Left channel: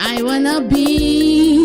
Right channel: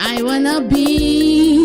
I wanna be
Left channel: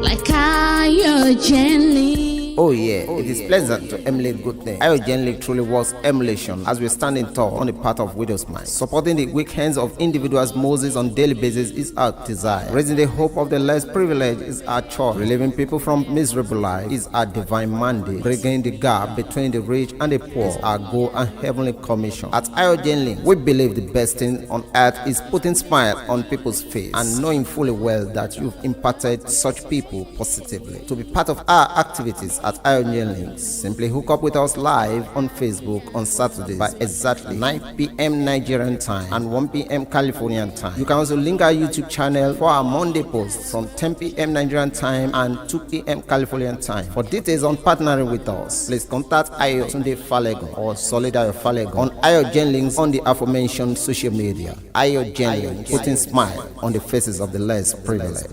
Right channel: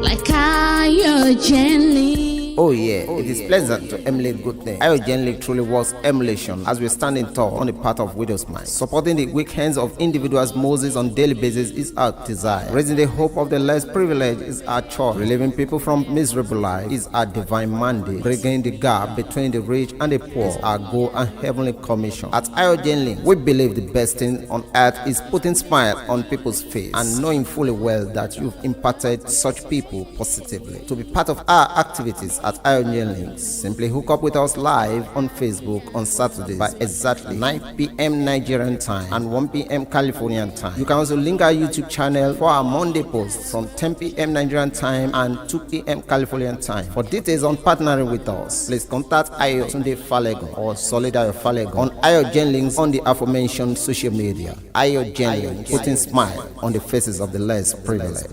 like Ayo Jenny. Oh yeah, it is pleasant to emulate good things. Ayo Jenny truly was emulation as we stand in tall on the path of widow's mind. Supporting the weak hands of individuals Moses on daily basis is our desire. Raising the hope of the less privileged is our choice. Relieving people from miserable life is our divine mandate. Bridging the gap between the rich and the poor is our goal and heavenly commission. At Ayo Jenny, we believe the best thing on earth is putting smile on people's face and knowing fully well that you've impacted such people positively. To be part of our activities at Ayo Jenny, simply hook up with us live on Facebook on Saturdays by exactly 9 p.m. Nigerian time and 1 p.m. Californian time. You can also link our YouTube channel for our Monday posts from 10 p.m. Nigerian time and 2 p.m. Californian time. For details on partnering with us, please contact Ayo Tunde Falegon or Solidayo Falegon on Ayo Jenny on the aforementioned social media. Ayo Jenny, putting smile on the faces of the less privileged.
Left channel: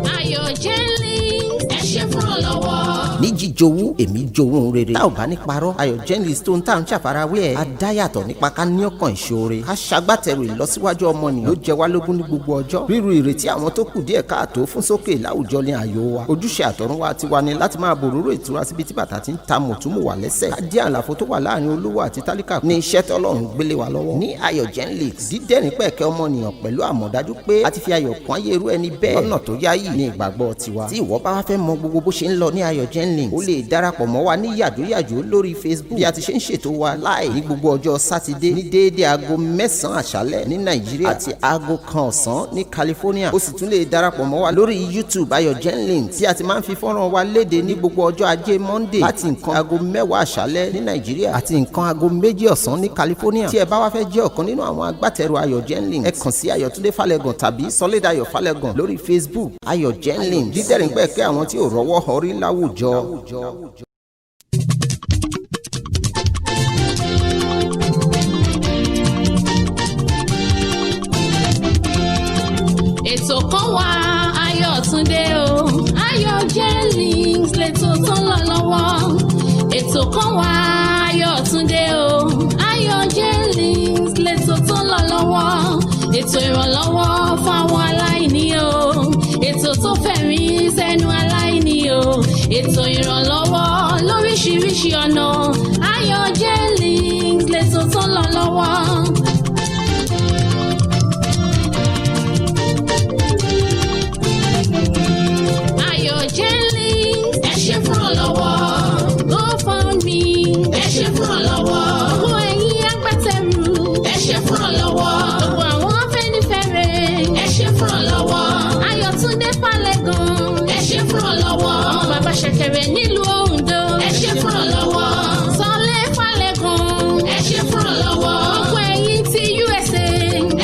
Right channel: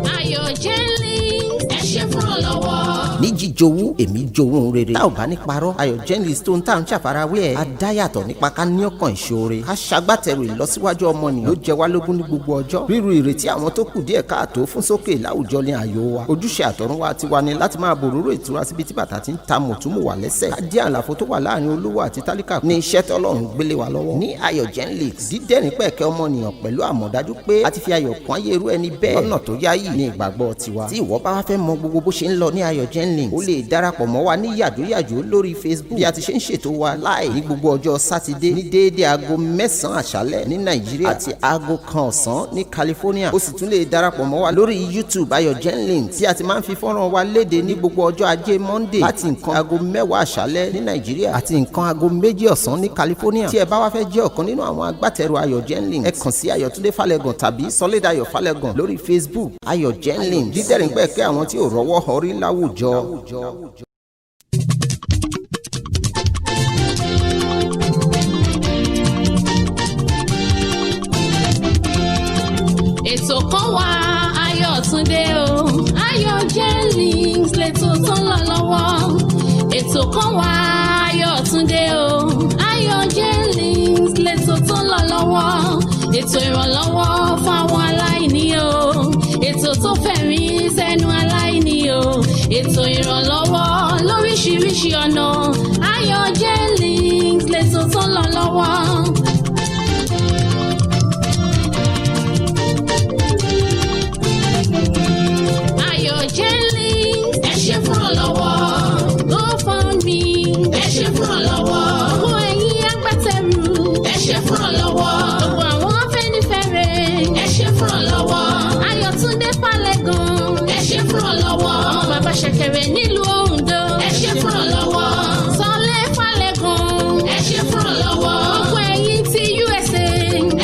Ayo Jenny, ẹ ṣé fún ọlọ́wọ́. ní jíjowú èmi jowú rere tá ò bá ní parọ́ Ayo Jenny tó ń tà ń ṣàfarawé ẹ̀ adáyàtọ̀ nípa ká ní ọkàn ìṣoore ká ṣagbátẹrù ìlọsíwájú ọmọnìyàn ló jẹ wá lógún ní gbogbo ọjọ́ ríru ìrètí àwọn tó kù díẹ̀ káàtó fún sókè láwùjọ ní àyò wa ojúṣe àtọ̀runwá tiwa ni láti máa bòróró ìtura síbi tí bàtà ti ń ta mùtúmù wà lẹ́sẹ̀ ká dí àlàfo tó wà láàrin olówó àti tálíkà ní iṣẹ́ tọ́lọ́run gbélé wa lọ́wọ́ ní Ayo Jenny dídẹ́rìn pẹ̀kẹ́ ọmọnìyàn pẹ̀lú àmọ̀dájú pé a ti fi ayọ̀ kún ayé irú ẹni bẹ́ẹ̀ lọ́nà tó yáyì ní ìgbàgbọ́ tiwa tí ìwọ bá wá fẹ́ mọ gbogbo bó ṣe ń lọ ní Ayo Jenny ó lè darapọ̀ mọ́ wa ní yàjóyàjó lórí Facebook bí a ti ṣe ń ṣètò wa láì ní gbogbo ọjọ́ sátidé ní déédé aago 9 àṣálẹ́ ní Nàìjíríà àti aago 1 ọ̀sán ní California ó sì tún lè darapọ̀ mọ́ wa lórí YouTube Ayo Jenny tí a ti máa ń fi fọ́nrán wa léde ní gbogbo ọjọ́ ajé Monday láti nǹkan aago 10 àṣálẹ́ ní Nàìjíríà àti nǹkan aago 2 ọ̀sán ní California tí ẹ bá wá fẹ́ jẹ́ ọ̀kan nínú àwọn agbátẹrù Ayo Jenny ẹ kàn sí Ayo Tunde Falegon tàbí Solidayo Falegon lórí Facebook Ayo Jenny dídẹ́rìn pẹ̀kẹ́ àwọn tí ò rọ́wọ́ họrí láwùjọ. Ètò kan wà Ayo Tunde o Ayo Jenny lẹ́tọ̀ tó ń lọ lọ́wọ́. Ètò kan wà Ayo Tunde o Ayo Jenny lẹ́tọ̀ tó ń lọ lọ́wọ́. Ètò ìrànlọ́wọ́ fáwọn aláìní o ètò tó fẹ̀rí sẹ́nu aláìní o ètò ìrànlọ́wọ́ lóríṣiríṣi ọ̀nà Ayo Jenny lẹ́tọ̀ tó ń lọ lọ́wọ́. Ayo Jenny ẹ ṣé fún ọlọ́wọ́ GoFundMe ẹ ṣé fún ọlọ́wọ́ gbogbo ẹ̀yin agbátẹrù ẹ ṣé fún ọlọ́wọ́ gbogbo àwọn afẹ́nifẹ́re ẹ ṣé fún ọlọ́wọ́ Ayo Tunde Falegon ẹ ṣé fún ọlọ́wọ́ ọmọ bàbá ṣẹ̀kẹ̀rẹ̀ nílùú Ondo ẹ ṣé fún ọlọ́wọ́ Sọlé Falegon ẹ ṣé fún ọlọ́wọ́ gbogbo ẹ̀yin ti USA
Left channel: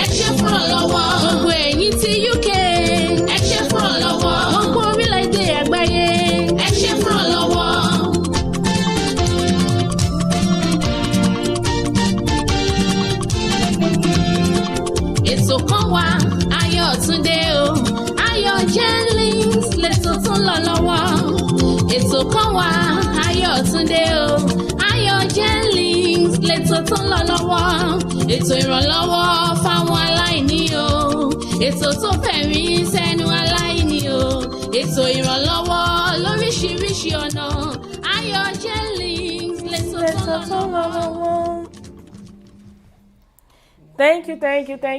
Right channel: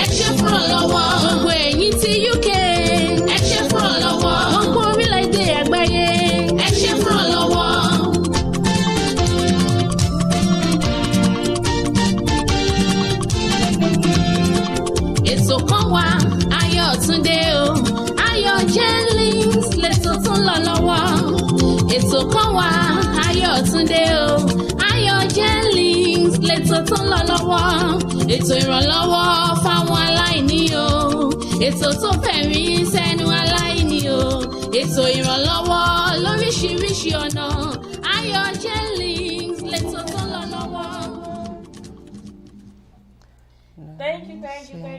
ẹ ṣé fún ọlọ́wọ́ gbogbo ẹ̀yin ti UK ẹ ṣé fún ọlọ́wọ́ gbogbo orílẹ̀-èdè àgbáyé ẹ ṣé fún ọlọ́wọ́. Ètò kan wà Ayo Tunde o Ayo Jenny lẹ́tọ̀ tó ń lọ lọ́wọ́. Ètò kan wà Ayo Tunde o Ayo Jenny lẹ́tọ̀ tó ń lọ lọ́wọ́. Ètò ìrànlọ́wọ́ fáwọn aláìní o ètò tó fẹ̀rí sẹ́nu aláìní o ètò ìrànlọ́wọ́ lóríṣiríṣi ọ̀nà Ayo Jenny lẹ́tọ̀ tó ń lọ lọ́wọ́. Thank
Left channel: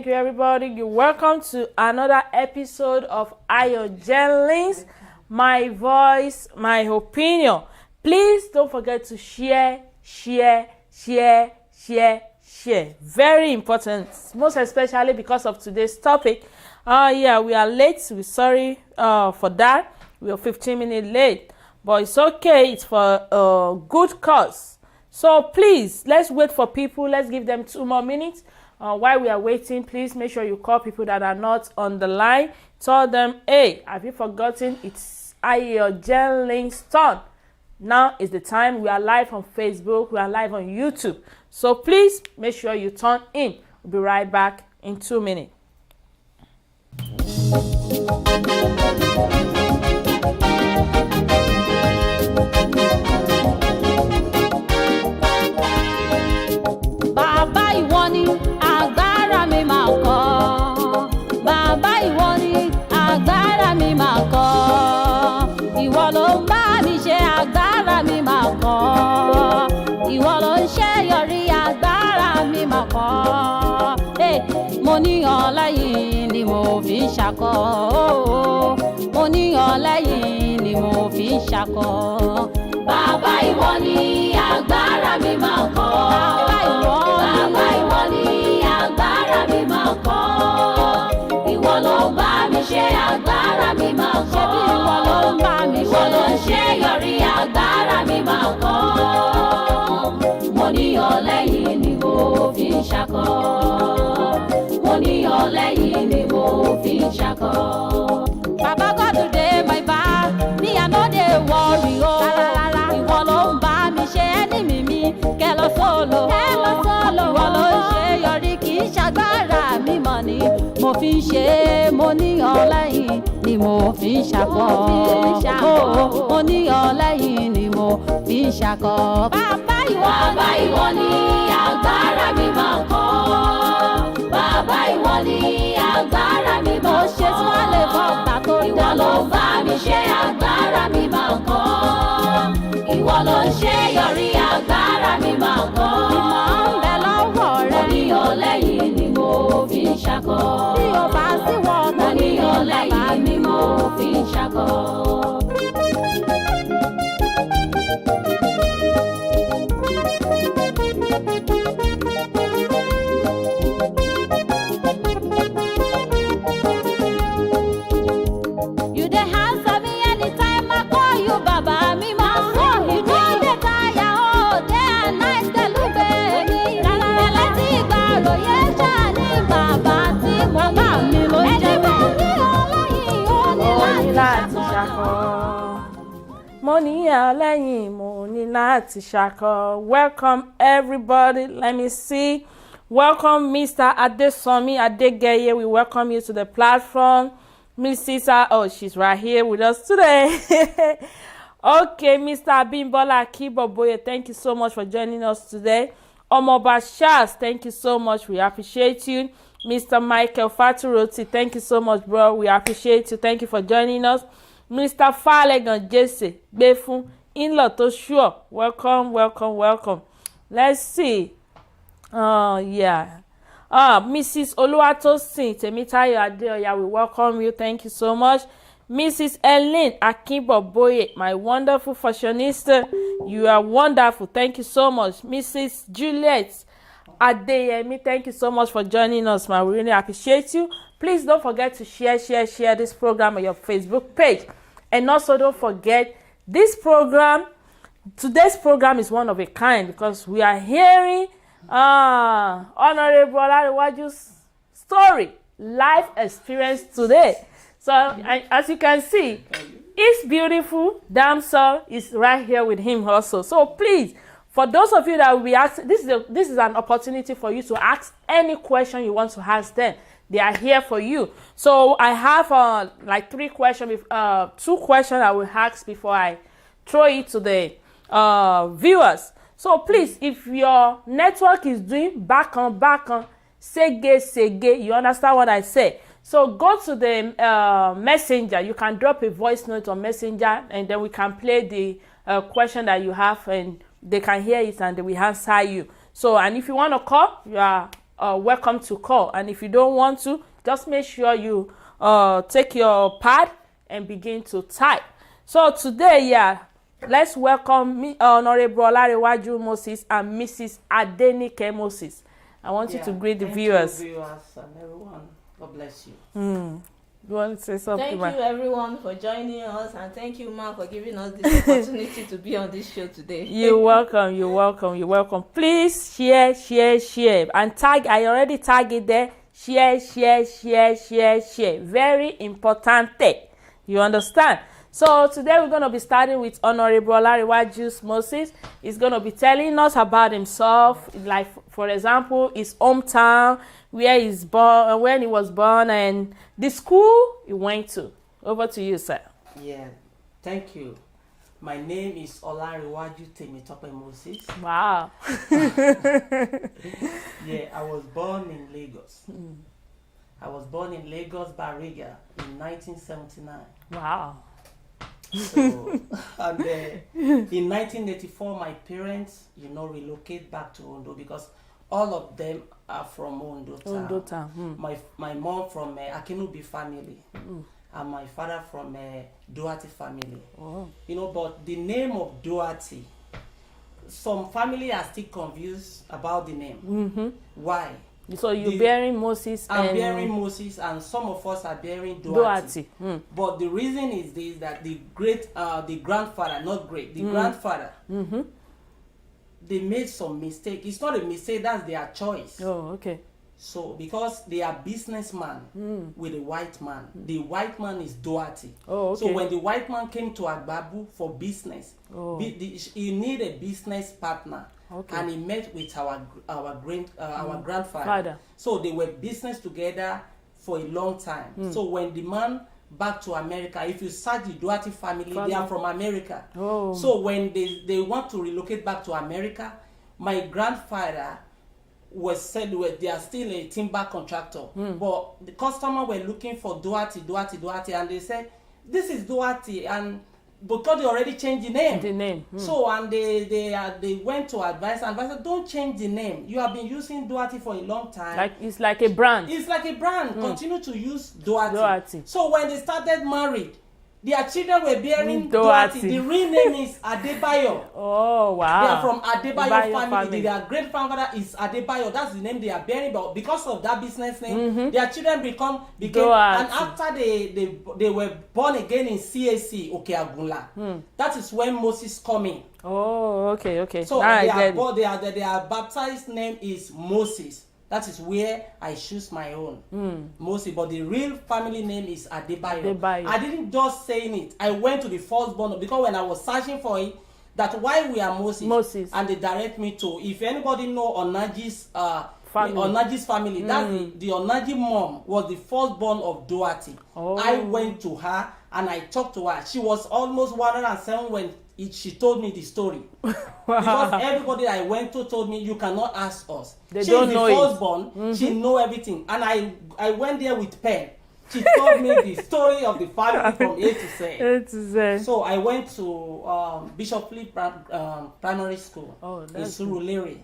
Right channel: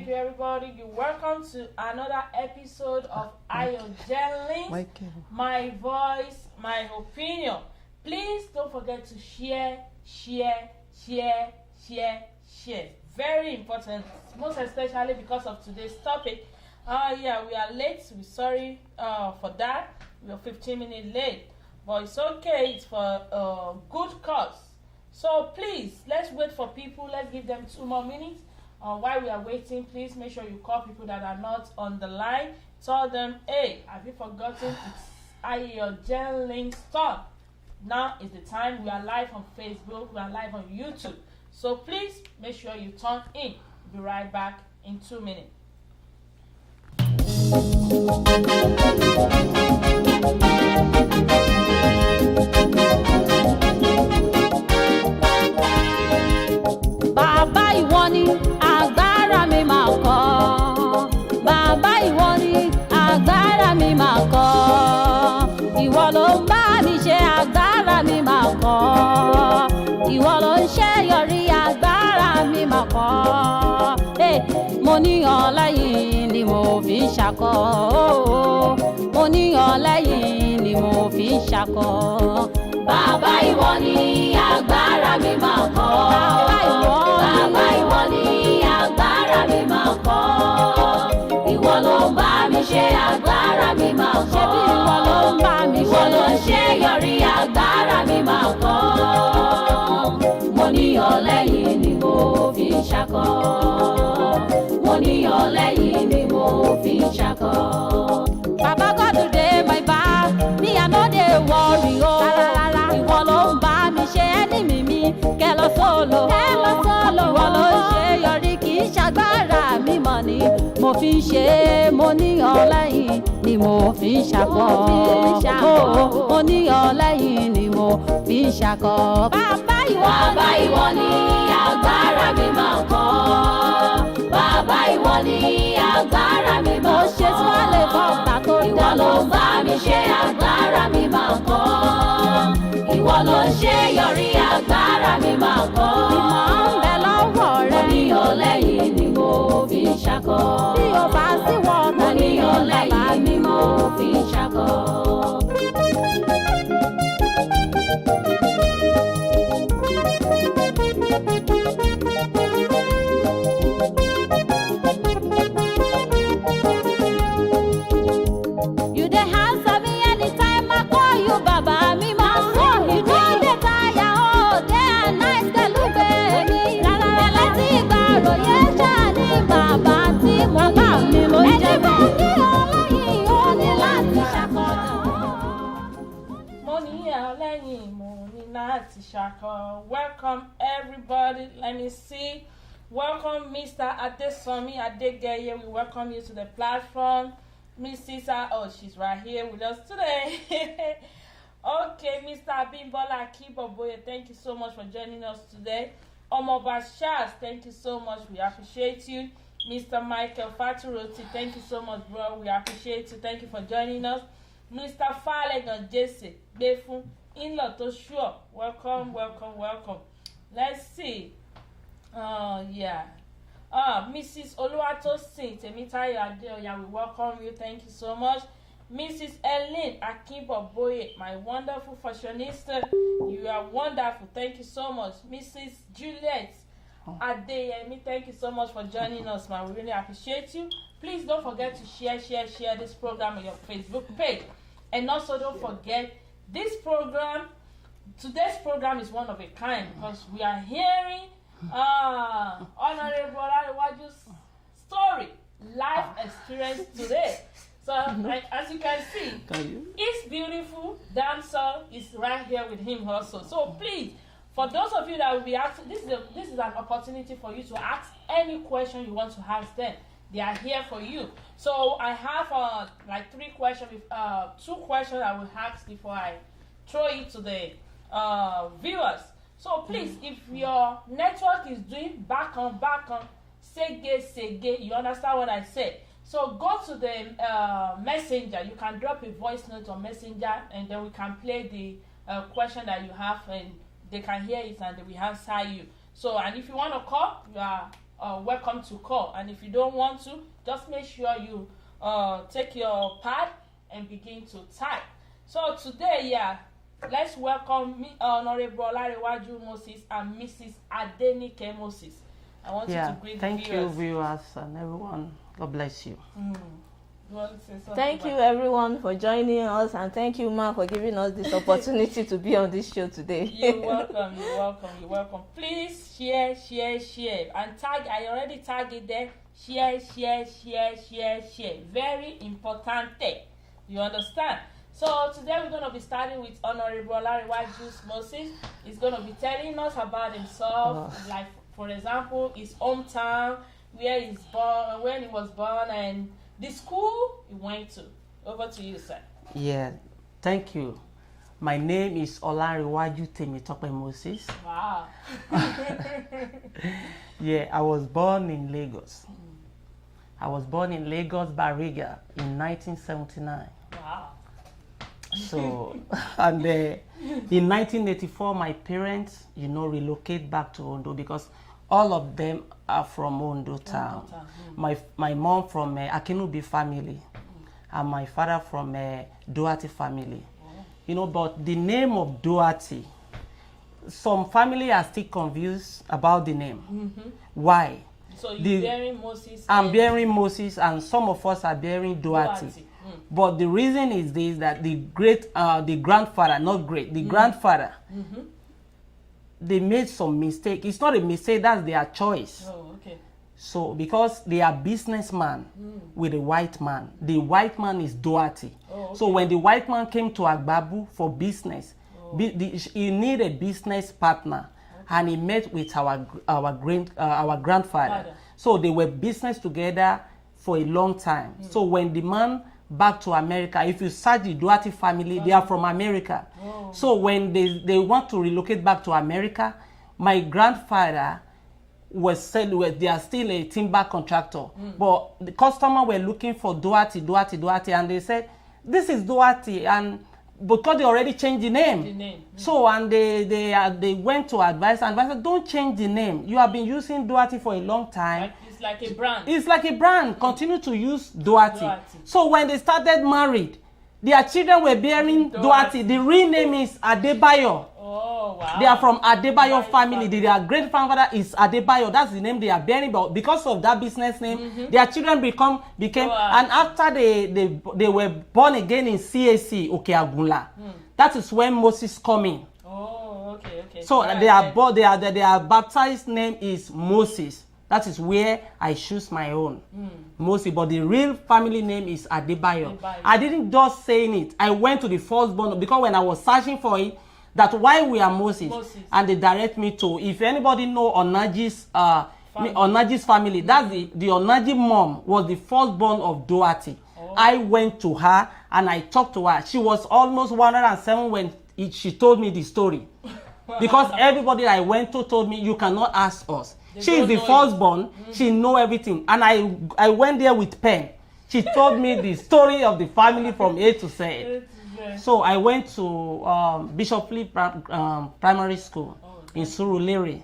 you, everybody. You're welcome to another episode of Ayo Jenny, my voice, my opinion. Please don't forget to share. Very important, most especially because of today's topic. Yeah, we are late. We're sorry for that. We are 15 minutes late, but it's okay. It's for a good cause. So please, let's wait for people. Let's give them 2 more minutes. While we are waiting, please make sure you call people that are not on the line. Tell them, hey, have you forgotten? It's Ayo Jenny's turn. Now is the time. We are live on Facebook. We are live on YouTube. So please make sure you turn in. We'll be right back in 2 minutes. Bàbá ìwọ ni agbára mi máa kọ́. Bàbá ìwọ ni ṣakọ ooo mo ní ọlẹ́yìn ni mo fi ń ṣakọ. Bàbá ìwọ ni agbára mi máa kọ́. Bàbá ìwọ ni agbára mi máa kọ́. Ìwọ ló ń bá mi ṣe agbára mi máa kọ́. ṣebí ìwọ ló ń bá mi ṣe. Ìwọ ló ń ṣe yọrí agbára mi máa kọ́. Mo ní ọlẹ́yìn ni mo fi ń ṣakọ. Mo ní ọlẹ́yìn ni mo fi ń ṣakọ. Baba God dey my back, me I no dey worry o. Ìwọ ló ń bá mi ṣe enemy mi, kẹlọ solo. Ìwọ ló ń ṣe yọrí kì í ṣagbára mi mọ̀ ni. Mo fi ń ṣe mo ní ọlẹ́yìn ni mo fi ń ṣakọ. Mo ní ọlẹ́yìn ni mo fi ń ṣakọ. Bàbá ìwọ ni agbára mi máa kọ́. Bàbá ìwọ ni agbára mi máa kọ́. mo ṣe tí wọ́n lè bọ́ ọ̀tá tó Ìwọ dá ló ń bá mi ṣe agbára mi máa kọ́. Ìwọ ló ń ṣe yọrí agbára mi máa kọ́. ìmọ̀ ń bẹ lọ́wọ́ Mo rẹ. ní ọlẹ́yìn ni mo fi ń ṣakọ. Bí o bá sí wọ Mo ọ̀tá ní ní bàbá ọlẹ́yìn mi ni mo fi ń ṣakọ. You dey answer me anytime I call you, Baba mi ma so. You no dey tire o, day and night kelugbe mi. Ẹlẹ́ tí ìgbàròyé ṣáà ní bàbá tí mo bá mi ló ń jẹ́ bẹ́ẹ̀. Ẹni bá ní ọlẹ́yìn ó ní láti ṣàkóso. Mo ní ọlẹ́yìn mo ní láti ṣakọ. Welcome everybody. Let me see. Welcome Mr. Adesomi Adegeye. We welcome you to the platform. Mrs. Oh, she's right here with us today. Okay, Mr. Abimbola Akiboboye, thank you so much for joining us today. Omoba Shaz, thank you so much. We appreciate you. Mr. Michael Faturoti, thank you so much, bro. We appreciate you. Thank you for joining us. Mr. Falegan Jesse Befun, in-law to sure. Welcome, welcome, welcome. Let's see. Yeah. Mrs. Oluwatosin Temitayo Adeoya, we welcome you. Thank you so much. Mrs. Ellen Akinboboye, my wonderful fashionista, you are wonderful. Thank you so much. Mrs. Juliet Adeyemi, thank you so much for joining us, man. We really appreciate you. Please don't forget to share this program on your Facebook page. And also don't forget today's program is one of a kind because we are hearing Honorable Olariwaju's story, life experience today. So as you can see, his beautiful damsel is right here with him also. So please, for those of you that will be asking, this is an opportunity for you to ask any question you want to ask them. They are here for you. So I have like 2 questions I will ask before I throw it to the viewers. So please, if your network is doing back on, sege, you understand what I say? So go to the messenger. You can drop a voice note on messenger, and then we can play the question that you have, and they can hear it, and they will answer you. So, and if you want to call, you are welcome to call. And if you don't want to, just make sure you take your pad and begin to type. So today, yeah. Let's welcome Honorable Olariwaju Moses and Mrs. Adenike Moses. I want you to greet the viewers. Thank you, viewers and everyone. God bless you. You want to say something? Thank you, everyone, for joining us, and thank you, Ma, for giving us this opportunity to be on this show today. You're welcome. You're welcome. Please share, and tag. I already tagged it there. Share. Very important thing. You understand? So today we're going to be starting with Honorable Olariwaju Moses. He's going to be telling us about himself, like for example, his hometown, where he's born, when he was born, and the school he went to. Over to you, sir. Yeah, thank you. My name is Olariwaju Temitope Moses. Wow. Yeah, I was born in Lagos. I was born in Lagos, Bariga, in 1979. Wow. So, and in 1984, my parents, relocate back to Ondo because All of them are from Ondo Town. Ondo Town. My mom from Akinubi family, and my father from Duarte family. Oh. You know, but the name of Duarte, some family are still confused about the name. Why? So you're bearing Moses. I'm bearing Moses, and some of us are bearing Duarte. But the reason is this, that the grandfather, not great, the grandfather, they made some mistake. It's not a mistake, that's their choice. Oh, okay. So because they are businessman with a white man, the white man is Duarte. Oh, okay. So when the white man came to Agbabu for business, he needed a business partner. Okay. And he met with our grandfather. Father. So they were business together for a long time. So when the man back to America, if you search the Duarte family, they are from America. Oh. So when they want to relocate back to America, my grandfather was said they are still a timber contractor. But the customer were looking for Duarte, and they said, this is Duarte, and because they already changed the name. So and they went to advisor, and advisor, don't change the name. You have been using Duarte for a long time. It's like a brand. It's like a brand. Continue to use Duarte. So when they started married, their children were bearing Duarte. The real name is Adebayo. Oh, wow. They are from Adebayo family. Their great grandfather is Adebayo. That's the name they are bearing. But because of that business name, their children became. Duarte. And after they were born again in CAC Okeagunla, that is when Moses coming. Oh, okay. So their baptized name is Moses. That is where I choose my own, Moses. But the real family name is Adebayo. I didn't just saying it. I went to the firstborn, because when I was searching for it, that why we are Moses. And they direct me to, if anybody know Onaji's family, that's the Onaji mom was the firstborn of Duarte. Oh. I went to her and I talked to her. She was almost 107 when she told me the story. Because everybody I went to told me, you cannot ask us. She is the firstborn. She know everything. And I went there with pen. She told me the story of the family from A to Z. So I went to Bishop Philip Primary School in Surulere.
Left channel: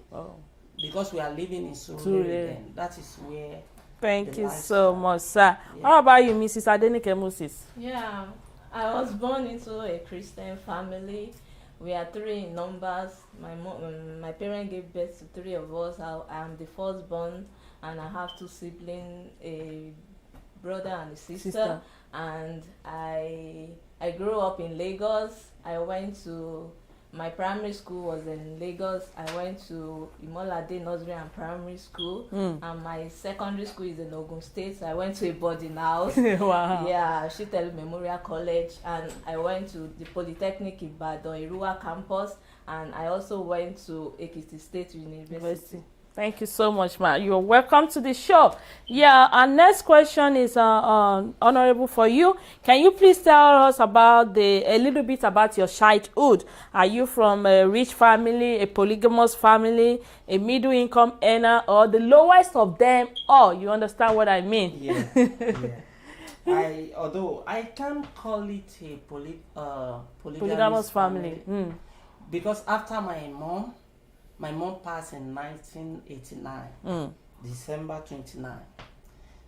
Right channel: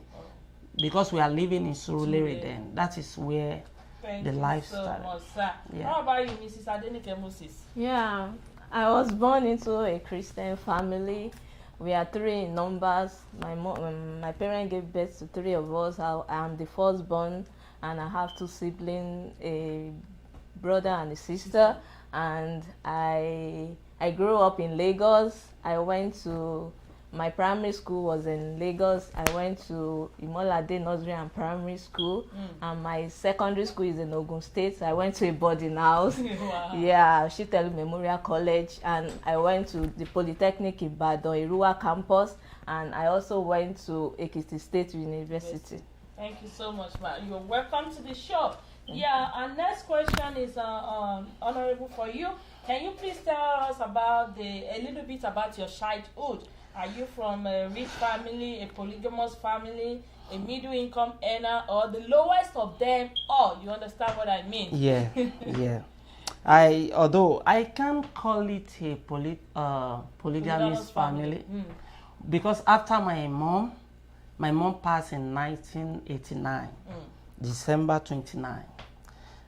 Because we are living in Surulere then. That is where Thank you so much, sir. Yeah. How about you, Mrs. Adenike Moses? Yeah, I was born into a Christian family. We are 3 in numbers. My parents gave birth to 3 of us. I am the firstborn, and I have 2 siblings, a brother and a sister. And I grew up in Lagos. My primary school was in Lagos. I went to Imolade Nursery and Primary School, and my secondary school is in Ogun State. So I went to a boarding house. Wow. Yeah, Shitelu Memorial College, and I went to the Polytechnic Ibadan, Irua campus, and I also went to Ekiti State University. Thank you so much, ma. You're welcome to the show. Yeah, our next question is honorable for you. Can you please tell us about a little bit about your childhood? Are you from a rich family, a polygamous family, a middle income earner, or the lowest of them all? You understand what I mean? Yeah, yeah. Although I can't call it a polygamous family. Because after my mom passed in 1989, December 29.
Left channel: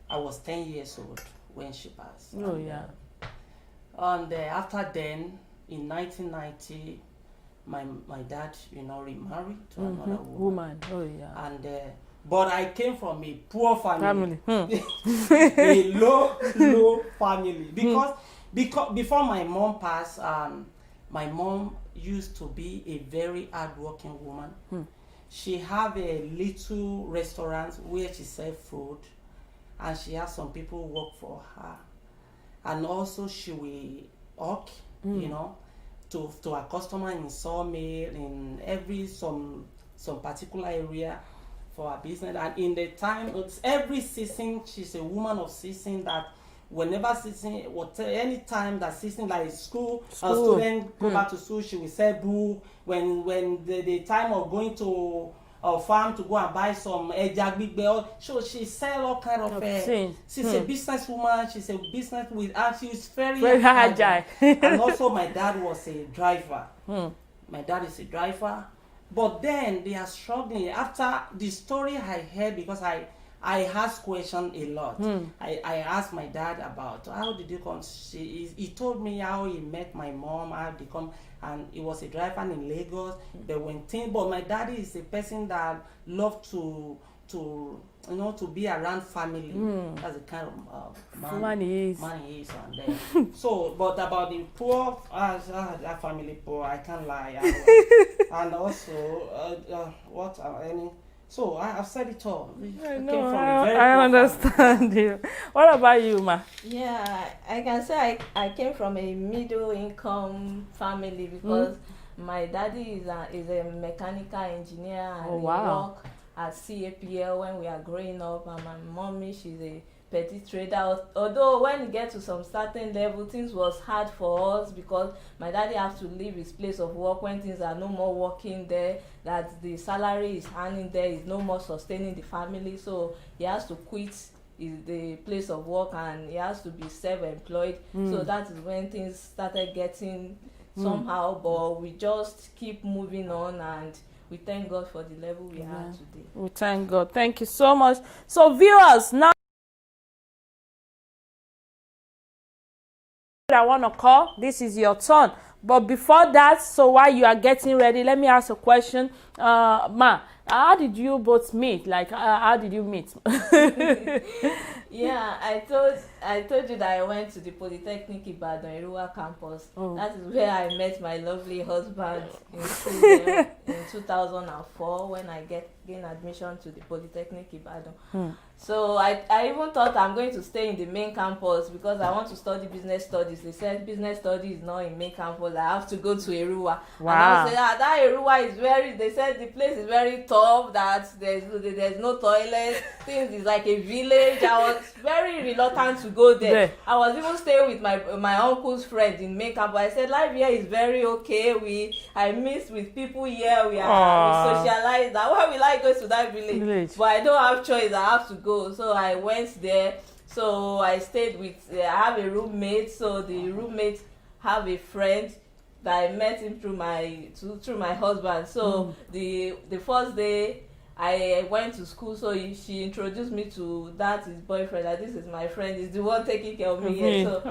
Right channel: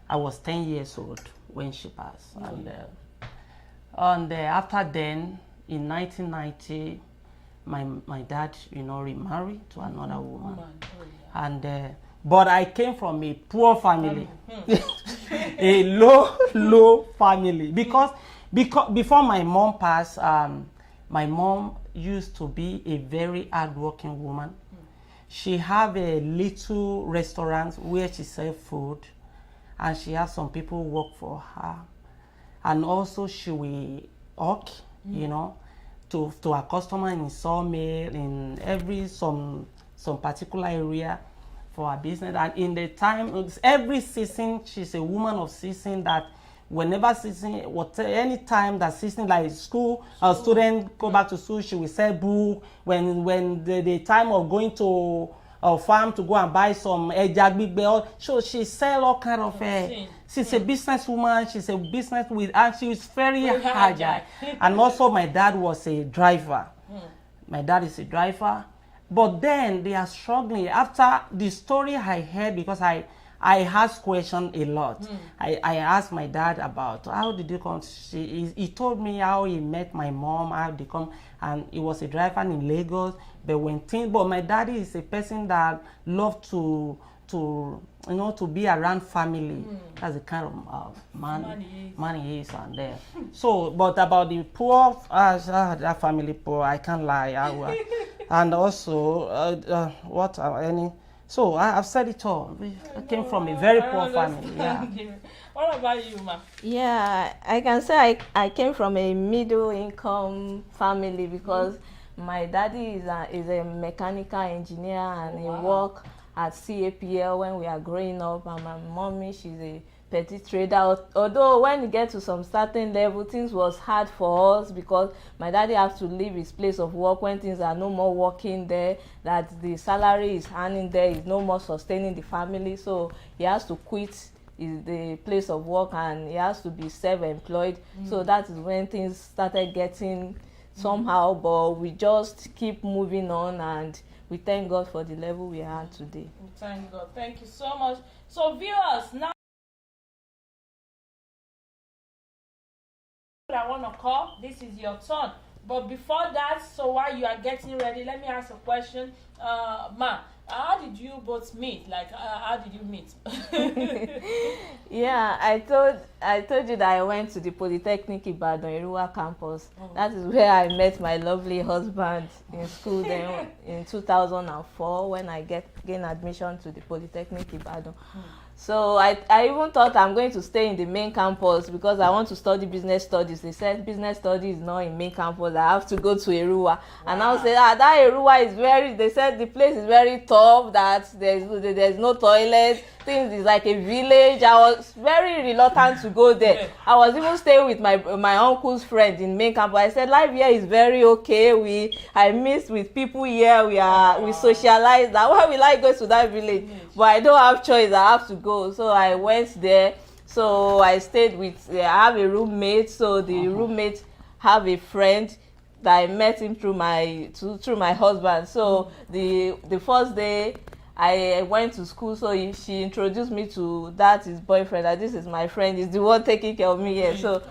I was 10 years old when she passed. Oh, and after then, in 1990, my dad, remarried to another woman. Oh, yeah. And but I came from a poor family. A low family. Because before my mom passed, my mom used to be a very hardworking woman. She have a little restaurant where she sell food, and she has some people work for her, and also she will hawk, to her customer in sawmill, in some particular area for her business. And in the time, every season, she's a woman of season that. Whenever season, any time that season, like school student go back to school, she will sell book. When the time of going to a farm to go and buy some ejagbigbe, so she sell all kind of she's a business woman. She's a business with, and she's very agile. And also, my dad was a driver. My dad is a driver, But then they are struggling. After the story I heard, because I asked questions a lot. I asked my dad about how did you come. He told me how he met my mom, how they come, and he was a driver in Lagos. But my daddy is a person that loved to be around family. That's the kind of man he is. And then so, but about the poor, that family poor, I can't lie. And also, so I've said it all. I came from a very poor family. I understand you. What about you, Ma? Yeah, I can say I came from a middle income family because my daddy is a mechanical engineer and he worked at CAPL when we are growing up, and my mommy, she's a petty trader. Although when you get to some certain level, things was hard for us because my daddy has to leave his place of work when things are no more working there, that the salary is earning there is no more sustaining the family, so he has to quit the place of work and he has to be self-employed. So that is when things started getting somehow, but we just keep moving on, and we thank God for the level we are today. We thank God. Thank you so much. So viewers, now I want to call. This is your turn. But before that, so while you are getting ready, let me ask a question. Ma, how did you both meet? Like, how did you meet? Yeah, I told you that I went to the Polytechnic Ibadan Erua campus. That is where I met my lovely husband in 2004 when I gained admission to the Polytechnic Ibadan. So I even thought I'm going to stay in the main campus because I want to study business studies. They said business studies is not in main campus. I have to go to Erua. And I said, that Erua is they said the place is very tough, that there's no toilet, things is like a village. I was very reluctant to go there. I was even staying with my uncle's friend in main campus. I said, life here is very okay. I miss with people here. We socialize. That why will I go to that village? But I don't have choice. I have to go. So I went there. So I stayed with. I have a roommate. So the roommate have a friend that I met him through my husband. So the first day I went to school, so she introduced me to his boyfriend. That this is my friend. He's the one taking care of me here. So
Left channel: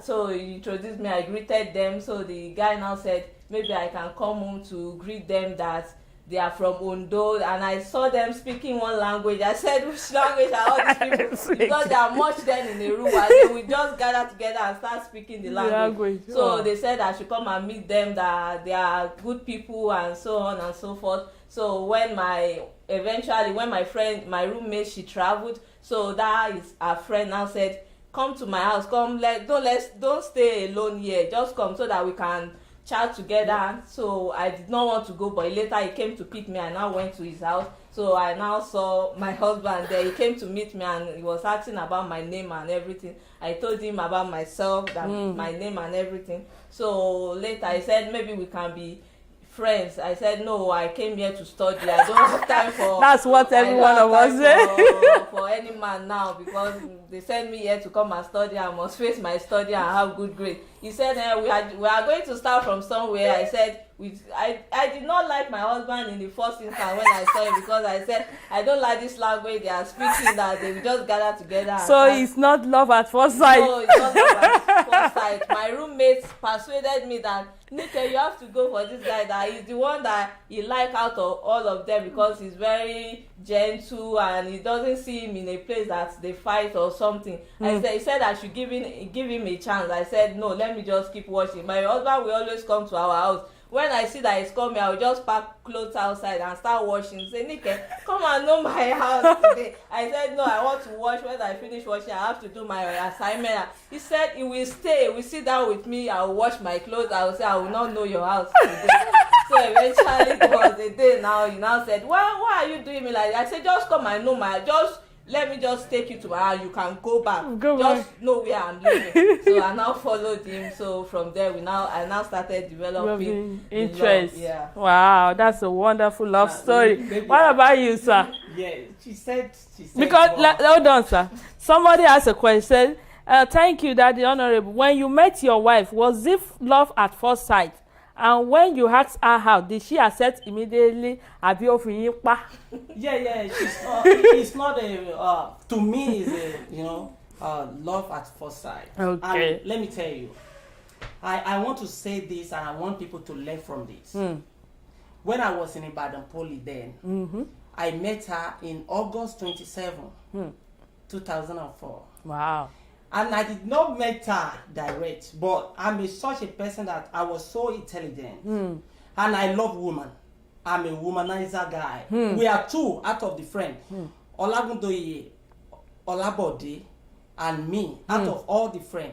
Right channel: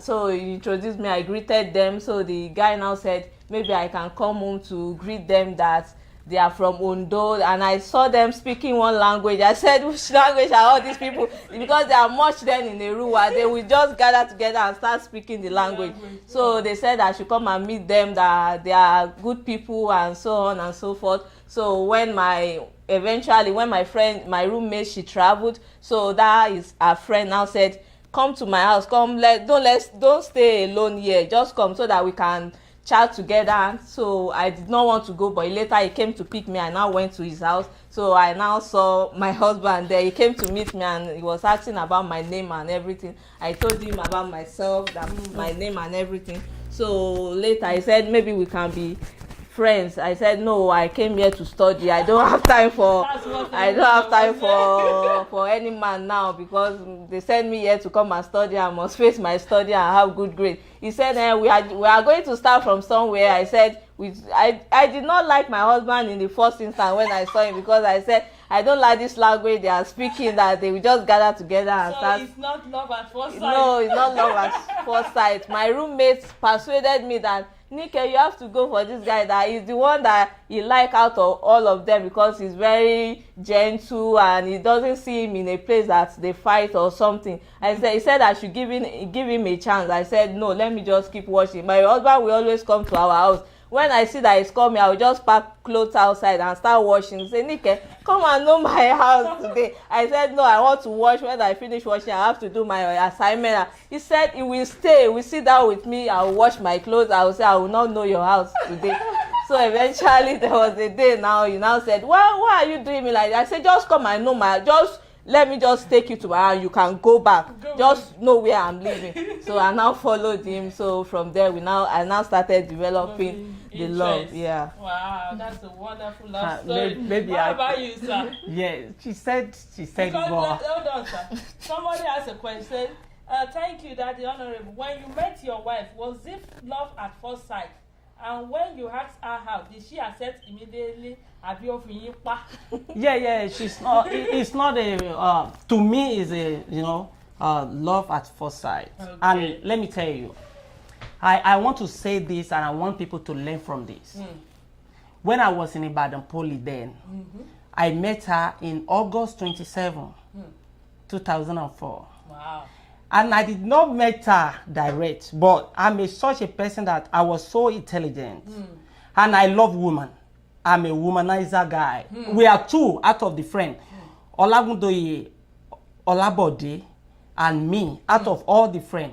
So he introduced me. I greeted them. So the guy now said maybe I can come home to greet them, that they are from Ondo, and I saw them speaking one language. I said, which language are all these people? Because they are much then in Erua, they will just gather together and start speaking the language. So they said I should come and meet them, that they are good people and so on and so forth. So when my roommate, she traveled, so that is her friend now said, come to my house, don't stay alone here, just come so that we can chat together. So I did not want to go, but later he came to pick me. I now went to his house. So I now saw my husband there. He came to meet me and he was asking about my name and everything. I told him about myself, that my name and everything. So later he said maybe we can be friends. I said no, I came here to study. I don't have time for that's what everyone was saying. For any man now, because they sent me here to come and study. I must face my study and have good grades. He said we are going to start from somewhere. I said I did not like my husband in the first instance when I saw him, because I said I don't like this language they are speaking, that they will just gather together. So it's not love at first sight. No, it's not love at first sight. My roommates persuaded me that Nike, you have to go for this guy, that he's the one that you like out of all of them, because he's very gentle and he doesn't see him in a place that they fight or something. He said I should give him a chance. I said no, let me just keep watching. My husband will always come to our house. When I see that he's coming, I will just pack clothes outside and start washing. Say, Nike, come and know my house today. I said, no, I want to wash. When I finish washing, I have to do my assignment. He said, he will stay. He will sit down with me. I will wash my clothes. I will say, I will not know your house today. So eventually, there was a day now. He now said, why are you doing me like that? I said, just come and know let me just take you to my house. You can go back. Just know where I'm living. So I now followed him. So from there, I now started developing the love. Yeah. Wow, that's a wonderful love story. What about you, sir? Yeah, she said. Because hold on, sir. Somebody asked a question. Thank you, Daddy Honorable. When you met your wife, was it love at first sight? And when you ask her out, did she accept immediately? Àbí ó fi yín pa? Yeah, she's not. It's not a. To me, is a love at first sight. Okay. And let me tell you, I want to say this, and I want people to learn from this. When I was in Ibadan Poly then, I met her in August 27, 2004. Wow. And I did not meet her direct, but I'm such a person that I was so intelligent. And I love women. I'm a womanizer guy. We are two out of the friend. Olagundoye, Olabode, and me, out of all the friends.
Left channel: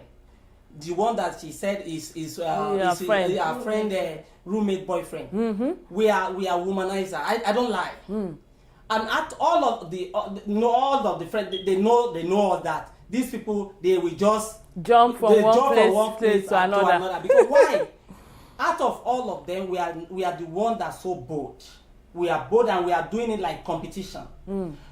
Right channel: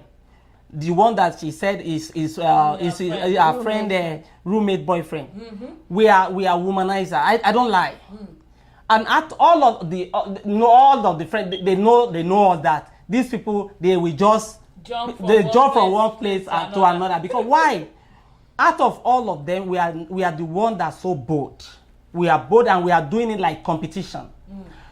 The one that she said is our friend, roommate, boyfriend. We are womanizer. I don't lie. And at all of the friends, they know all that. These people, they will just jump from one place to another. Because why? Out of all of them, we are the one that's so bold. We are bold, and we are doing it like competition.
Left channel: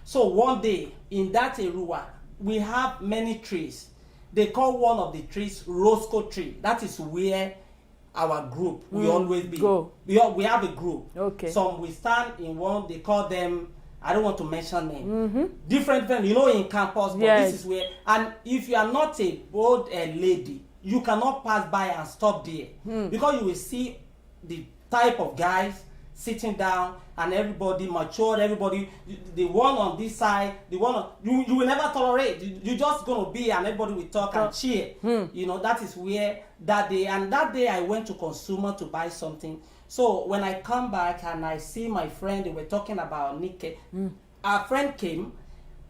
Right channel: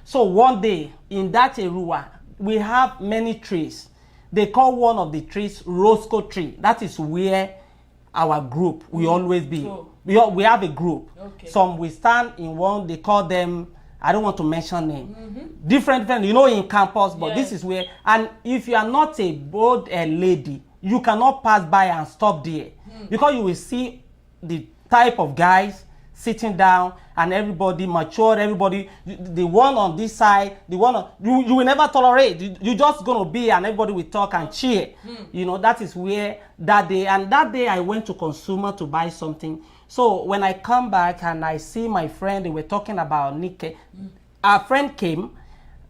So one day in that area, we have many trees. They call one of the trees Roscoe tree. That is where our group will always be. We have a group. Okay. Some we stand in one. They call them, I don't want to mention name. Different, in campus, but this is where. And if you are not a bold lady, you cannot pass by and stop there, because you will see the type of guys sitting down, and everybody mature, everybody, the one on this side, the one on, you will never tolerate. You just gonna be, and everybody will talk and cheer. That is where that day I went to Consumer to buy something. So when I come back and I see my friend, they were talking about Nike. Our friend came,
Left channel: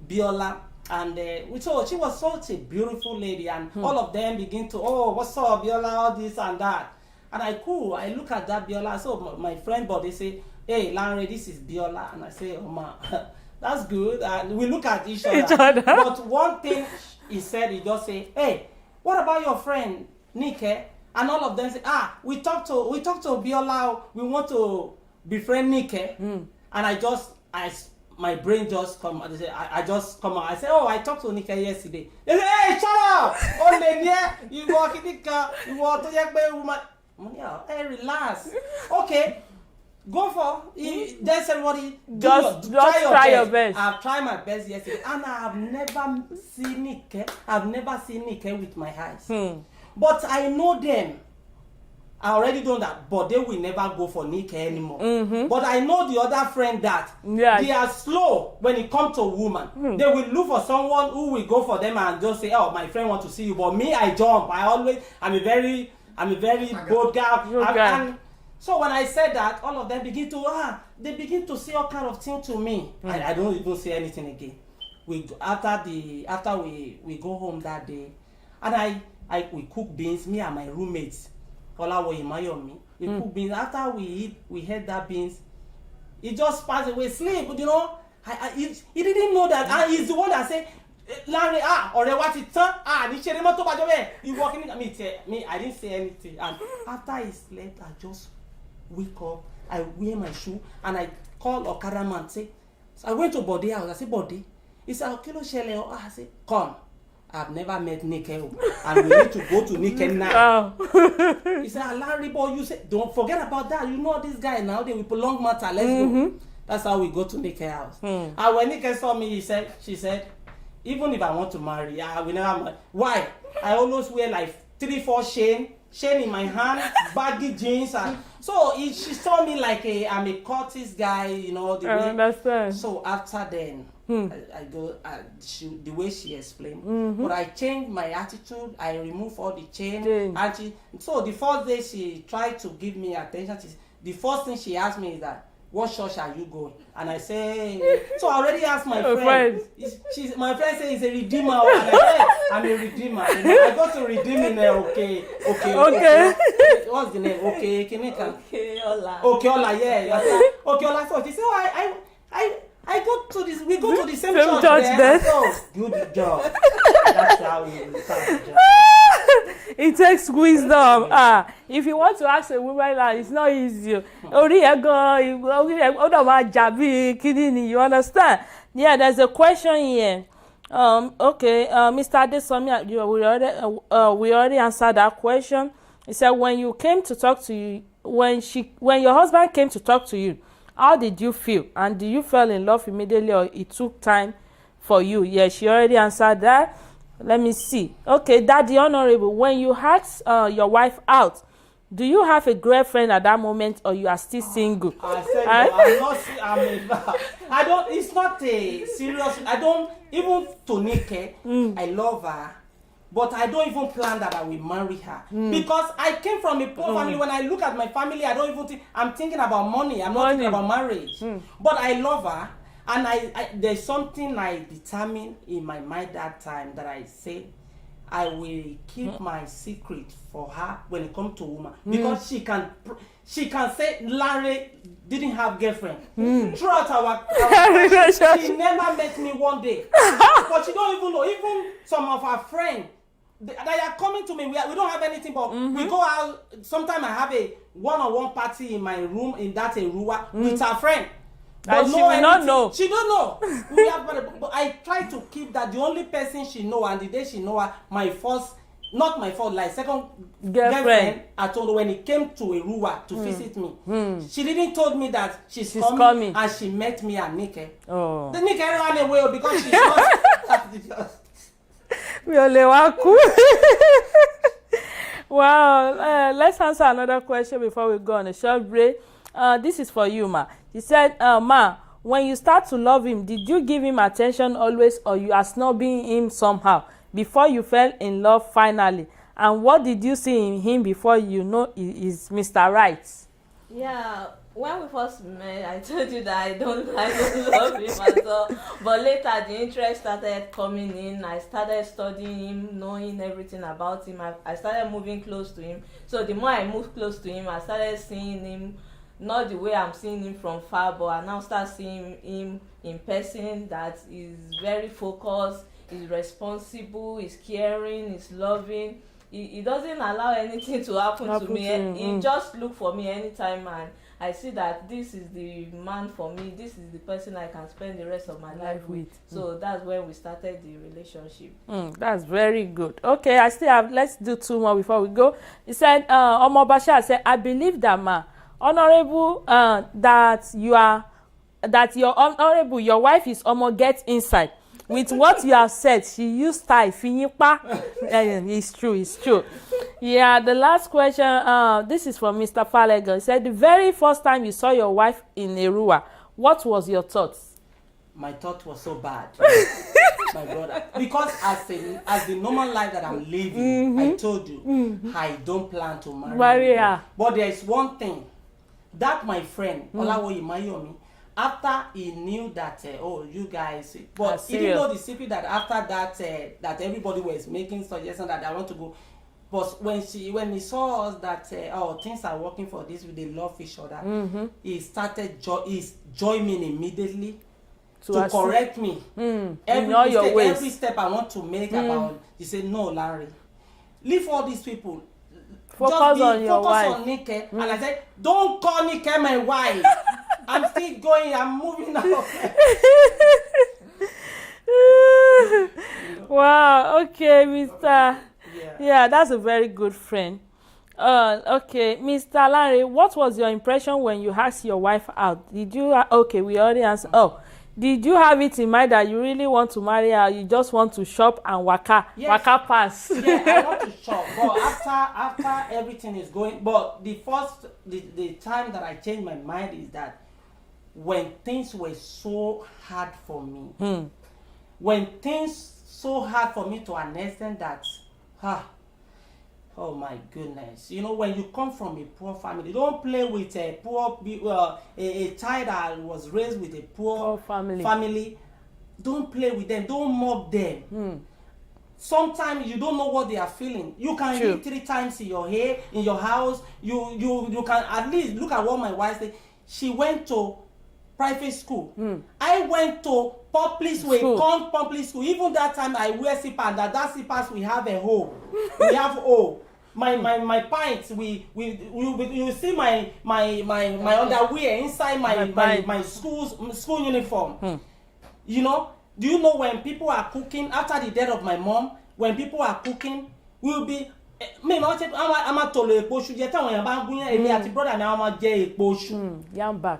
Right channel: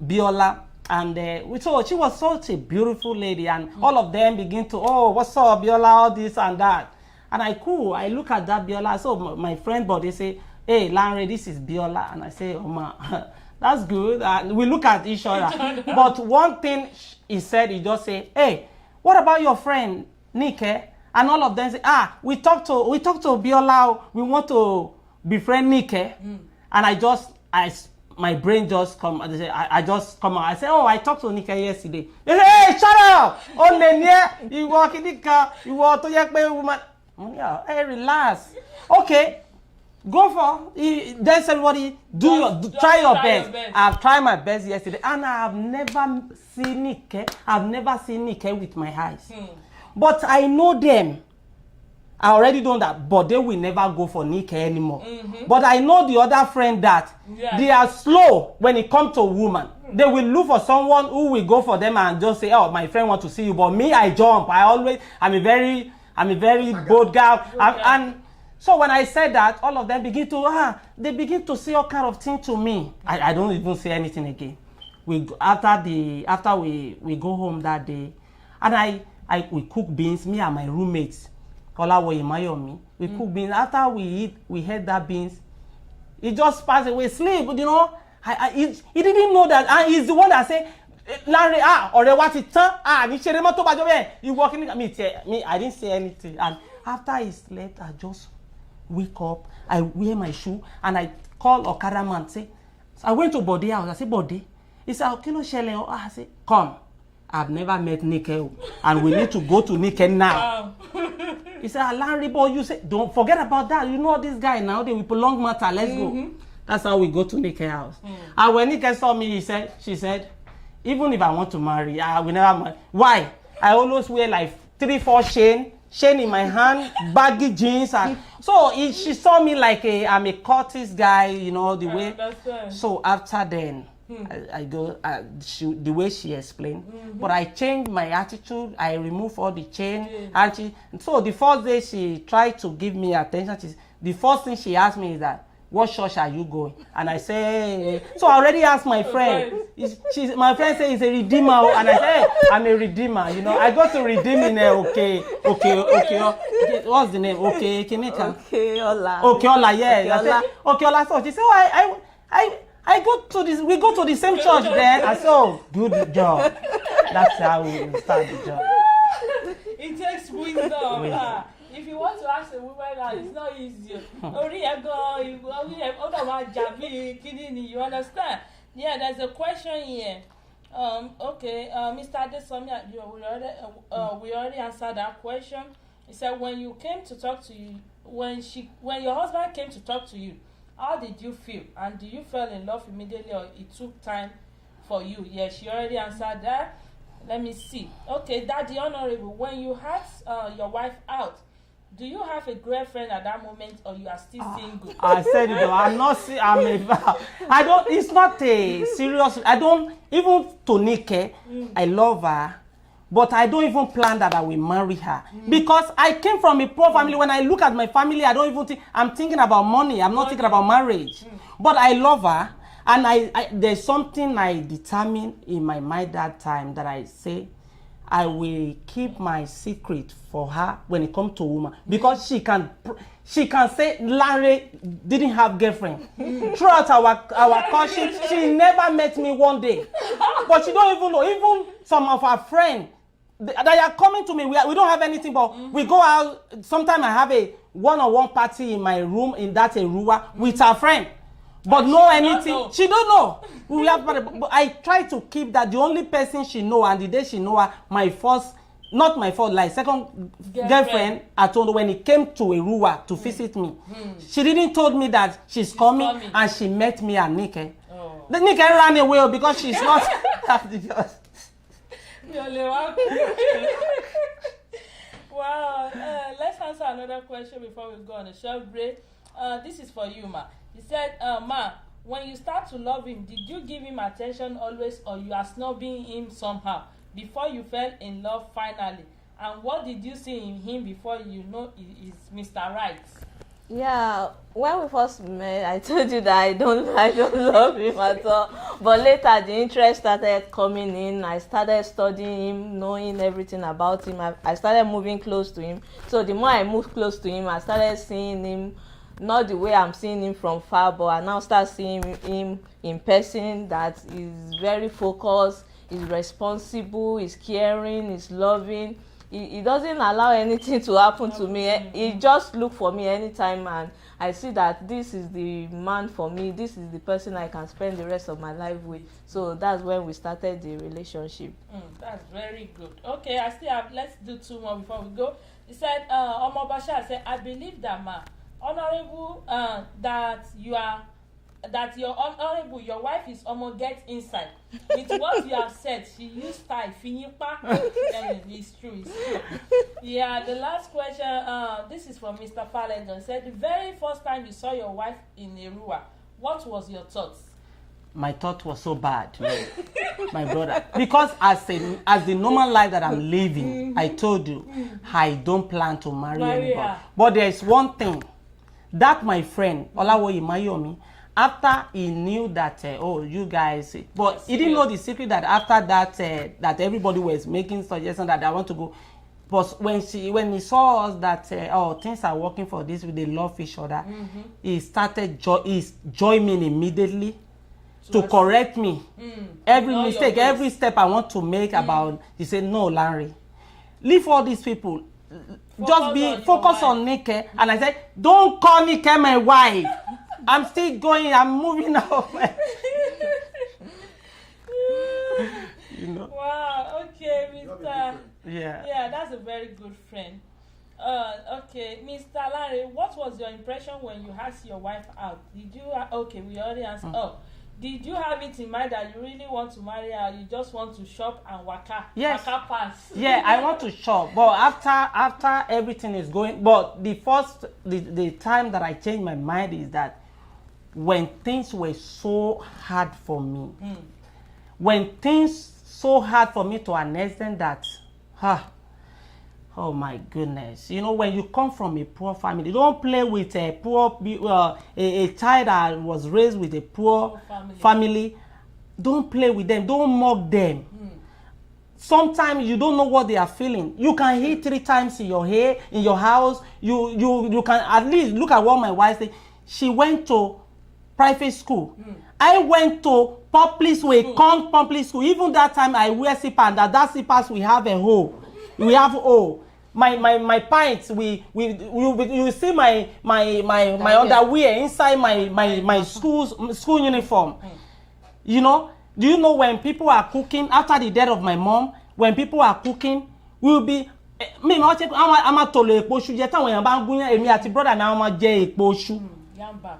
Biola, and so she was such a beautiful lady, and all of them begin to, oh, what's up, Biola, all this and that. And I look at that Biola. So my friend, but they say, hey, Lanre, this is Biola. And I say, oh, ma, that's good. And we look at each other. But one thing he said, he just say, hey, what about your friend, Nike? And all of them say, we talked to Biola. We want to befriend Nike. And my brain just come. I just come out. I say, oh, I talked to Nike yesterday. They say, hey, shut up! You walk in you want to woman. Yeah, hey, relax. Okay, go for. There's everybody try your best. I've tried my best yesterday, and I have never seen Nike. I've never seen Nike with my eyes. But I know them. I already know that, but they will never go for Nike anymore. But I know the other friend that they are slow when it comes to a woman. They will look for someone who will go for them and just say, oh, my friend wants to see you. But me, I jump. I'm a very bold girl. And so when I said that, all of them begin to say all kind of things to me. I don't even say anything again. After we go home that day, and we cook beans, me and my roommates, Kolawoye Mayomi, we cook beans. After we had that beans, he just passed away, sleep, he didn't know that. And he's the one that said, Larry, ọ̀rẹ́ wa ti tán, ní ṣeré mọ́ tó bá jọ bẹ́ẹ̀, you walking me, I didn't say anything. And after he slept, I just wake up, I wear my shoe, and I call Okada man, say, so I went to Bode house. I said, Bode. He said, kí ló ṣẹlẹ̀? I said, come. I've never met Nike, and we need to go to Nike now. He said, Larry, boy, you said, don't forget about that. You know this guy now, they will prolong matter. Let's go. That's how we go to Nike house. And when Nike saw me, she said, even if I want to marry, I will never marry. Why? I always wear like 3-4 chain in my hand, baggy jeans, and so she saw me like I'm a Curtis guy, the way. Understand. So after then, I go the way she explained, but I changed my attitude. I removed all the chain, and so the first day she tried to give me attention. The first thing she asked me is that, what church are you going? And I say, so I already asked my friend. My friend says he's a redeemer, and I say, I'm a redeemer. I go to redeem in okay. What's the name? Okay, Kinika. Okay, Ola, yeah. Okay, Ola. So she said, I go to this. We go to the same church there. So good job. That's how we start the job. It takes wisdom. If you want to ask a woman, it's not easy. You understand? Yeah, there's a question here. Okay, Mr. Adesomi, we already answered that question. He said, when you came to talk to you, when your husband came to talk to you, how did you feel? And did you fall in love immediately, or it took time for you? Yes, she already answered that. Let me see. Okay, Daddy Honorable, when you asked your wife out, do you have a girlfriend at that moment, or you are still single? I said, no, I'm not. I don't. It's not a serious. I don't even to Nike. I love her, but I don't even plan that I will marry her because I came from a poor family. When I look at my family, I don't even think. I'm thinking about money. I'm not thinking about marriage. But I love her, and I there's something I determined in my mind that time that I say, I will keep my secret for her when it comes to woman, because she can say Larry didn't have girlfriend throughout our she never met me one day, but she don't even know. Even some of our friends, they are coming to me. We don't have anything, but we go out. Sometimes I have a one-on-one party in my room in that Erua with our friend. But and no anything. Know. She don't know. We have, but I try to keep that. The only person she know, and the day she know her, my first, not my first, like second girlfriend, I told her when he came to Erua to visit me. She didn't told me that she's coming, and she met me at Nike. The Nike ran away because she's not. Wow. Let's answer another question before we go on a short break. This is for you, Ma. He said, Ma, when you start to love him, did you give him attention always, or you are snubbing him somehow before you fell in love finally? And what did you see in him before you know he is Mr. Right? Yeah, when we first met, I told you that I don't love him at all. But later, the interest started coming in. I started studying him, knowing everything about him. I started moving close to him. So the more I moved close to him, I started seeing him, not the way I'm seeing him from far, but I now start seeing him in person, that is very focused, is responsible, is caring, is loving. He doesn't allow anything to happen to me. He just look for me anytime, and I see that this is the man for me. This is the person I can spend the rest of my life with. So that's when we started the relationship. That's very good. Okay, I still have, let's do two more before we go. He said, Omo Bashir said, I believe that, Ma, Honorable, that your honorable, your wife is Omo get inside. With what you have said, she used style finipa. It's true. Yeah, the last question, this is from Mr. Falegon. He said, the very first time you saw your wife in Erua, what was your thoughts? My thought was so bad, my brother, because as the normal life that I'm living, I told you, I don't plan to marry anybody. But there is one thing that my friend Olawoye Mayomi, after he knew that you guys, but he didn't know the secret that after that that everybody was making suggestions that I want to go. But when he saw us that things are working for this, they love each other, he started join me immediately to correct me. Every mistake, every step I want to make about. He said, no, Larry, leave all these people. Focus on Nike. And I said, don't call Nike my wife. I'm still going. I'm moving on. Wow. Okay, Mr. Yeah, that's a very good friend. Okay, Mr. Larry, what was your impression when you asked your wife out? Did you? Okay, we already answered. Did you have it in mind that you really want to marry her? You just want to shop and waka pass? Yeah, I want to shop, but after everything is going. But the time that I changed my mind is that when things were so hard for me, when things so hard for me to an extent that, oh my goodness, when you come from a poor family, don't play with a poor a child that was raised with a poor family. Don't play with them. Don't mock them. Sometimes you don't know what they are feeling. You can eat 3 times in your hair, in your house. You can at least look at what my wife said. She went to private school. I went to public school, public school. Even that time I wear slipper, and that slippers we have a hole. We have hole. My pants, you see my underwear inside my school uniform. Do you know when people are cooking after the death of my mom? When people are cooking, we'll be mi ma ṣe a ma tolo epo iṣu jẹ táwọn èèyàn bá ń gúnyán èmi àti brother mi a ma jẹ epo iṣu. Yamba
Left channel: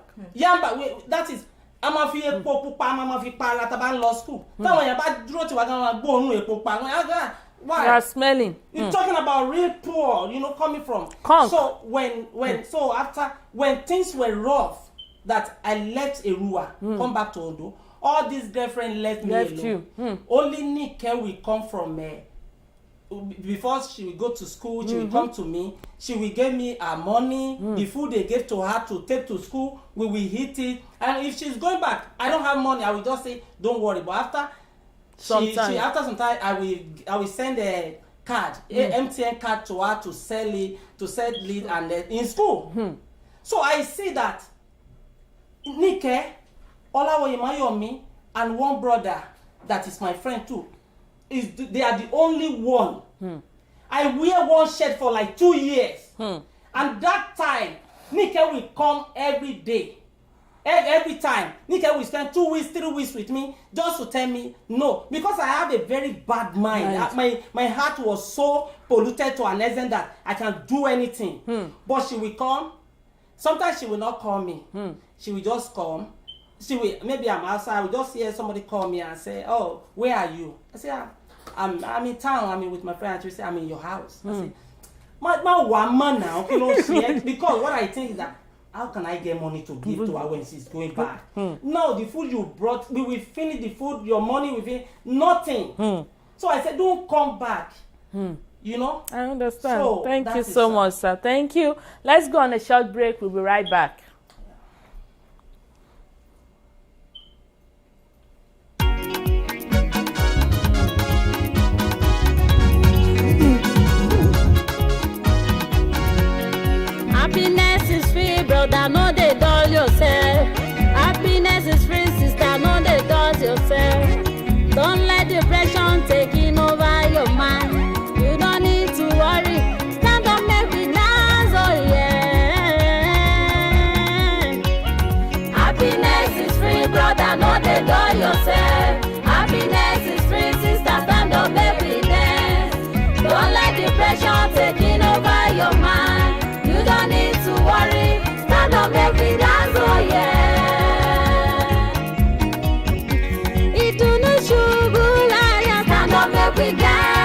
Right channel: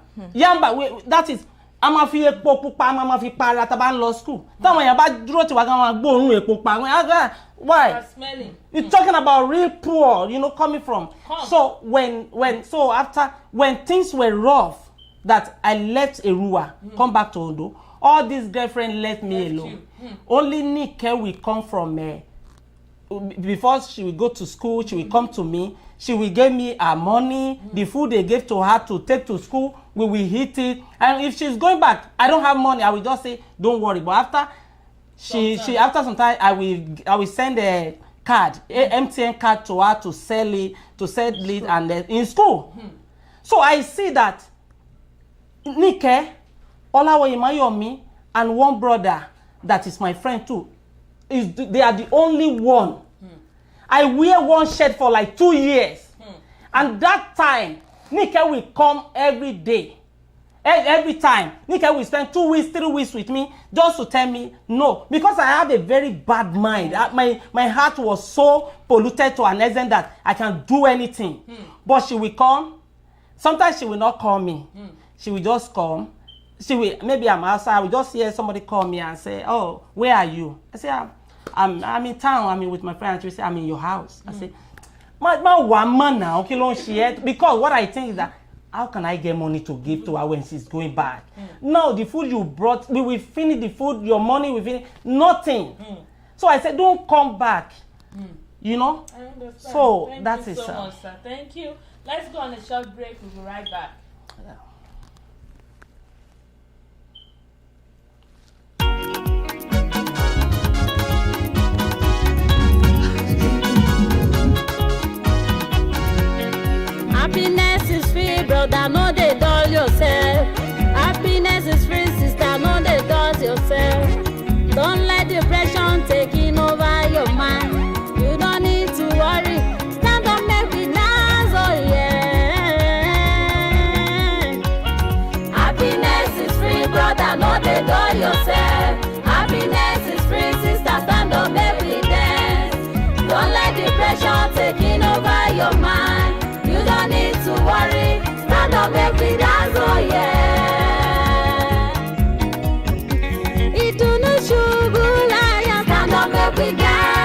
that is a ma fi epo pupa a ma fi para tá bá ń lọ school táwọn èèyàn bá dúró tiwa gan wọn gbóòórùn epo pa why? You are smelling. You're talking about real poor, coming from. Conk. So when things were rough, that I left Erua, come back to Ondo, all these girlfriends left me alone. Only Nike will come from before she will go to school, she will come to me, she will give me her money, the food they gave to her to take to school, we will eat it. And if she's going back, I don't have money, I will just say, don't worry. But after after some time, I will send a card, MTN card to her to sell it, and in school. So I see that Nike, Olawoye Mayomi, and one brother that is my friend too, they are the only one. I wear one shirt for like 2 years, and that time Nike will come every day. Every time Nike will spend 2 weeks, 3 weeks with me just to tell me no, because I have a very bad mind. My heart was so polluted to an extent that I can do anything. But she will come. Sometimes she will not call me. She will just come. Maybe I'm outside. I will just hear somebody call me and say, "Oh, where are you?" I say, "I'm in town. I'm with my friend." She will say, "I'm in your house." I say, because what I think is that, how can I get money to give to her when she's going back? No, the food you brought, we will finish the food, your money will finish, nothing. So I said, don't come back. I understand. So thank you so much, sir. Thank you. Let's go on a short break. We'll be right back. Happiness is free, brother, no dey dull yourself. Happiness is free, sister, no dey dull yourself. Don't let depression taking over your mind. You don't need to worry, stand up, make we dance, oh yeah. Happiness is free, brother, no dey dull yourself. Happiness is free, sister, stand up, make we dance. Don't let depression taking over your mind. You don't need to worry, stand up, make me dance, oh yeah. Ìdùnnú ṣubú láyọ̀, stand up, make me dance.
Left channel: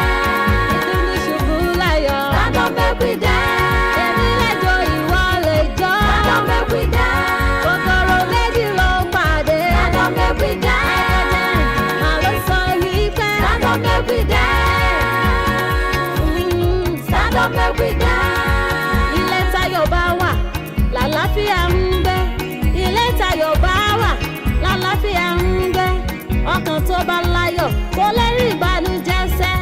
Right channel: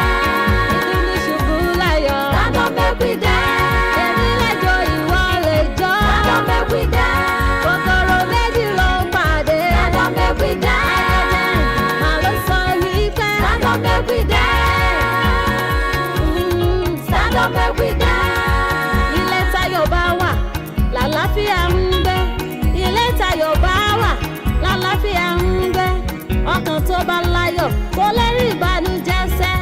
Ìdùnnú ṣubú láyọ̀, stand up, make me dance. Èmi lẹ́jọ́, ìwọ lẹ́jọ́, stand up, make me dance. Kòkòrò méjì ló pàdé, stand up, make me dance. Màá ló sọ wípé, stand up, make me dance. Stand up, make me dance. Lálàáfíà ń gbé, ilé tayọ̀ bá wà, lálàáfíà ń gbé. Ọkàn tó bá láyọ̀ kò lè rí ìbànújẹ́ sẹ́.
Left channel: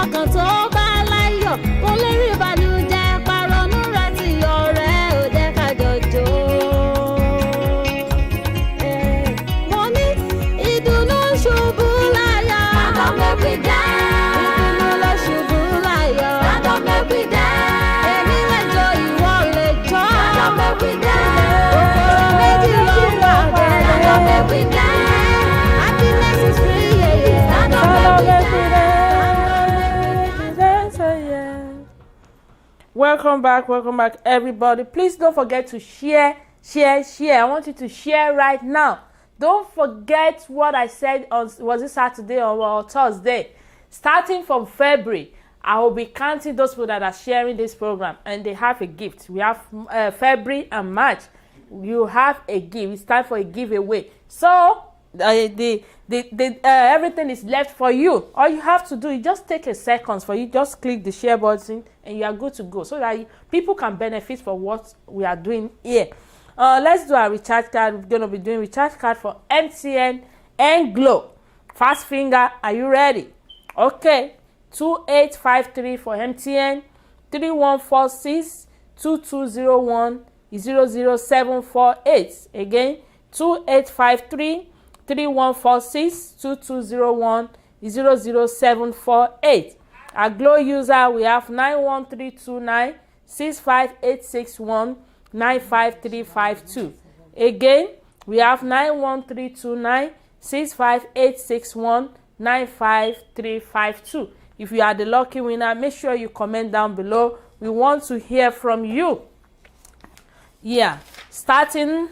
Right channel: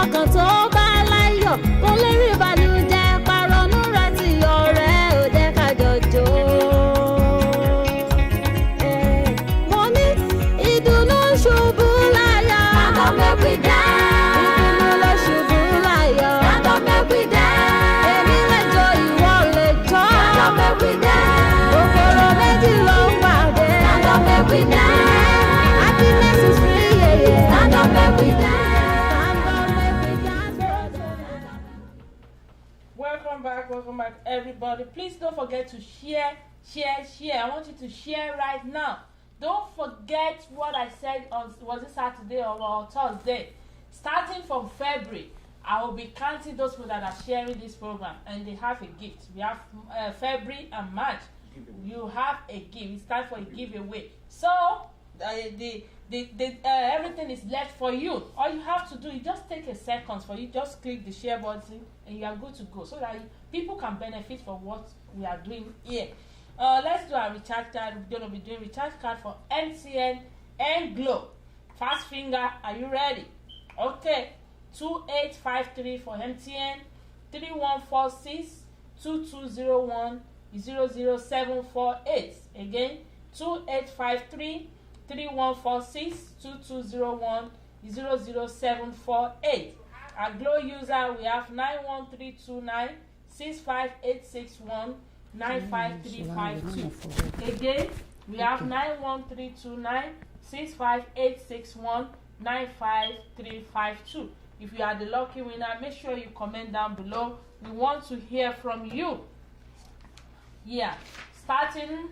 Ọkàn tó bá láyọ̀ kò lè rí ìbànújẹ́. Pàrọ̀nù rẹ̀ ti yọ̀ rẹ̀ ò jẹ́ ká jọjọ́. Mo ní ìdùnnú ṣubú láyọ̀. Stand up, make we dance. Ìdùnnú ló ṣubú láyọ̀. Stand up, make we dance. Èmi lẹ́jọ́, ìwọ lẹ́jọ́. Stand up, make we dance. Kòkòrò méjì ló pàdé. Stand up, make we dance. Happiness is free, yeah, yeah. Stand up, make we dance. Welcome back, everybody. Please don't forget to share. I want you to share right now. Don't forget what I said on, was it Saturday or Thursday? Starting from February, I will be counting those people that are sharing this program, and they have a gift. We have February and March. You have a gift. It's time for a giveaway. So everything is left for you. All you have to do is just take a second for you. Just click the share button, and you are good to go, so that people can benefit from what we are doing here. Let's do our recharge card. We're going to be doing recharge card for MTN and Glo. Fast finger, are you ready? Okay. 2853 for MTN, 3146 2201 00748. Again, 2853 3146 2201 00748. Our Glo user, we have 91329 65861 95352. Again, we have 91329 65861 95352. If you are the lucky winner, make sure you comment down below. We want to hear from you. Yeah, starting,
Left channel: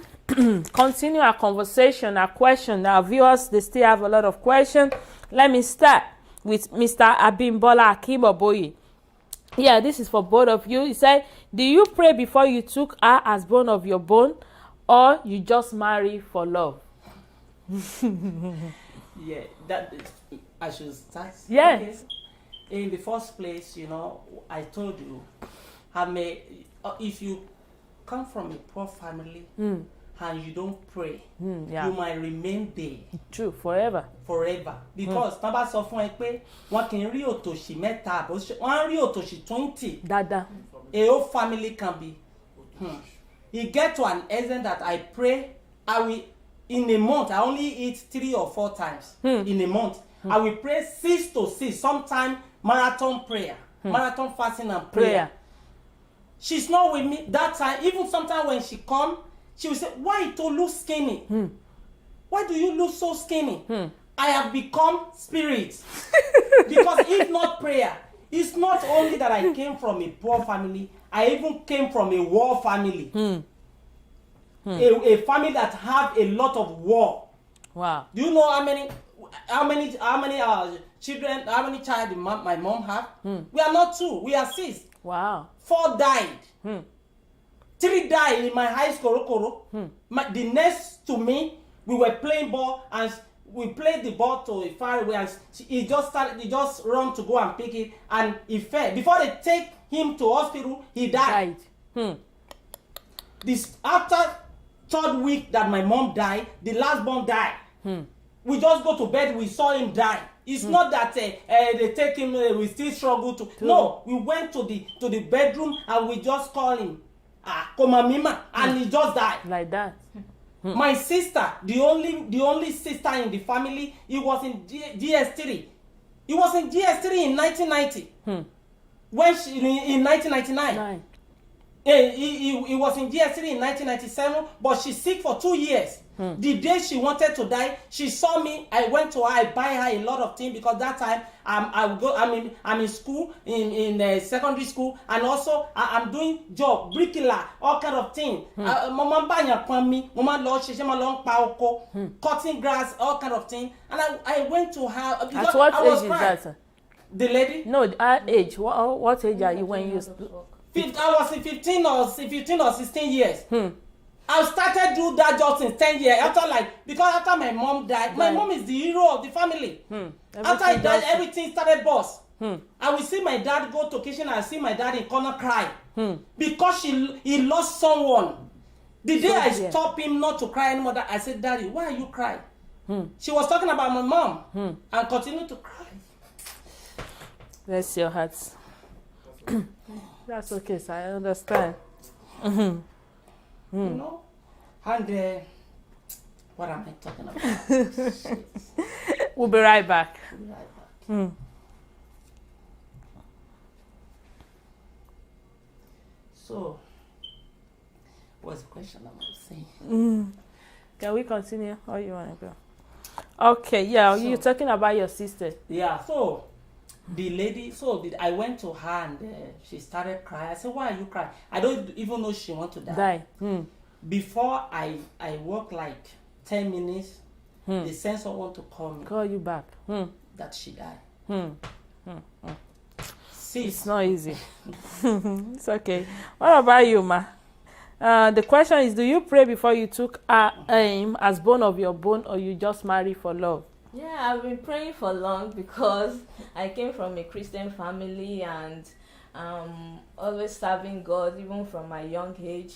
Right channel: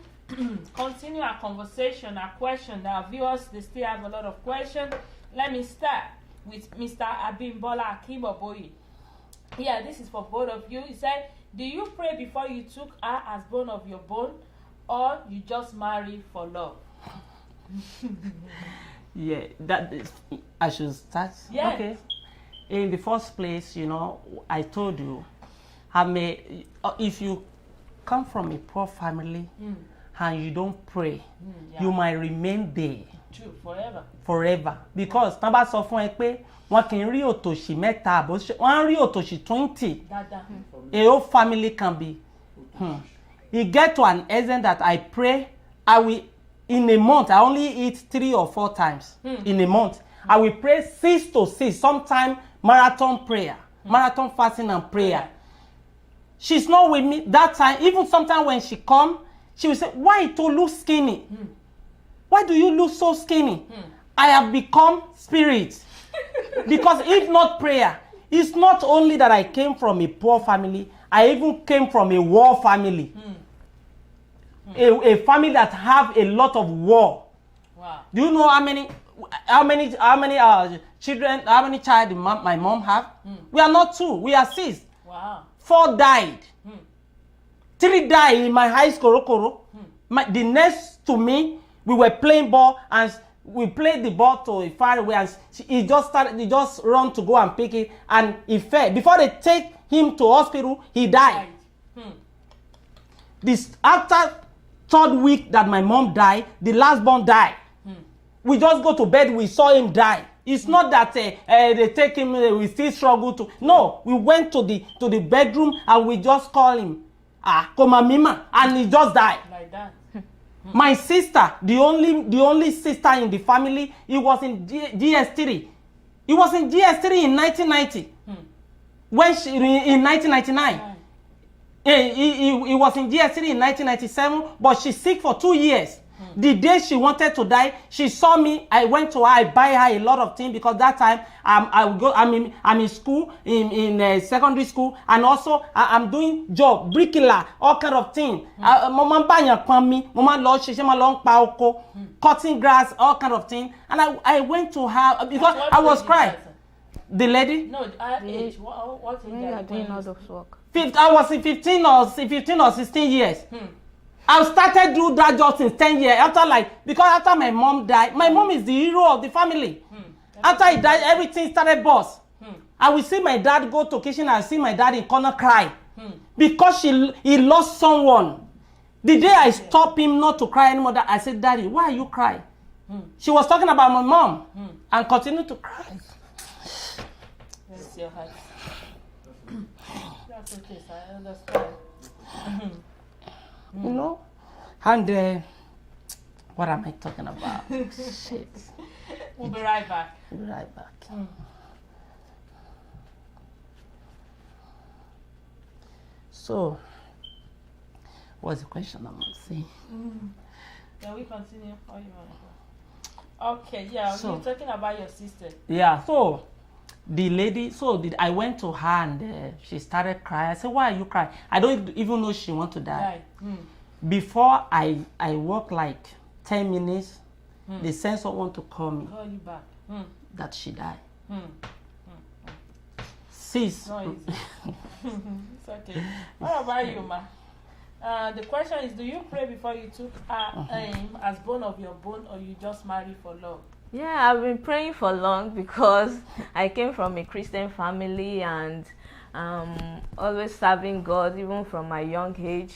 continue our conversation, our question. Our viewers, they still have a lot of questions. Let me start with Mr. Abimbola Akiboboye. Yeah, this is for both of you. He said, do you pray before you took her as bone of your bone, or you just marry for love? Yeah, that is, I should start. Yeah. Okay. In the first place, you know, I told you, if you come from a poor family and you don't pray, yeah. you might remain there. True, forever. Forever. Because tán bá sọ fún ẹ pé wọn kì í rí òtòṣì mẹ́ta àbọ̀ wọ́n rí òtòṣì 20. Dada. A whole family can be. It get to an extent that I pray, in a month, I only eat 3 or 4 times in a month. I will pray 6 to 6, sometimes marathon prayer, marathon fasting and prayer. She's not with me that time. Even sometimes when she come, she will say, why you look skinny? Why do you look so skinny? I have become spirit. Because if not prayer, it's not only that I came from a poor family, I even came from a war family. A family that have a lot of war. Wow. Do you know how many children, how many child my mom have? We are not 2, we are 6. Wow. 4 died. 3 died in my high school. The next to me, we were playing ball and we played the ball to far away, and he just run to go and pick it, and he fell. Before they take him to hospital, he died. This after 3rd week that my mom died, the last born died. We just go to bed, we saw him die. It's not that they take him, we still struggle to. No, we went to the bedroom and we just call him, Komamima, and he just died. Like that. My sister, the only sister in the family, he was in GS3. He was in GS3 in 1990. When she in 1999. He was in GS3 in 1997, but she's sick for 2 years. The day she wanted to die, she saw me. I went to her. I buy her a lot of things because that time I'm in school, in secondary school, and also I'm doing job, bricklayer, all kind of things. Mama banya me, mama long long paoko, cutting grass, all kind of things. And I went to her because I was crying. The lady? No, her age. What age are you when you work? I was in 15 or 16 years. I started do that job since 10 years. Because after my mom died, my mom is the hero of the family. After he died, everything started bust. I will see my dad go to kitchen and see my dad in corner cry. Because he lost someone. The day I stopped him not to cry anymore, I said, Daddy, why are you crying? She was talking about my mom and continued to cry. Bless your heart. That's okay, sir. I understand. You know? And what am I talking about? Shit. We'll be right back. We'll be right back. So, what's the question I want to say? Can we continue? Or you want to go? Okay, yeah. So, you're talking about your sister. Yeah, so the lady, I went to her and she started crying. I said, why are you crying? I don't even know she want to die. Before I walk like 10 minutes, the censor want to call me. Call you back. That she died. See, it's not easy. It's okay. What about you, ma? The question is, do you pray before you took aim as bone of your bone, or you just marry for love? Yeah, I've been praying for long because I came from a Christian family and always serving God even from my young age.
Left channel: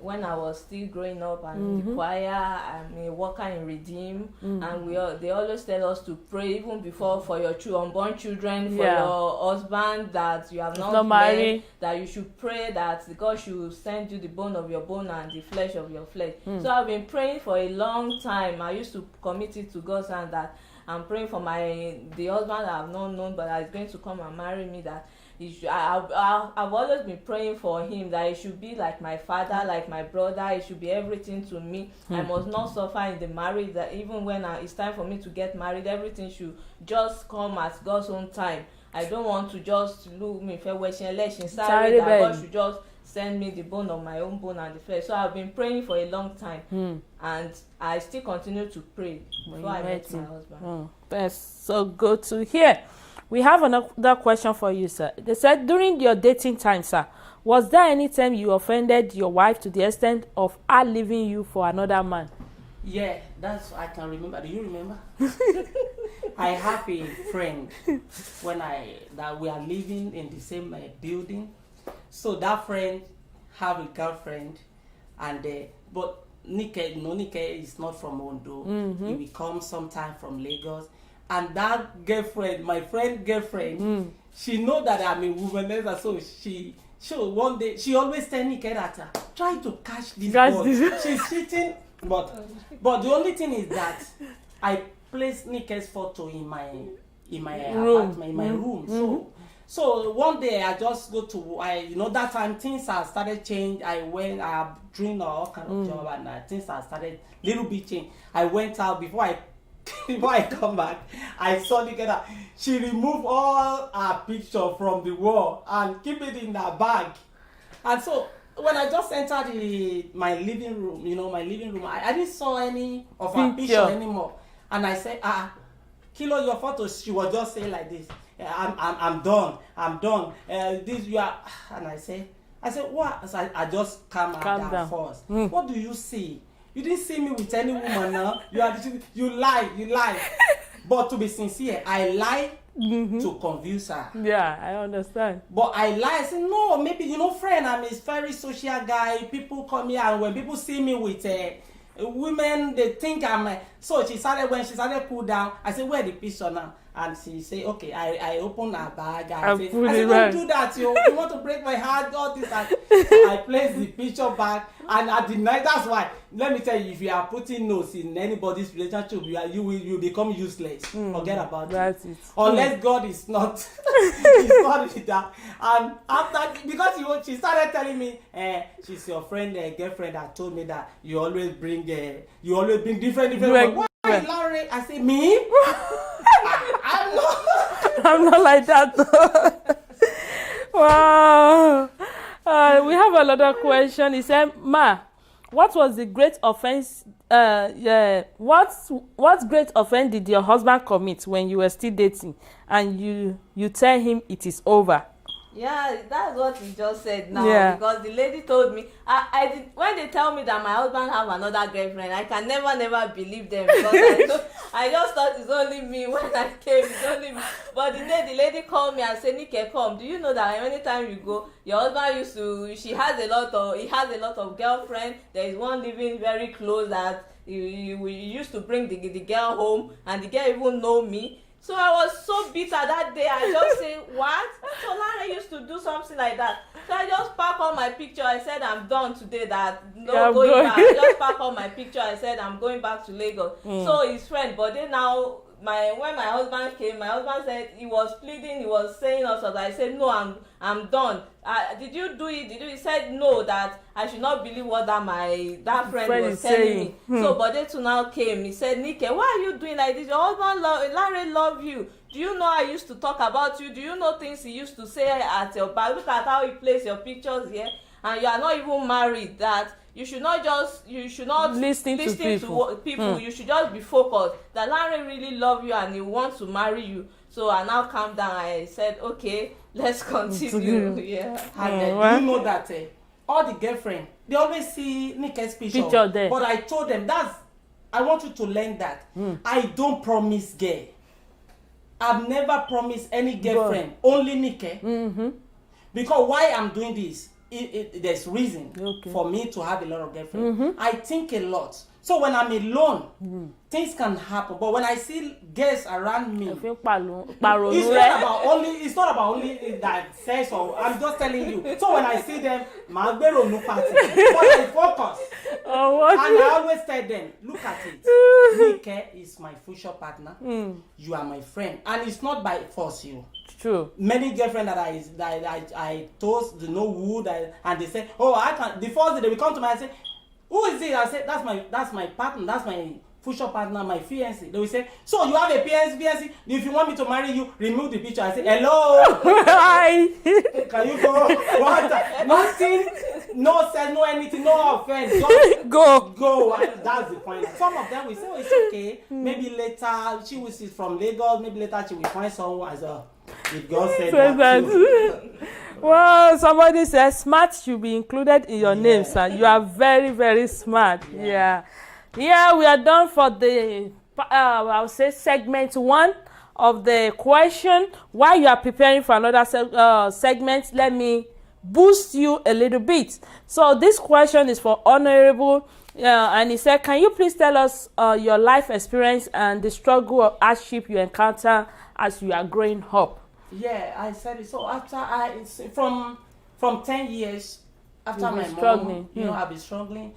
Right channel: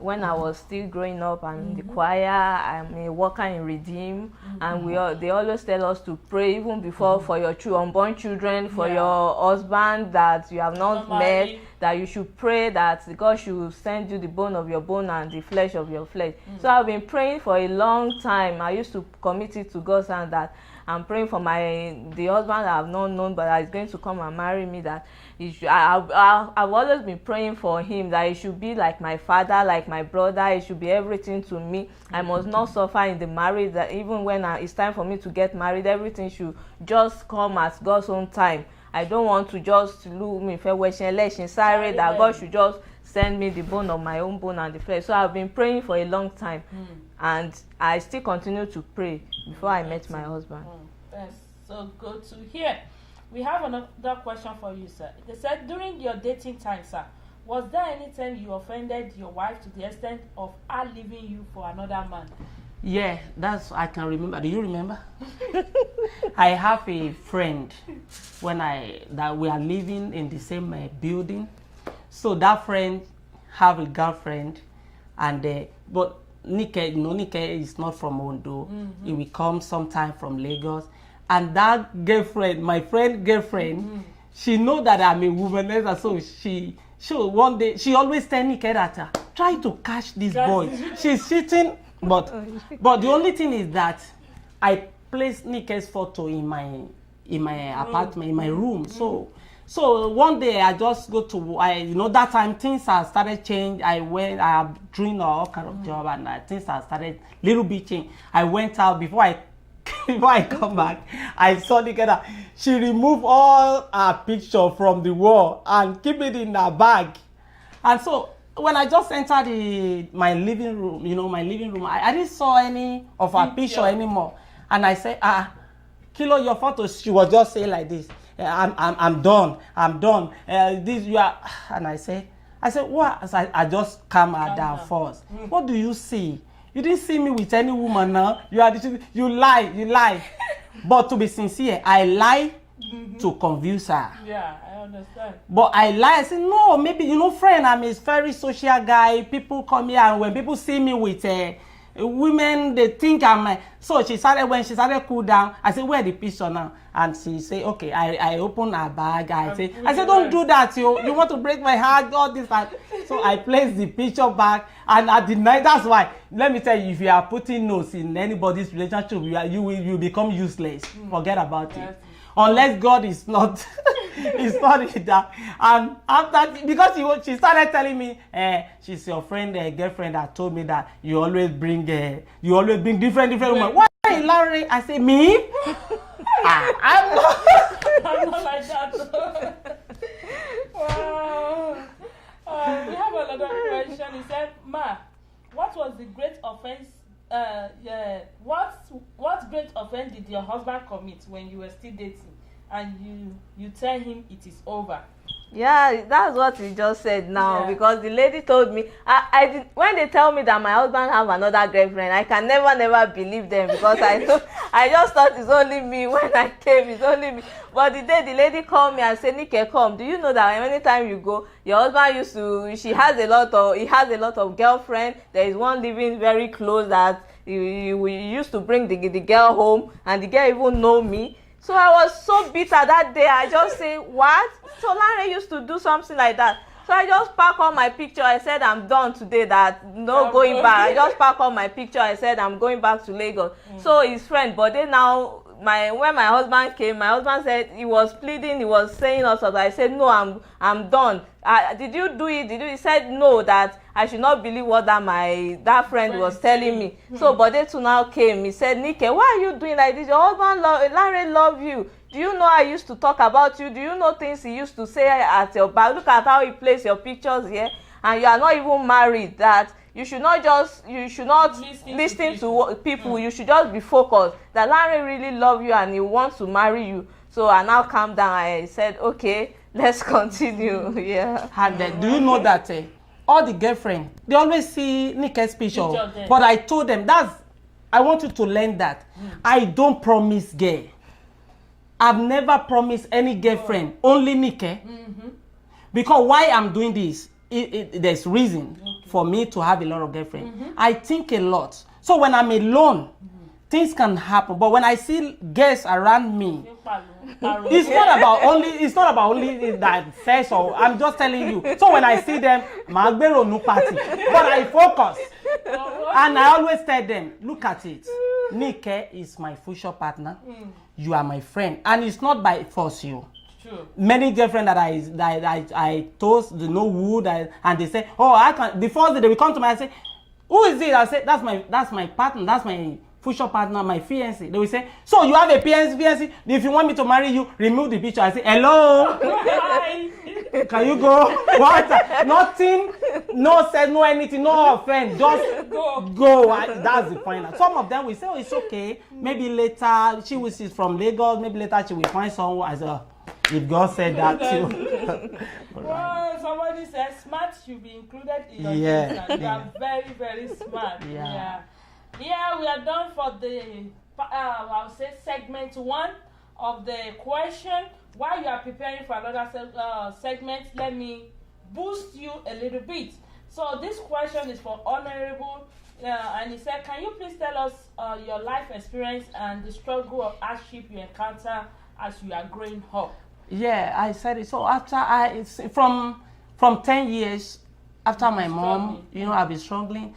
When I was still growing up and in the choir, I'm a worker in Redeem, and they always tell us to pray even before for your unborn children, for your husband that you have not met, that you should pray that God should send you the bone of your bone and the flesh of your flesh. So I've been praying for a long time. I used to commit it to God and that I'm praying for the husband that I've not known but that is going to come and marry me, that I've always been praying for him that he should be like my father, like my brother. He should be everything to me. I must not suffer in the marriage, that even when it's time for me to get married, everything should just come at God's own time. I don't want to just look me fair sorry that God should just send me the bone of my own bone and the flesh. So I've been praying for a long time, and I still continue to pray before I met my husband. That's so good to hear. We have another question for you, sir. They said, during your dating time, sir, was there any time you offended your wife to the extent of her leaving you for another man? Yeah, that's I can remember. Do you remember? I have a friend that we are living in the same building. So that friend have a girlfriend, and but Nike is not from Ondo. He will come sometime from Lagos, and that girlfriend, my friend girlfriend, she know that I'm a womanizer, so she one day she always tell Nike that try to catch this boy. She's sitting. But the only thing is that I placed Nike's photo in my apartment, in my room. So one day I just go to that time things have started change. I have doing all kind of job, and things have started little bit change. I went out before I come back. I saw Nike that she removed all her picture from the wall and keep it in her bag, and so. When I just entered my living room, I didn't saw any of her picture anymore. And I said, Kilo, your photos. She was just saying like this, I'm done. This you are. And I said, what? So I just calm her down first. What do you see? You didn't see me with any woman now. You lie. But to be sincere, I lie. To convince her. Yeah, I understand. But I lie. I say, no, maybe, friend, I'm a very social guy. People come here, and when people see me with women, they think I'm... So when she started cool down, I said, where the picture now? And she say, okay, I open her bag. I say, don't do that, you want to break my heart, all this. So I place the picture back, and at the night, that's why, let me tell you, if you are putting nose in anybody's relationship, you will become useless. Forget about it. Unless God is not, is not in that. And after, because she started telling me, she's your friend, girlfriend that told me that you always bring different women. Why, Larry? I say, me? I'm not like that. Wow. We have another question. He said, Ma, what was the great offense? What great offense did your husband commit when you were still dating, and you tell him it is over? Yeah, that's what we just said now. Because the lady told me, when they tell me that my husband have another girlfriend, I can never believe them, because I just thought it's only me. When I came, it's only me. But the day the lady called me and said, Nike, come, do you know that anytime you go, your husband he has a lot of girlfriend. There is one living very close that he used to bring the girl home, and the girl even know me. So I was so bitter that day. I just say, what? So Larry used to do something like that. So I just pack all my picture. I said, I'm done today, that going back. I just pack all my picture. I said, I'm going back to Lagos. So his friend, but then now, when my husband came, my husband said he was pleading, he was saying all sorts. I said, no, I'm done. Did you do it? He said no, that I should not believe what that friend was telling me. So Bode too now came. He said, Nike, why are you doing like this? Your husband Larry love you. Do you know I used to talk about you? Do you know things he used to say at your back? Look at how he plays your pictures here, and you are not even married. That you should not listen to people. You should just be focused. That Larry really love you and he wants to marry you. So I now calm down. I said, okay, let's continue. And do you know that all the girlfriends, they always see Nike's picture there. But I told them, I want you to learn that. I don't promise gay. I've never promised any girlfriend, only Nike. Because why I'm doing this, there's reason for me to have a lot of girlfriends. I think a lot. So when I'm alone, things can happen. But when I see girls around me, it's not about only that sex. Or I'm just telling you. So when I see them, Magbero no party. But I focus. And I always tell them, look at it. Nike is my future partner. You are my friend. And it's not by force you. True. Many girlfriends that I toast, they know who, and they say, oh, I can. The first day they will come to me and say, who is it? I say, that's my partner, that's future partner, my fiancé, they will say, so you have a fiancé, if you want me to marry you, remove the picture. I say, hello, hi, can you go? What? Nothing, no sense, no anything, no offense, just go. And that's the final. Some of them will say, oh, it's okay, maybe later, she's from Lagos, maybe later she will find someone as a, if God said that too. Well, somebody says smart should be included in your names, and you are very, very smart. Yeah, we are done for the, I would say, segment 1 of the question. While you are preparing for another segment, let me boost you a little bit. So this question is for Honorable, and he said, can you please tell us your life experience and the struggle or hardship you encounter as you are growing up? Yeah, I said it. So after from 10 years after my mom, you know, I've been struggling.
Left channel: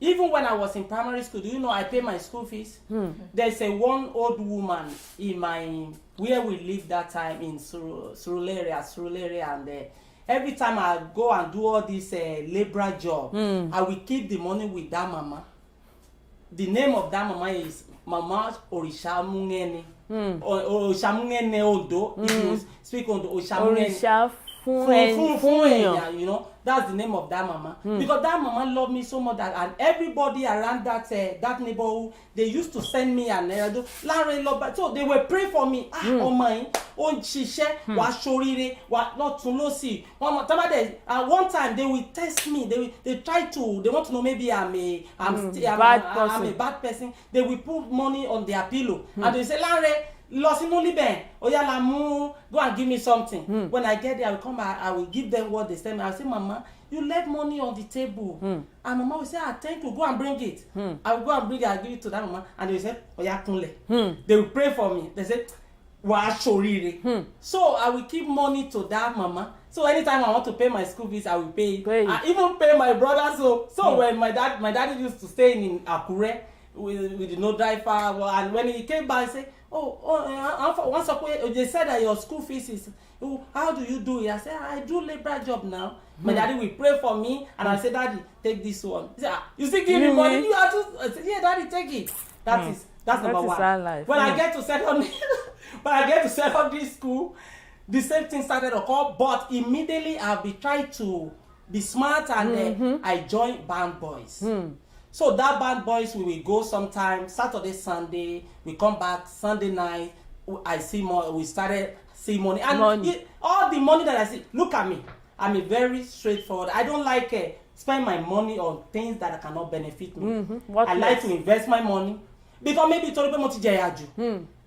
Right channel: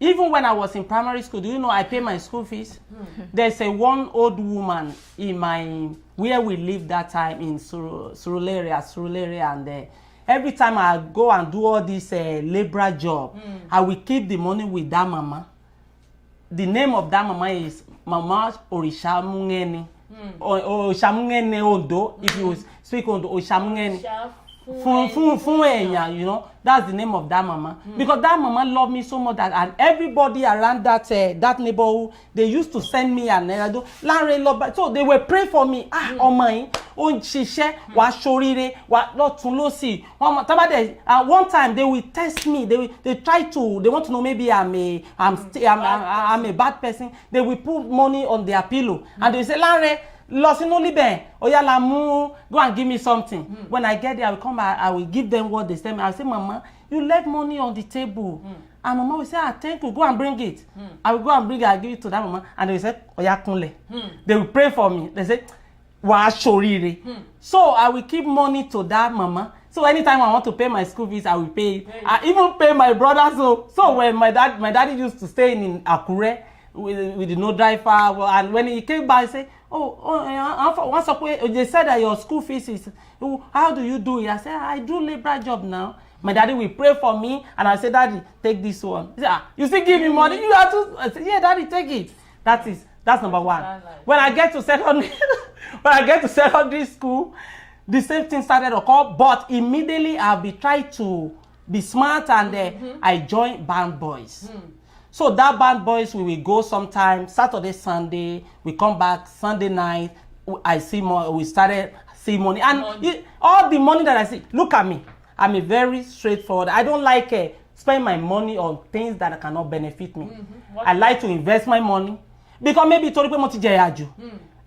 Even when I was in primary school, do you know I pay my school fees? There's one old woman in where we lived that time in Surulere, and every time I go and do all this labor job, I will keep the money with that mama. The name of that mama is Mama Orishamungeni. Orishamungeni Ondo. If you speak Ondo, Orishamungeni. You know, that's the name of that mama. Because that mama loved me so much that, and everybody around that neighborhood, they used to send me an so they were praying for me. Oh my, oh shishe, wa shorire, wa not to losi. One time they will test me. They want to know maybe I'm a bad person. They will put money on their pillow and they say, Lanre, go and give me something. When I get there, I will come. I will give them what they send me. I will say, Mama, you left money on the table, and Mama will say, thank you. Go and bring it. I will go and bring it. I will give it to that Mama, and they will say, They will pray for me. They say, So I will keep money to that Mama. So anytime I want to pay my school fees, I will pay it. I even pay my brother. So when my daddy used to stay in Akure with no driver, and when he came back, he said, they said that your school fees is, how do you do it? I said, I do labor job now. My daddy will pray for me, and I said, Daddy, take this one. He said, you still give me money? You have to. I said, yeah, Daddy, take it. That's number one. When I get to secondary school, the same thing started to occur, but immediately I'll be trying to be smart, and I joined band boys. So that band boys, we will go sometime Saturday, Sunday. We come back Sunday night. I see more. We started see money, and all the money that I see. Look at me. I'm a very straightforward. I don't like spend my money on things that cannot benefit me. I like to invest my money because maybe I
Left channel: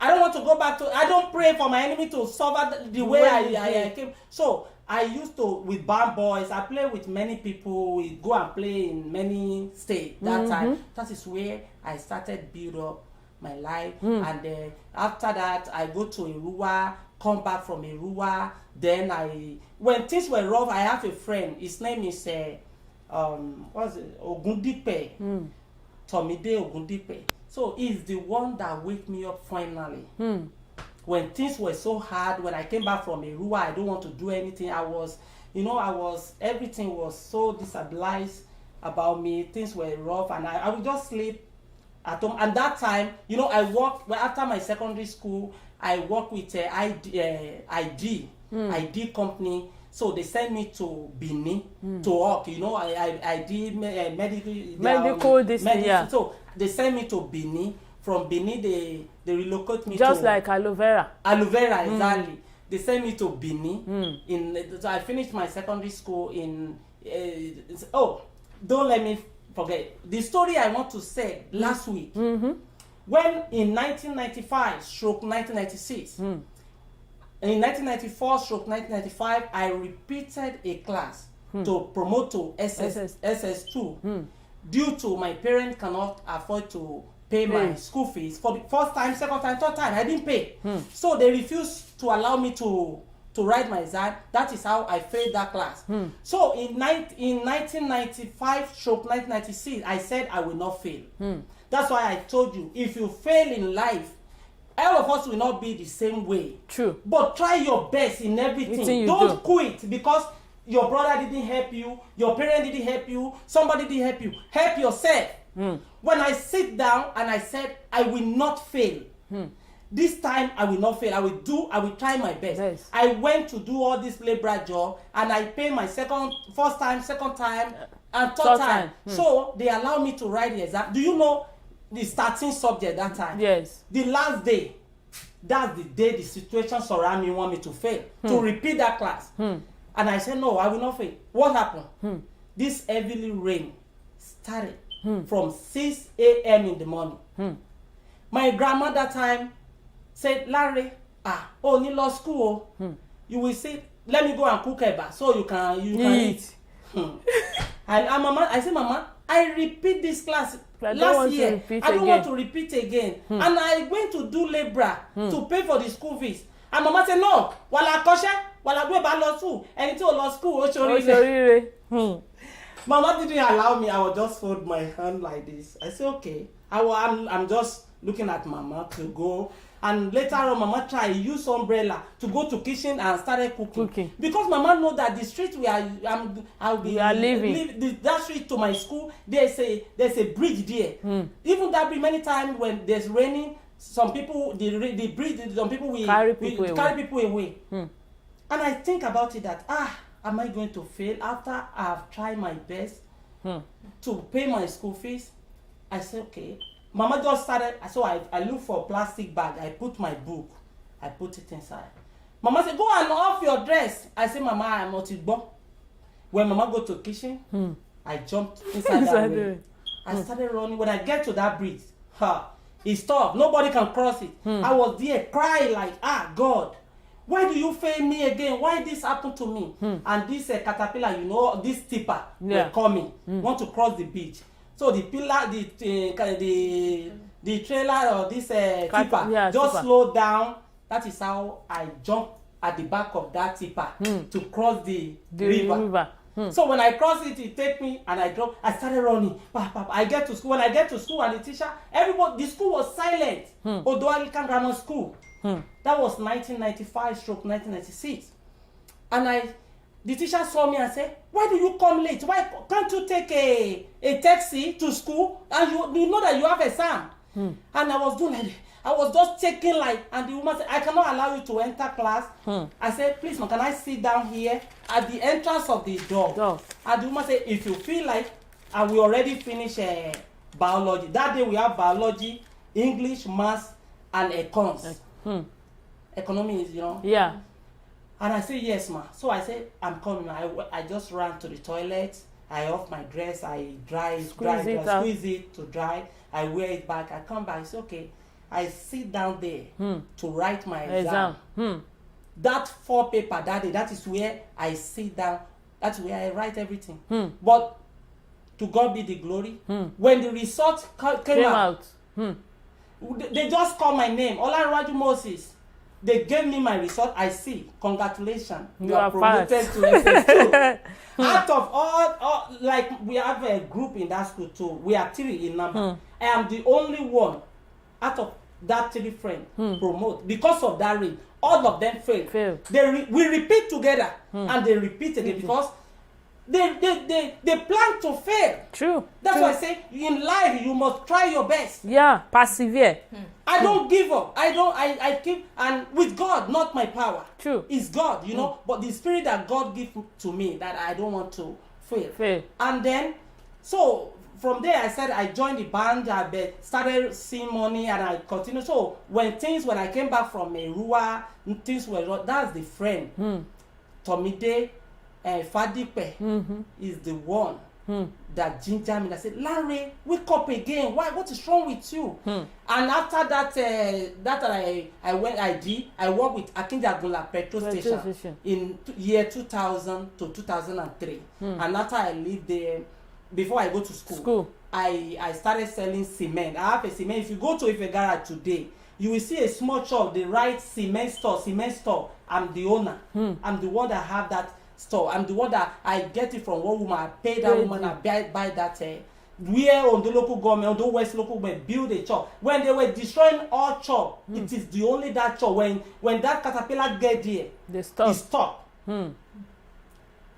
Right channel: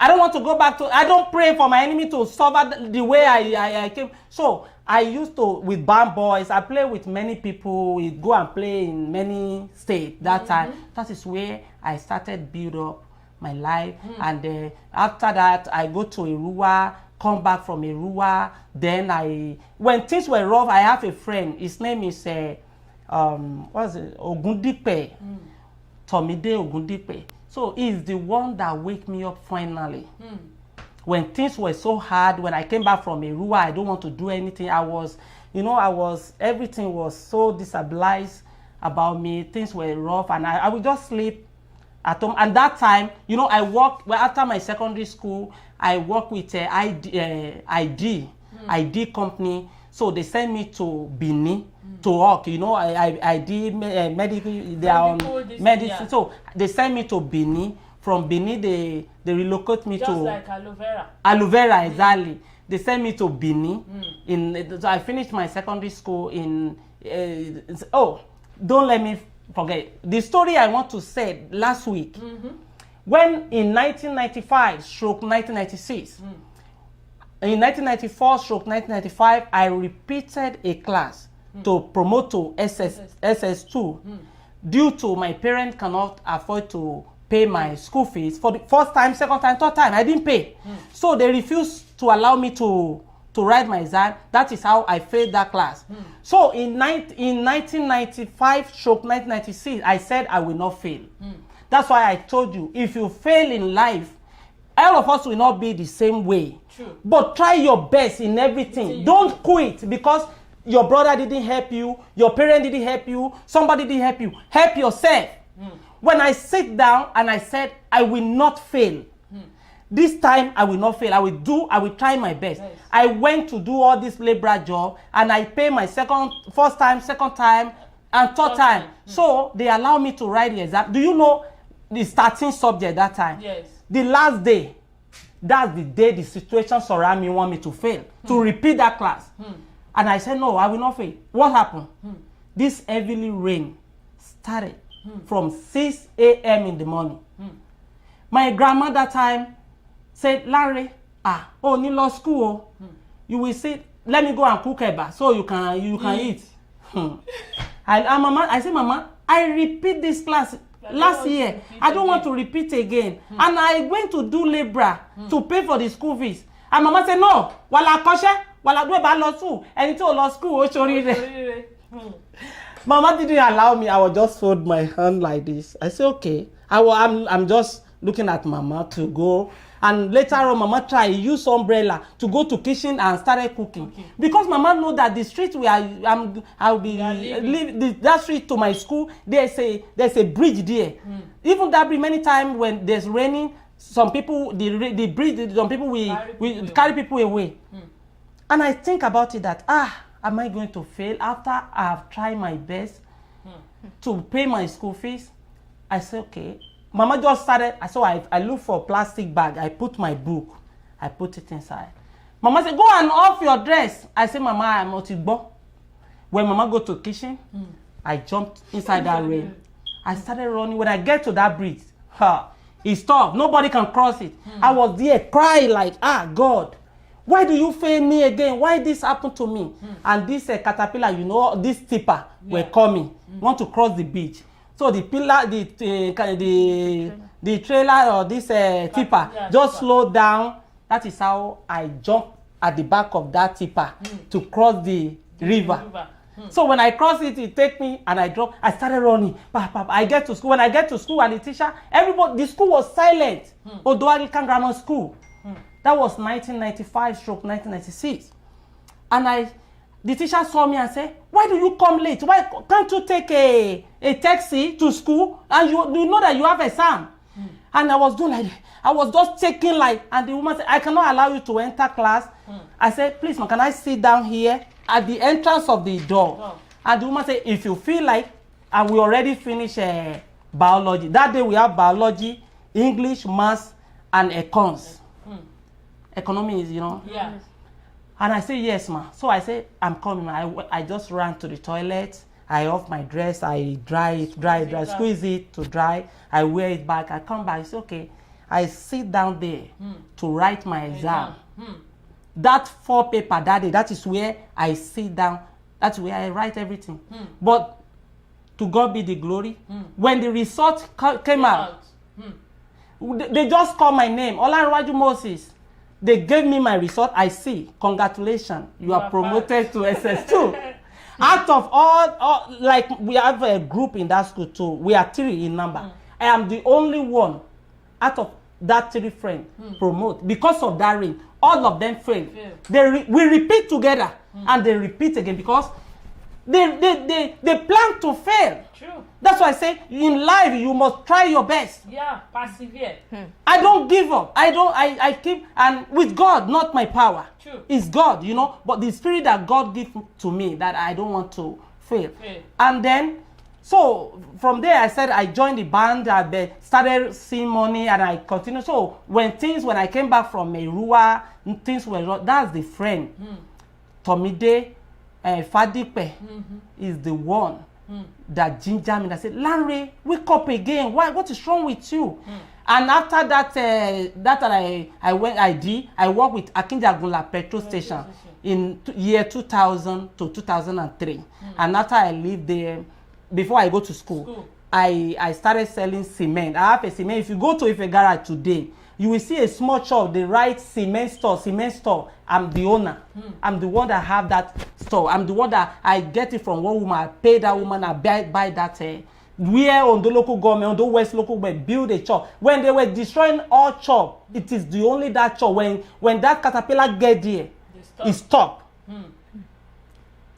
don't want to go back to. I don't pray for my enemy to suffer the way I came. So I used to, with band boys, I play with many people. We go and play in many states that time. That is where I started build up my life. And after that, I go to Irua, come back from Irua. Then when things were rough, I have a friend. His name is Ogundipe. Tomide Ogundipe. So he's the one that wake me up finally. When things were so hard, when I came back from Irua, I don't want to do anything. Everything was so destabilized about me. Things were rough, and I would just sleep at home. And that time, I worked, after my secondary school, I worked with ID company. So they sent me to Benin to work. I did medical. So they sent me to Benin. From Benin, they relocate me just like aloe vera. Aloe vera, exactly. They sent me to Benin. So I finished my secondary school in. Don't let me forget the story I want to say last week. When in 1995/1996. In 1994/1995, I repeated a class to promote to SS2 due to my parents cannot afford to pay my school fees for the first time, second time, third time. I didn't pay. So they refused to allow me to write my exam. That is how I failed that class. So in 1995/1996, I said I will not fail. That's why I told you, if you fail in life, all of us will not be the same way. True. But try your best in everything. Don't quit because your brother didn't help you, your parent didn't help you, somebody didn't help you. Help yourself. When I sit down and I said, I will not fail. This time I will not fail. I will try my best. Yes. I went to do all this labor job and I pay my first time, second time, and third time. So they allow me to write the exam. Do you know the starting subject that time? Yes. The last day, that's the day the situation surround me want me to fail, to repeat that class. And I said, no, I will not fail. What happened? This heavily rain started from 6 a.m. in the morning. My grandma that time said, Larry, oh, you lost school. You will sit, let me go and cook eba so you can eat. And Mama, I said, Mama, I repeat this class last year. I don't want to repeat again. And I went to do labor to pay for the school fees. And Mama said, no, wala koshe, wala do eba lo school. And until lo school, Mama didn't allow me. I would just fold my hand like this. I said, okay. I'm just looking at Mama to go. And later on, Mama tried use umbrella to go to kitchen and started cooking. Because Mama know that the street where I'll be living, that street to my school, there's a bridge there. Even that bridge, many times when there's raining, some people the bridge, some people will carry people away. And I think about it that am I going to fail after I have tried my best to pay my school fees? I said, okay. Mama just started, so I looked for a plastic bag. I put my book. I put it inside. Mama said, go and off your dress. I said, Mama, I'm not igbo. When Mama go to the kitchen, I jumped inside that rain. I started running. When I get to that bridge, it stopped. Nobody can cross it. I was there crying like, God, why do you fail me again? Why this happened to me? And this caterpillar, this tipper were coming, want to cross the beach. So the pillar, the trailer or this tipper just slowed down. That is how I jumped at the back of that tipper to cross the river. So when I crossed it, it take me and I drop. I started running. I get to school. When I get to school and the teacher, the school was silent. Odo Anglican Grammar School. That was 1995/1996. And the teacher saw me and said, why do you come late? Why can't you take a taxi to school and you know that you have exam? And I was doing like that. I was just taking and the woman said, I cannot allow you to enter class. I said, please, can I sit down here at the entrance of the door? And the woman said, if you feel like, and we already finished biology. That day we have biology, English, maths, and econs. Economy is, Yeah. And I said, yes, ma. So I said, I'm coming. I just ran to the toilet. I off my dress. I squeeze it to dry. I wear it back. I come back. It's okay. I sit down there to write my exam. That 4 paper that day, that is where I sit down. That's where I write everything. But to God be the glory. When the result came out, they just called my name, Olanrewaju Moses. They gave me my result. I see. Congratulations. You are promoted to SS2. Out of all, we have a group in that school too. We are 3 in number. I am the only one out of that 3 friends promote. Because of that ring, all of them fail. We repeat together and they repeat again because they plan to fail. True. That's why I say in life you must try your best. Yeah, persevere. I don't give up. I keep, and with God, not my power. True. It's God, but the spirit that God gives to me that I don't want to fail. And then, so from there I said I joined the band, I started seeing money and I continued. So when I came back from Merua, things were, that's the friend. Tomide Fadipe is the one that ginger me. I said, Larry, wake up again. What is wrong with you? And after that, I worked with Akinjagunla petrol station in year 2000 to 2003. And after I lived there, before I go to school. I started selling cement. I have a cement. If you go to Ife Garage today, you will see a small shop. They write cement store. I'm the owner. I'm the one that have that store. I'm the one that I get it from one woman. I pay that woman. I buy that. Where on the local government, on the West local government, build a shop. When they were destroying all shop, it is the only that shop. When that caterpillar get there, it stop.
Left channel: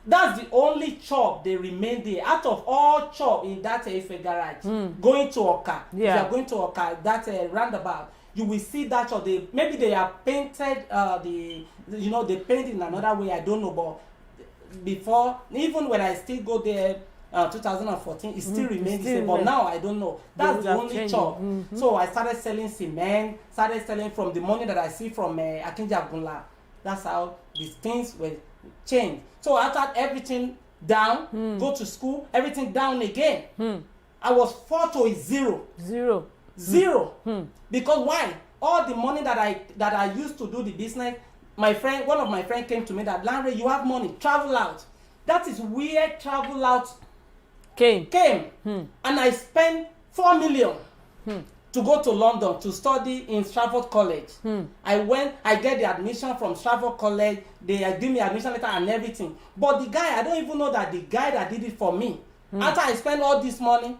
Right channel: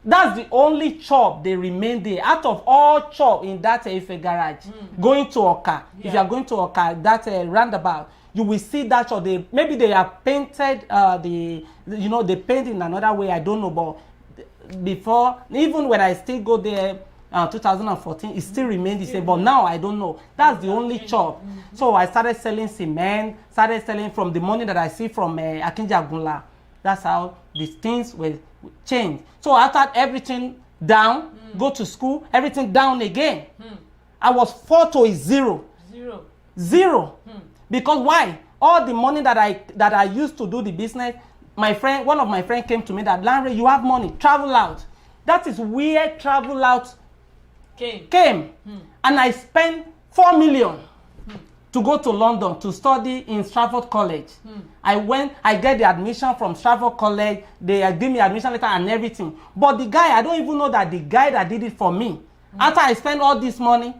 That's the only shop they remain there. Out of all shop in that Ife garage, going to Oka, if you are going to Oka, that roundabout, you will see that shop. Maybe they have painted they paint in another way. I don't know, but before, even when I still go there, 2014, it still remained the same. But now I don't know. That's the only shop. So I started selling cement. Started selling from the money that I see from Akinja Gunla. That's how these things were changed. So after everything down, go to school, everything down again. I was 4 to a 0. Zero. Because why? All the money that I used to do the business, one of my friends came to me that, Lanre, you have money, travel out. That is where travel out came. And I spent 4 million to go to London to study in Stratford College. I get the admission from Stratford College. They give me admission letter and everything. But the guy, I don't even know that the guy that did it for me, after I spent all this money,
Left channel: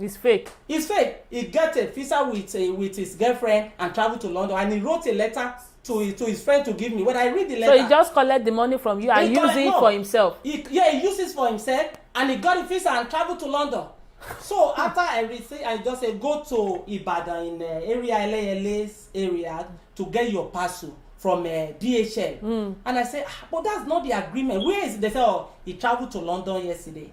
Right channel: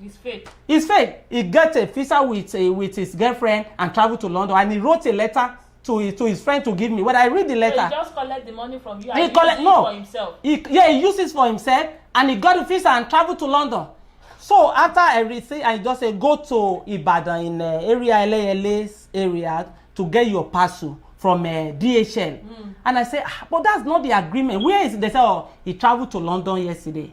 it's fake. It's fake. He got a visa with his girlfriend and traveled to London, and he wrote a letter to his friend to give me. When I read the letter, so he just collect the money from you and use it for himself. He uses for himself, and he got a visa and traveled to London. So after everything, I just say go to Ibadan in area LA's area to get your parcel from DHL. And I say, but that's not the agreement. Where is it? They say, oh, he traveled to London yesterday.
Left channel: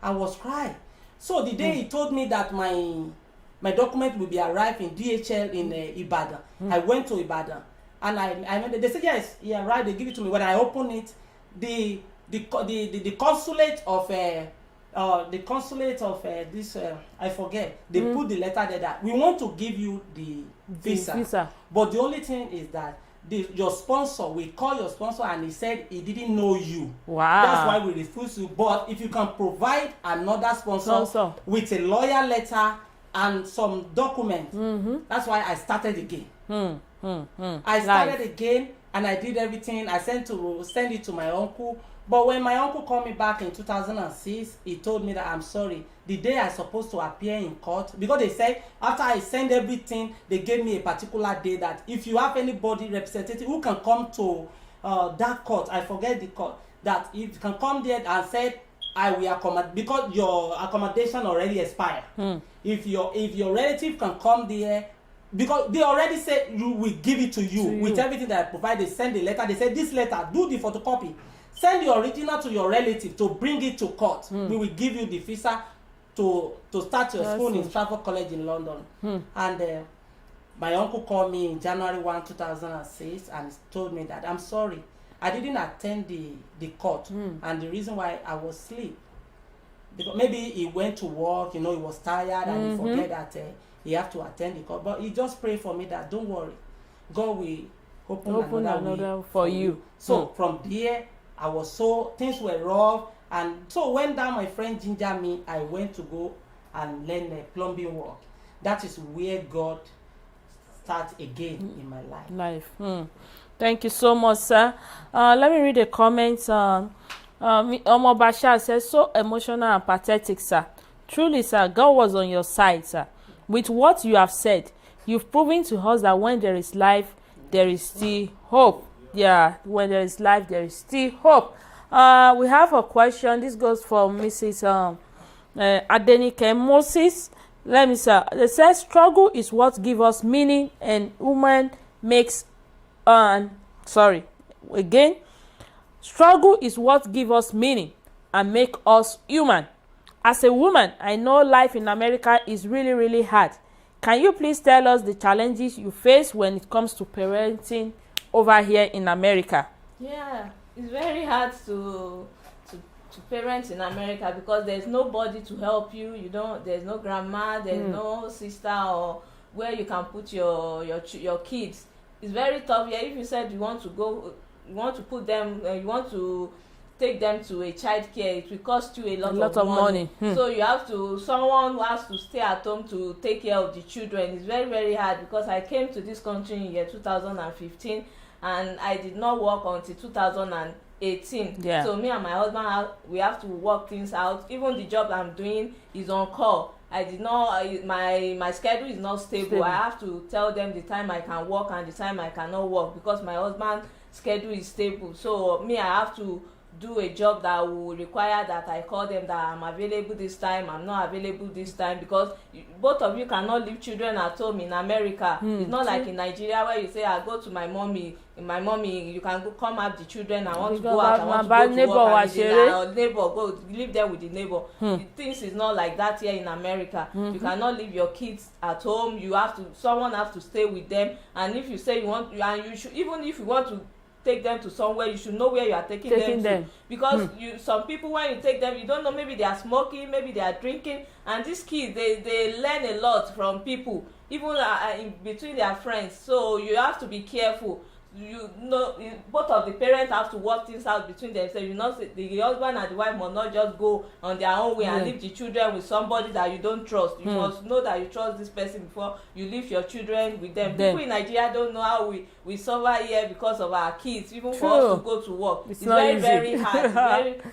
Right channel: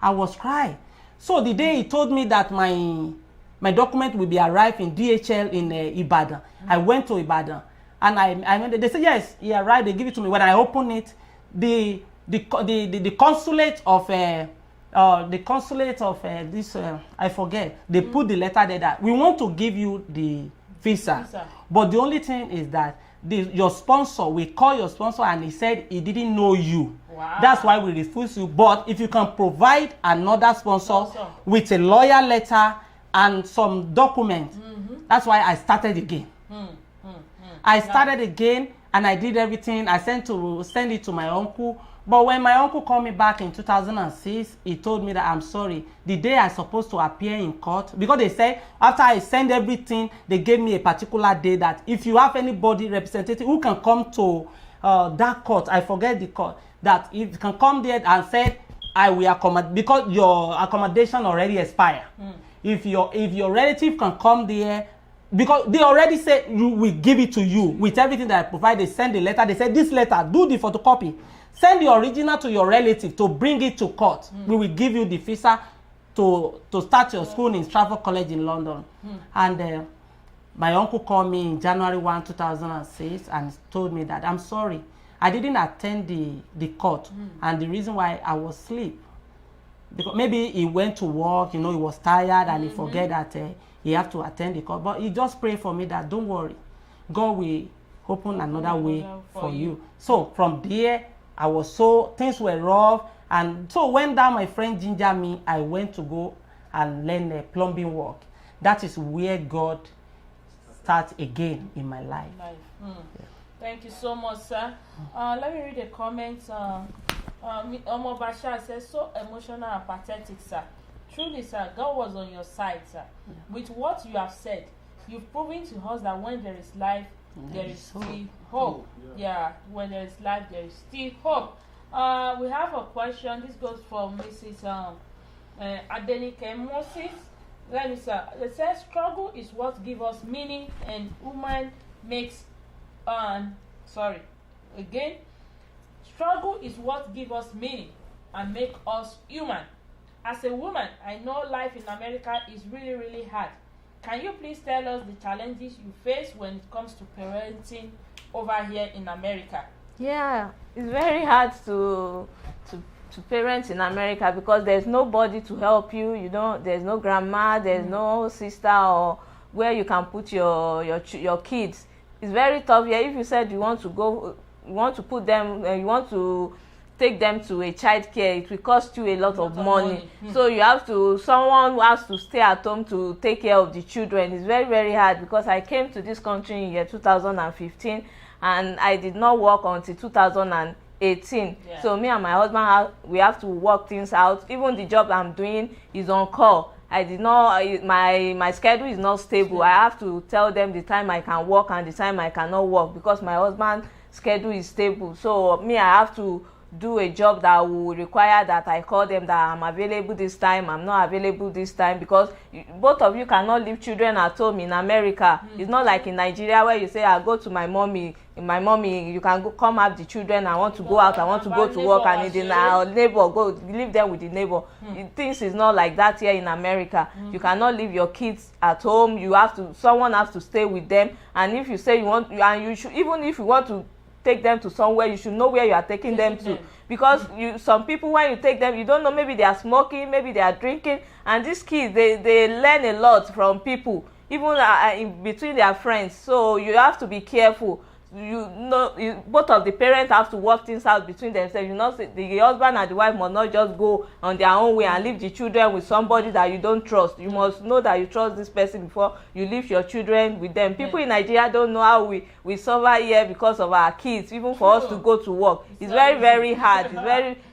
I was crying. So the day he told me that my document will be arrived in DHL in Ibadan, I went to Ibadan, and they said yes, he arrived. They give it to me. When I open it, the consulate of this I forget. They put the letter there that we want to give you the visa. But the only thing is that your sponsor, we call your sponsor, and he said he didn't know you. Wow. That's why we refuse you. But if you can provide another sponsor with a lawyer letter and some documents, that's why I started again. I started again, and I did everything. I send it to my uncle. But when my uncle called me back in 2006, he told me that I'm sorry. The day I supposed to appear in court, because they said after I send everything, they gave me a particular day that if you have anybody representative who can come to that court, I forget the court, that if you can come there and say, I will accommodate, because your accommodation already expired. If your relative can come there, because they already said you will give it to you with everything that I provide. They send the letter. They said this letter, do the photocopy. Send the original to your relative to bring it to court. We will give you the visa to start your school in Stratford College in London. And my uncle called me in January 1, 2006 and told me that I'm sorry. I didn't attend the court. And the reason why I was asleep, because maybe he went to work, he was tired and he forget that he have to attend the court. But he just prayed for me that don't worry, God will open another way for you. So from there, things were rough, and so when that my friend gingered me, I went to go and learn plumbing work. That is where God starts again in my life. Thank you so much, sir. Let me read the comments. Omo Bashar says, so emotional and pathetic, sir. Truly, sir, God was on your side, sir. With what you have said, you've proven to us that when there is life, there is still hope. Yeah, when there is life, there is still hope. We have a question. This goes for Mrs. Adenike Moses. Let me say, it says, struggle is what gives us meaning, and woman makes, struggle is what gives us meaning and make us human. As a woman, I know life in America is really, really hard. Can you please tell us the challenges you face when it comes to parenting over here in America? Yeah, it's very hard to parent in America because there's nobody to help you. There's no grandma, there's no sister or where you can put your kids. It's very tough here. If you said you want to put them, you want to take them to a child care, it will cost you a lot of money. So someone who has to stay at home to take care of the children. It's very, very hard because I came to this country in year 2015 and I did not work until 2018. Yeah. So me and my husband, we have to work things out. Even the job I'm doing is on call. I did not, my schedule is not stable. I have to tell them the time I can work and the time I cannot work because my husband's schedule is stable. So me, I have to do a job that will require that I call them that I'm available this time, I'm not available this time, because both of you cannot leave children at home in America. It's not like in Nigeria where you say, I go to my mommy, you can go come have the children, I want to go out, I want to go to work, and the neighbor go leave them with the neighbor. Things is not like that here in America. You cannot leave your kids at home. You have to, someone has to stay with them, and if you say you want, and you should, even if you want to take them to somewhere, you should know where you are taking them to, because some people, when you take them, you don't know, maybe they are smoking, maybe they are drinking, and these kids, they learn a lot from people, even in between their friends. So you have to be careful. Both of the parents have to work things out between themselves. You know, the husband and the wife must not just go on their own way and leave the children with somebody that you don't trust. You must know that you trust this person before you leave your children with them. People in Nigeria don't know how we suffer here because of our kids, even for us to go to work. It's very, very hard.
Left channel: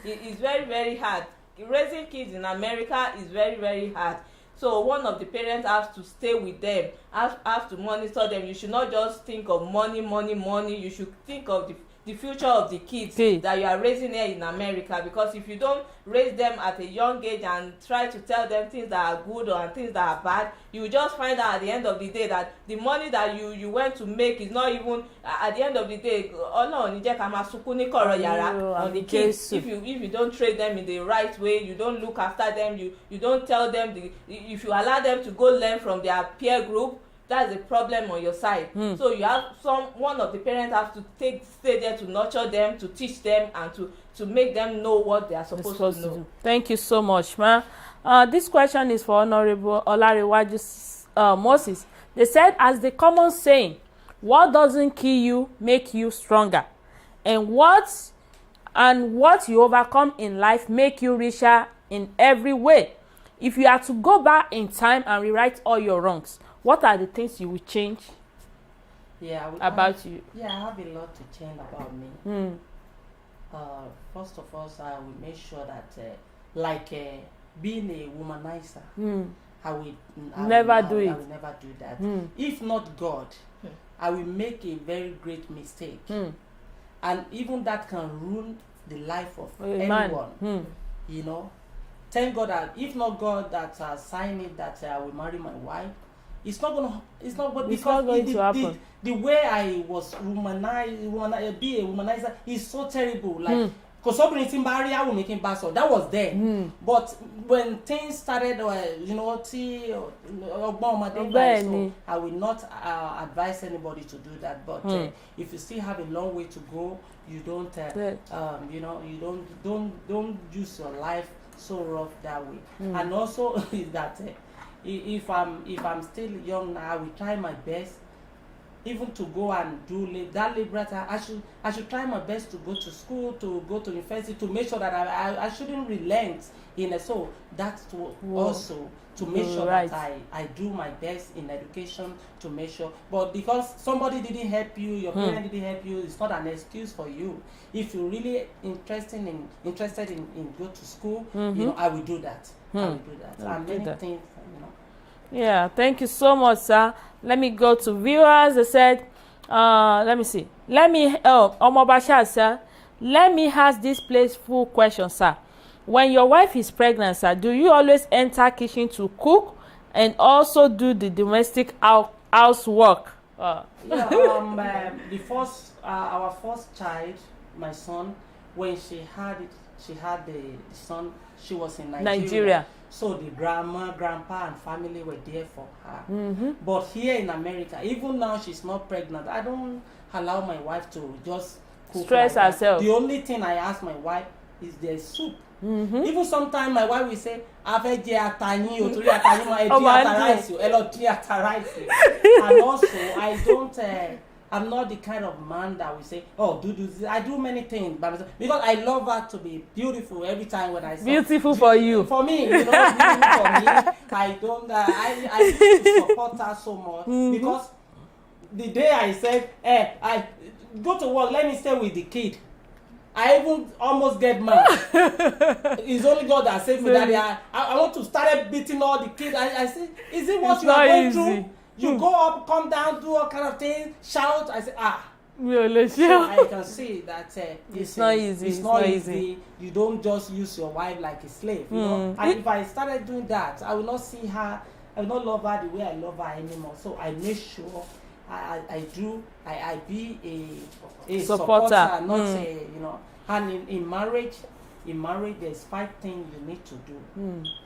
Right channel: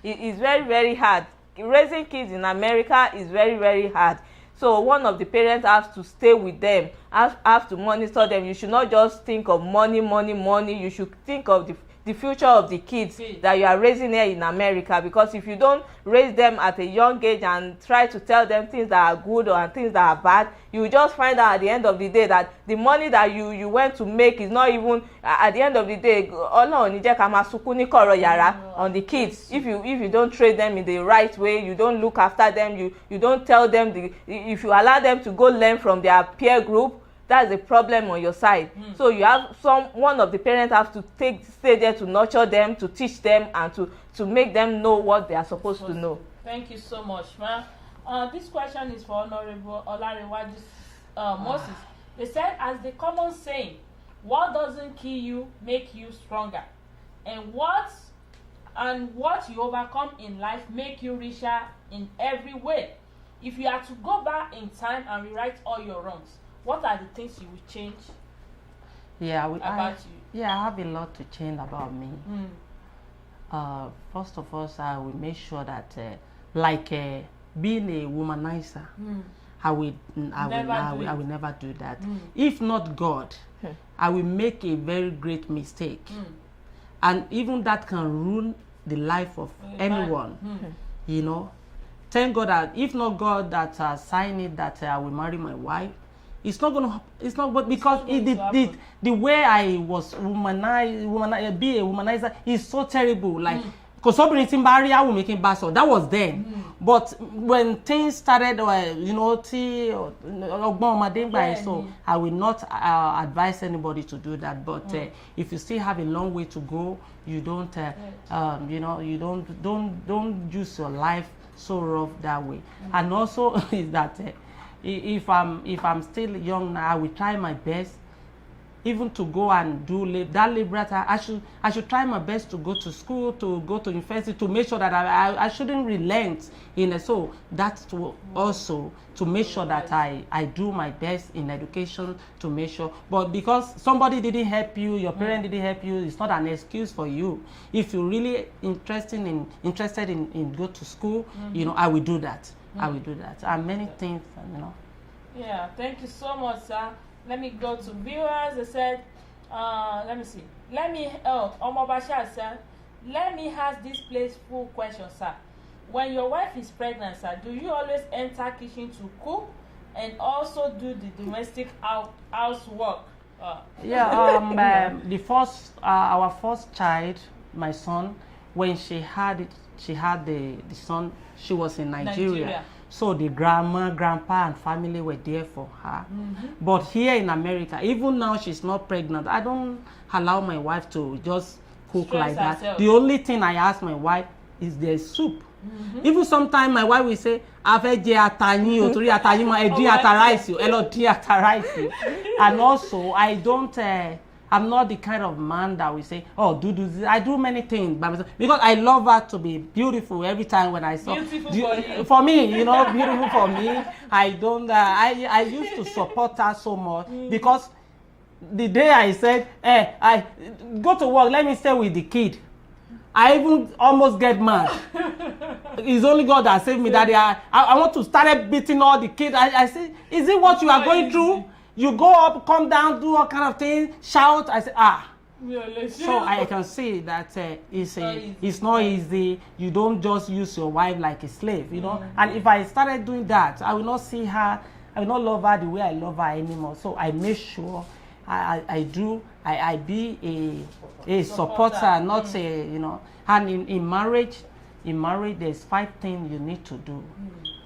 It's very, very hard. Raising kids in America is very, very hard. So one of the parents has to stay with them, has to monitor them. You should not just think of money. You should think of the future of the kids that you are raising here in America, because if you don't raise them at a young age and try to tell them things that are good or things that are bad, you will just find out at the end of the day that the money that you went to make is not even, at the end of the day, Ọlọ́run ní jẹ́ ká máa sunkún ní kọ̀rọ̀ yàrá on the kids. If you don't train them in the right way, you don't look after them, you don't tell them, if you allow them to go learn from their peer group, that's a problem on your side. So you have one of the parents have to stay there to nurture them, to teach them, and to make them know what they are supposed to know. Thank you so much, ma. This question is for Honorable Olariwaju Moses. They said, as the common saying, what doesn't kill you make you stronger, and what you overcome in life make you richer in every way. If you are to go back in time and rewrite all your wrongs, what are the things you will change about you? Yeah, I have a lot to change about me. First of all, I will make sure that, being a womanizer, I will never do that. If not God, I will make a very great mistake, and even that can ruin the life of anyone. You know, thank God that if not God that signed it that I will marry my wife, it's not good, because the way I was be a womanizer is so terrible. Like, because somebody in Barry, I will make him bass. That was then. But when things started, you know, so I will not advise anybody to do that. But if you still have a long way to go, you don't, you know, you don't use your life so rough that way. And also is that. If I'm still young now, I will try my best, even to go and do that liberal. I should try my best to go to school, to go to university, to make sure that I shouldn't relent in it. So that's also to make sure that I do my best in education, to make sure. But because somebody didn't help you, your parent didn't help you, it's not an excuse for you. If you're really interested in go to school, you know, I will do that. I will do that. And many things, you know. Yeah, thank you so much, sir. Let me go to viewers. They said, let me see. Omobasha, sir. Let me ask this playful question, sir. When your wife is pregnant, sir, do you always enter kitchen to cook and also do the domestic housework? Yeah, our first child, my son, when she had the son, she was in Nigeria. So the grandma, grandpa, and family were there for her. But here in America, even now she's not pregnant, I don't allow my wife to just cook stress like herself. That. The only thing I ask my wife is the soup. Even sometimes my wife will say, "Ave je atayin o tori atayin ma edi atarice o elo di atarice." And also I don't. I'm not the kind of man that will say, "Oh, do this." I do many things by myself because I love her to be beautiful every time when I say beautiful for you. For me, you know, beautiful for me. I don't. I used to support her so much because the day I said, I go to work, let me stay with the kid, I even almost get mad. It's only God that saved me that day. I want to start beating all the kids. I said, is it what you are going through? You go up, come down, do all kind of things, shout. I say, So I can say that it's not easy. It's not easy. You don't just use your wife like a slave, you know. And if I started doing that, I will not see her. I will not love her the way I love her anymore. So I make sure I be a supporter, not a, you know. And in marriage, there's 5 things you need to do.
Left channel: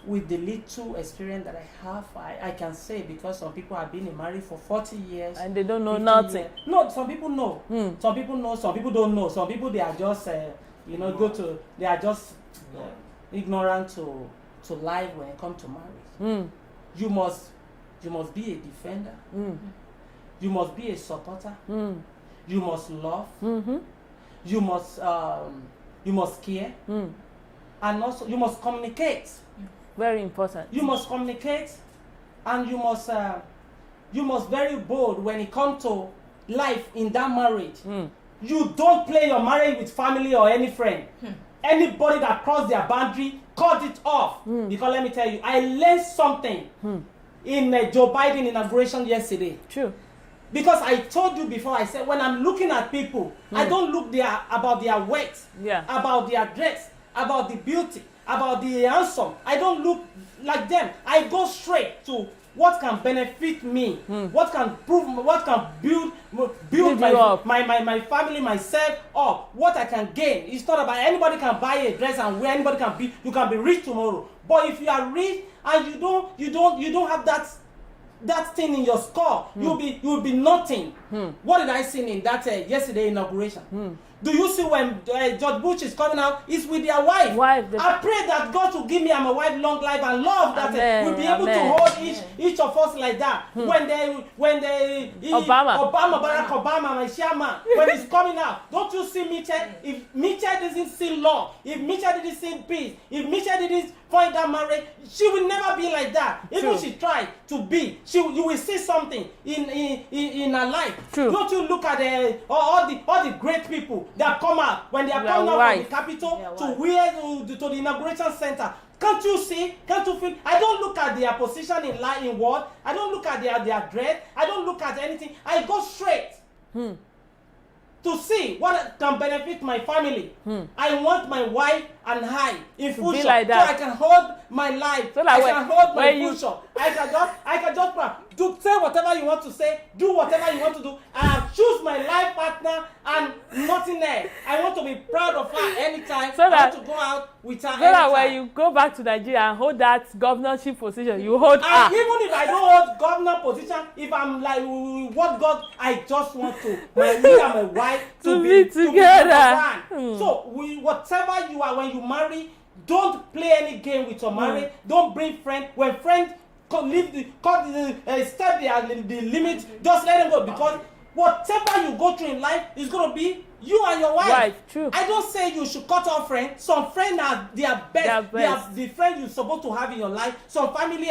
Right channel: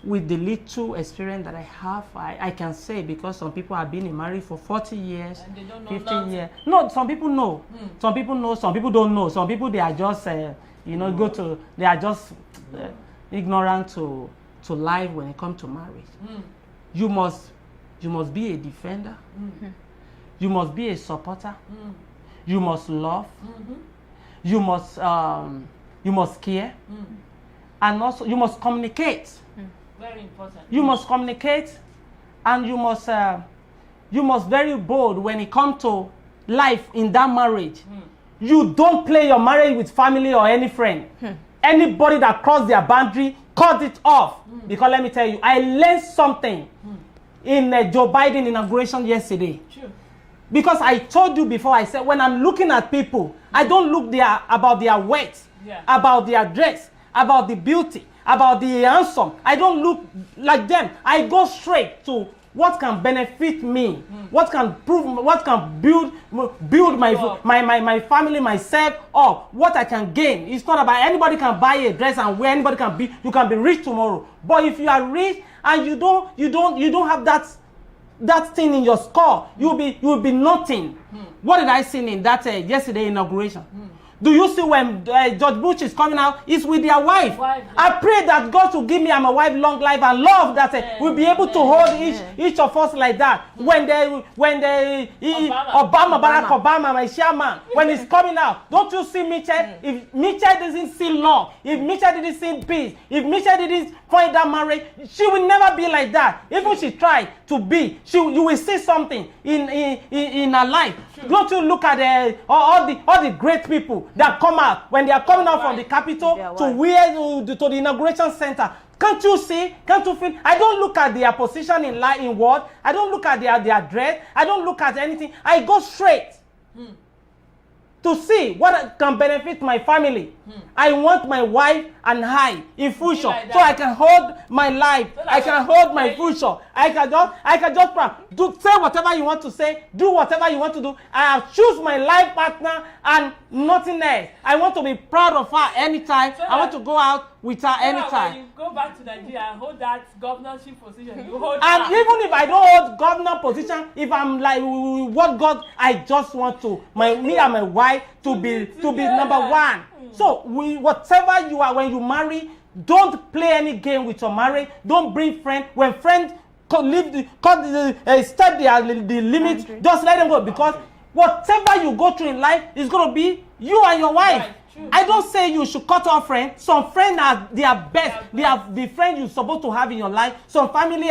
With the little experience that I have, I can say, because some people have been in marriage for 40 years. And they don't know nothing. Years. No, some people know. Some people know, some people don't know. Some people, they are just, you know, they are just ignorant to life when it comes to marriage. You must be a defender. You must be a supporter. You must love. You must care. And also you must communicate. Very important. You must communicate, and you must very bold when it comes to life in that marriage. You don't play your marriage with family or any friend. Anybody that cross their boundary, cut it off. Because let me tell you, I learned something in Joe Biden inauguration yesterday. True. Because I told you before, I said when I'm looking at people, I don't look about their weight, about their dress, about the beauty, about the handsome. I don't look like them. I go straight to what can benefit me, what can build my family, myself up, what I can gain. It's not about anybody can buy a dress and wear, anybody can be, you can be rich tomorrow. But if you are rich and you don't have that thing in your score, you'll be nothing. What did I see in that yesterday inauguration? Do you see when George Bush is coming out? It's with their wife. I pray that God will give me and my wife long life and love that we'll be able to hold each of us like that. When Barack Obama, my chairman, when he's coming out, don't you see Mitchell? If Mitchell doesn't see law, if Mitchell didn't see peace, if Mitchell didn't find that marriage, she will never be like that. Even she tried to be, you will see something in her life. True. Don't you look at all the great people that come out when they are coming out from the Capitol to the inauguration center? Can't you see? Can't you feel? I don't look at their position in word. I don't look at their dress. I don't look at anything. I go straight to see what can benefit my family. I want my wife and I in future, so I can hold my life. So I can hold my future. I can just say whatever you want to say, do whatever you want to do. I have choose my life partner and nothing else. I want to be proud of her anytime. I want to go out with her anytime. When you go back to Nigeria and hold that governorship position, you hold her. And even if I don't hold governor position, if I'm like what God, I just want to me and my wife to be number one. So whatever you are when you marry, don't play any game with your marriage. Don't bring friends. When friends step the limit, just let them go, because whatever you go through in life is going to be you and your wife. Right, true. I don't say you should cut off friends. Some friends are their best. They are the friends you're supposed to have in your life. Some family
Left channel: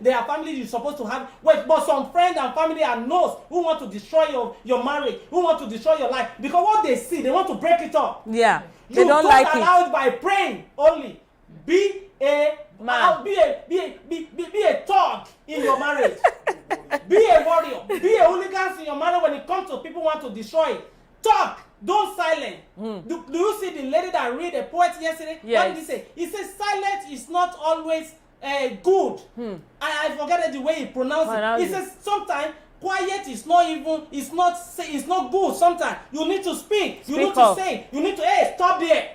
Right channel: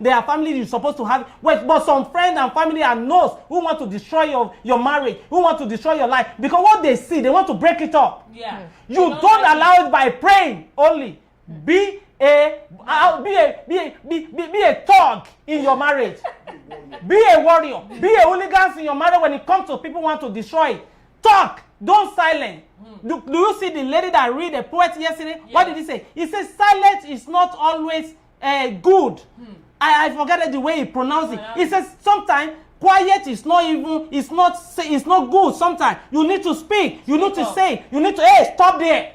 they are family you're supposed to have. But some friends and family are those who want to destroy your marriage, who want to destroy your life. Because what they see, they want to break it up. Yeah. You don't allow it by praying only. Be a thug in your marriage. Be a warrior. Be a hooligan in your marriage when it comes to people who want to destroy it. Talk. Don't silence. Do you see the lady that read a poet yesterday? Yes. What did he say? He says silence is not always good. I forget the way he pronounced it. He says sometimes quiet is not even, it's not good. Sometimes you need to speak. You need to say. You need to, hey, stop there.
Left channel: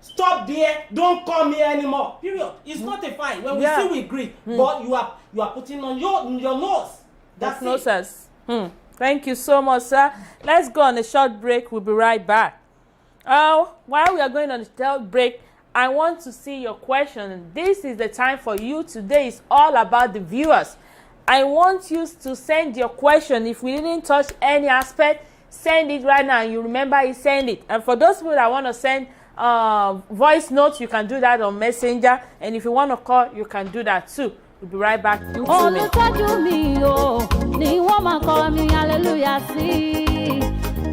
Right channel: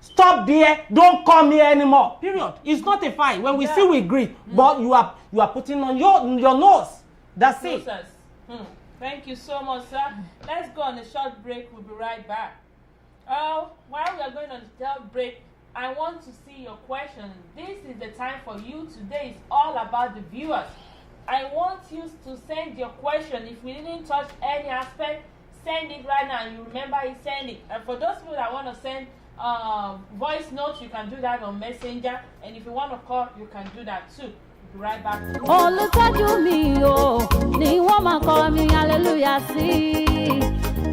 Stop there. Don't come here anymore. Period. It's not a fight. When we see, we agree. But you are putting on your nose. That's it. Thank you so much, sir. Let's go on a short break. We'll be right back. While we are going on a short break, I want to see your question. This is the time for you. Today is all about the viewers. I want you to send your question. If we didn't touch any aspect, send it right now. You remember you send it. And for those people that want to send voice notes, you can do that on Messenger. And if you want to call, you can do that too. We'll be right back. Olùtọ́jú mi o ni wọ́n máa kọ́ mi hallelujah sí.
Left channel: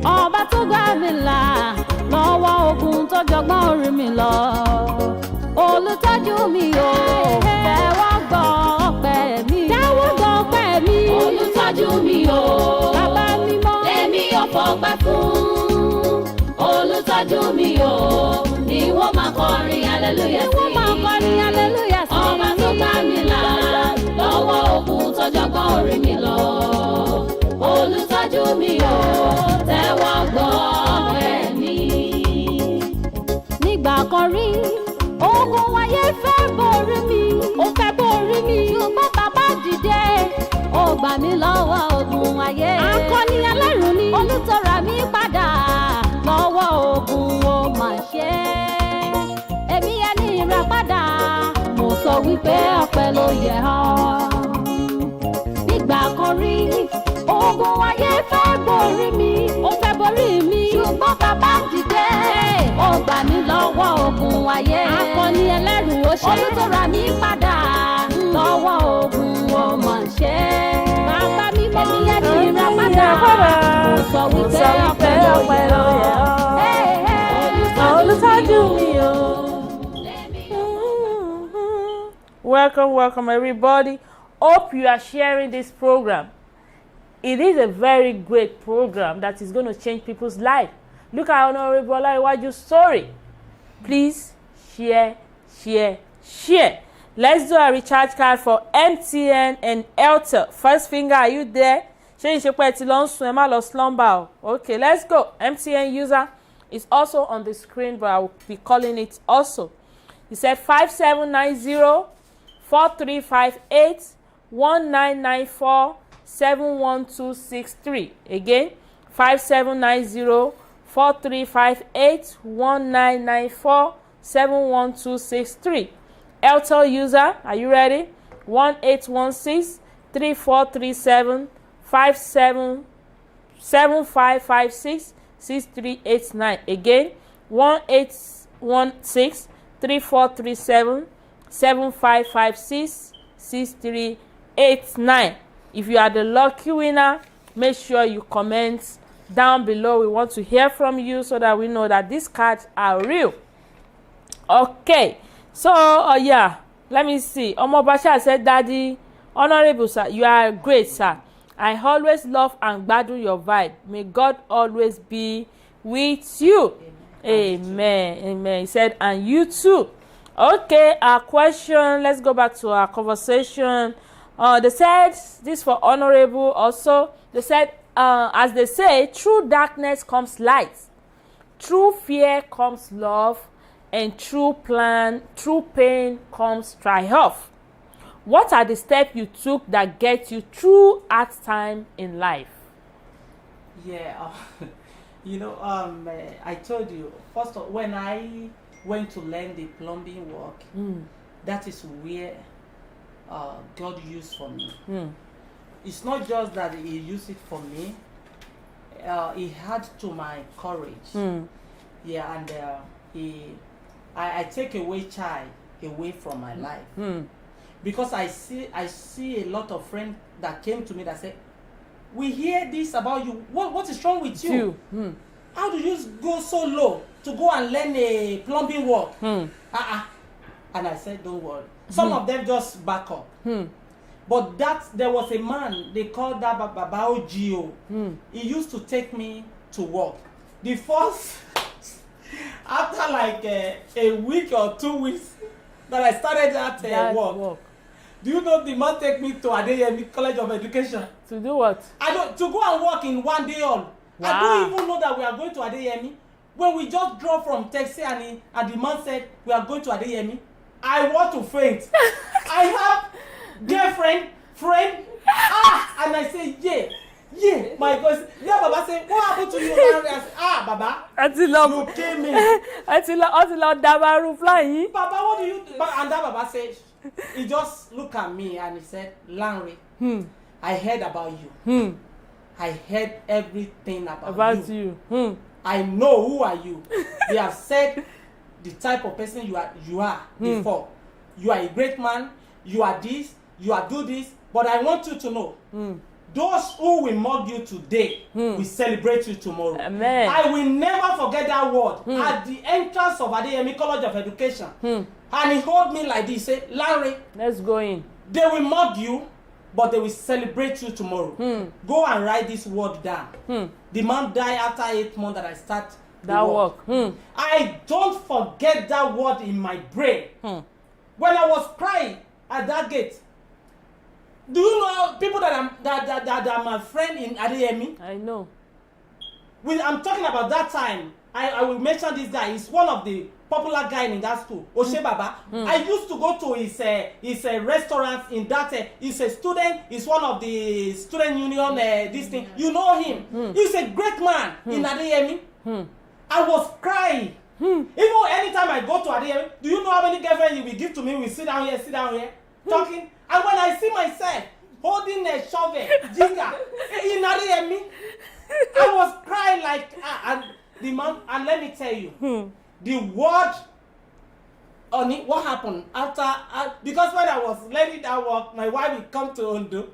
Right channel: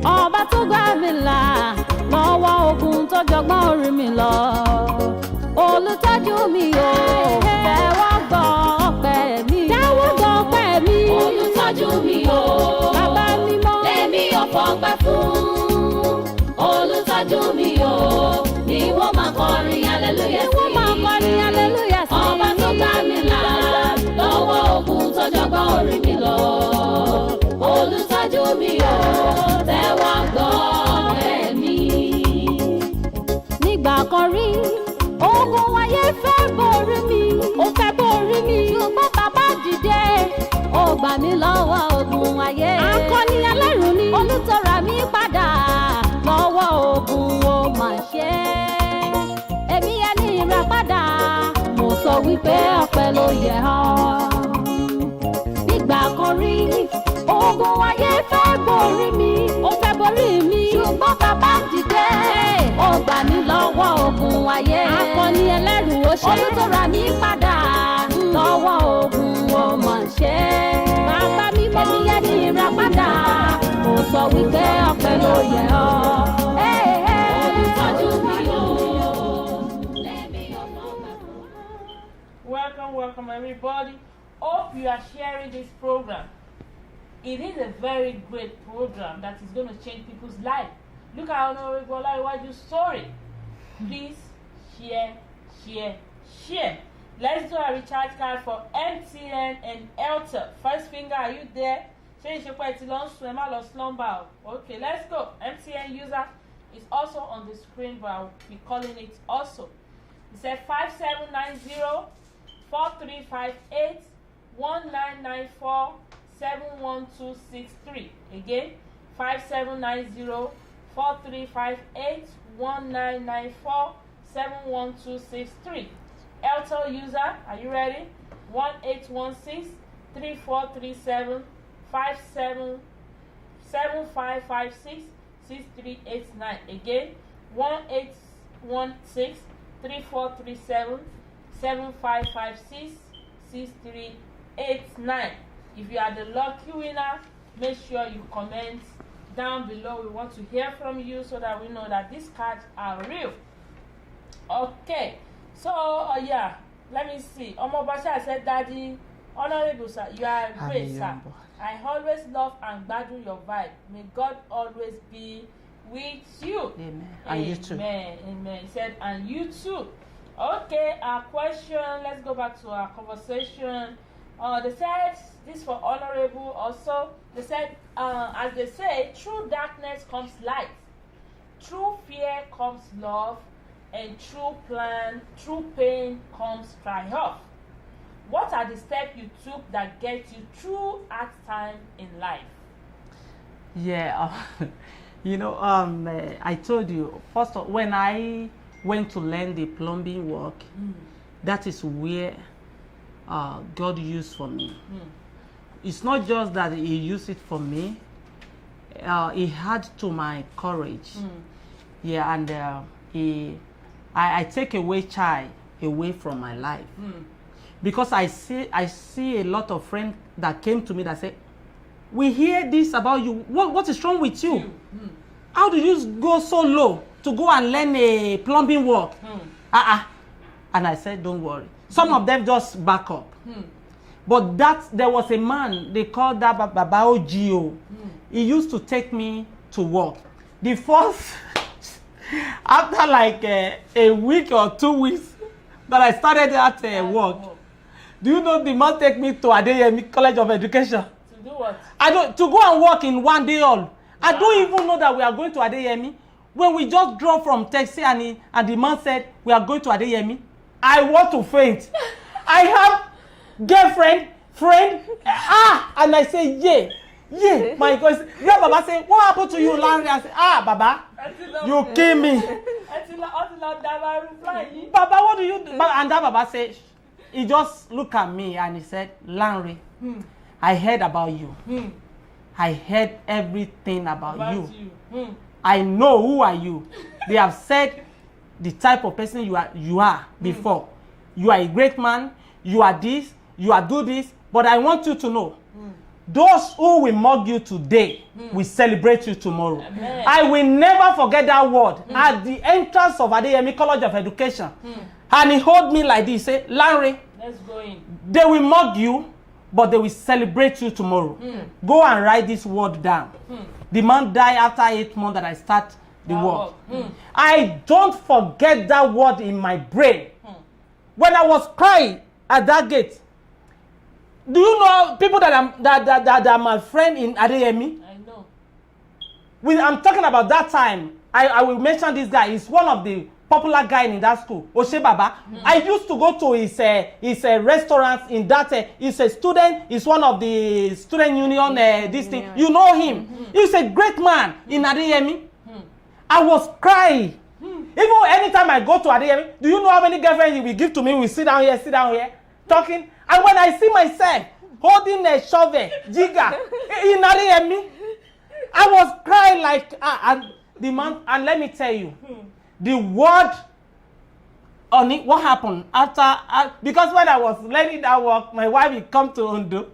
Ọba tó gbà mí là lọ́wọ́ ogun tó jọgbọ́n orí mi lọ. Olùtọ́jú mi o tẹ́wọ́ gbọ́ ọpẹ́ mi. Olùtọ́jú mi o bàbá mímọ́ lèmi ọ̀fọ̀ fọpẹ́ fún olùtọ́jú mi o ni wọ́n máa kọrin hallelujah sí. Ọba tó gbà mí là lọ́wọ́ ogun tọ́jọ́gbọ́n orí mi lọ. Olùtọ́jú mi o tẹ́wọ́ gbọ́ ẹ̀mí. Nígbà kan rí ogun ayé fẹ́ borí mi, ó fẹ́ borí mi. Ṣùgbọ́n bàbá dìde, ó gbà mí lọ́wọ́ ogun ayé. Akọni ẹlẹ́rù ni olùtọ́ra mi padà lọ́wọ́ ogun ó mà ṣe. Èmi ẹni ìràpadà, mo sọ wípé ọpẹ́ ló yẹ ọ́. Nígbà kan rí ogun ayé fẹ́ borí mi, ó fẹ́ borí mi. Ṣùgbọ́n bàbá dìde, ó gbà mí lọ́wọ́ ogun ayé. Akọni ẹlẹ́rù ó ṣe olùtọ́ra mi padà lọ́wọ́ ogun ó mà ṣe. Bàbá mi mọ́ èmi ẹni ìràpadà, mo sọ wípé ọpẹ́ ló yẹ ọ́. Olùtọ́jú mi o. Welcome everybody. Hope you are sharing this program. It is a very great program that is going to change people's life. Look at Honorable Olaiwaju's story. Please share. Let's do a recharge card for MTN and Airtel. First finger, are you there? Okay, let's go. MTN user is also on the screen, but I will be calling it also. He said 5790-4358-1994-71263. Again, 5790-4358-1994-71263. Airtel user, are you ready? 1816-3437-7556-6389. Again, 1816-3437-7556-6389. If you are the lucky winner, make sure you comment down below. We want to hear from you so that we know that these cards are real. Okay, so yeah, let me see. Omobasha said, Daddy, Honorable sir, you are great, sir. I always love and gbadun your vibe. May God always be with you. Amen. He said, and you too. Okay, our question, let's go back to our conversation. They said, this for Honorable also, they said, as they say, through darkness comes light. Through fear comes love. And through pain comes triumph. What are the steps you took that get you through hard time in life? Yeah, I told you, first of, when I went to learn the plumbing work, that is where God used for me. It's not just that he used it for me, he had to my courage. Yeah, and I take away child away from my life. Because I see a lot of friends that came to me that say, we hear this about you. What is wrong with you? How do you go so low to go and learn a plumbing work? And I said, don't worry. Some of them just back up. But there was a man, they called that Babao Gio. He used to take me to work. The first, after like a week or 2 weeks that I started at work, do you know the man take me to Adeyemi College of Education? To do what? To go and work in one day all. Wow. I don't even know that we are going to Adeyemi. When we just drove from taxi and the man said, we are going to Adeyemi, I want to faint. I have girlfriend, friend, and I say, yeah. My voice. Yeah, Baba say, what happened to you, Larry? I say, Baba, you kill me. Baba, what do you do? And that Baba say, he just looked at me and he said, Larry, I heard about you. I heard everything about you. I know who are you. They have said the type of person you are before. You are a great man. You are this. You are do this. But I want you to know, those who will mock you today will celebrate you tomorrow. Amen. I will never forget that word at the entrance of Adeyemi College of Education. And he hold me like this, say, Larry, let's go in. They will mock you, but they will celebrate you tomorrow. Go and write this word down. The man died after 8 months that I start the That work. work. I don't forget that word in my brain. When I was crying at that gate, do you know people that are my friend in Adeyemi? I know. I'm talking about that time. I will mention this guy. He's one of the popular guy in that school, Oshe Baba. I used to go to his restaurant in that. He's a student. He's one of the student union. This thing, you know him. He's a great man in Adeyemi. I was crying. Even anytime I go to Adeyemi, do you know how many girlfriends he will give to me? We sit down here, talking. And when I see myself holding a shovel, jigger in Adeyemi, I was crying like the man. And let me tell you, the word on it, what happened after, because when I was learning that work, my wife would come to Ondo.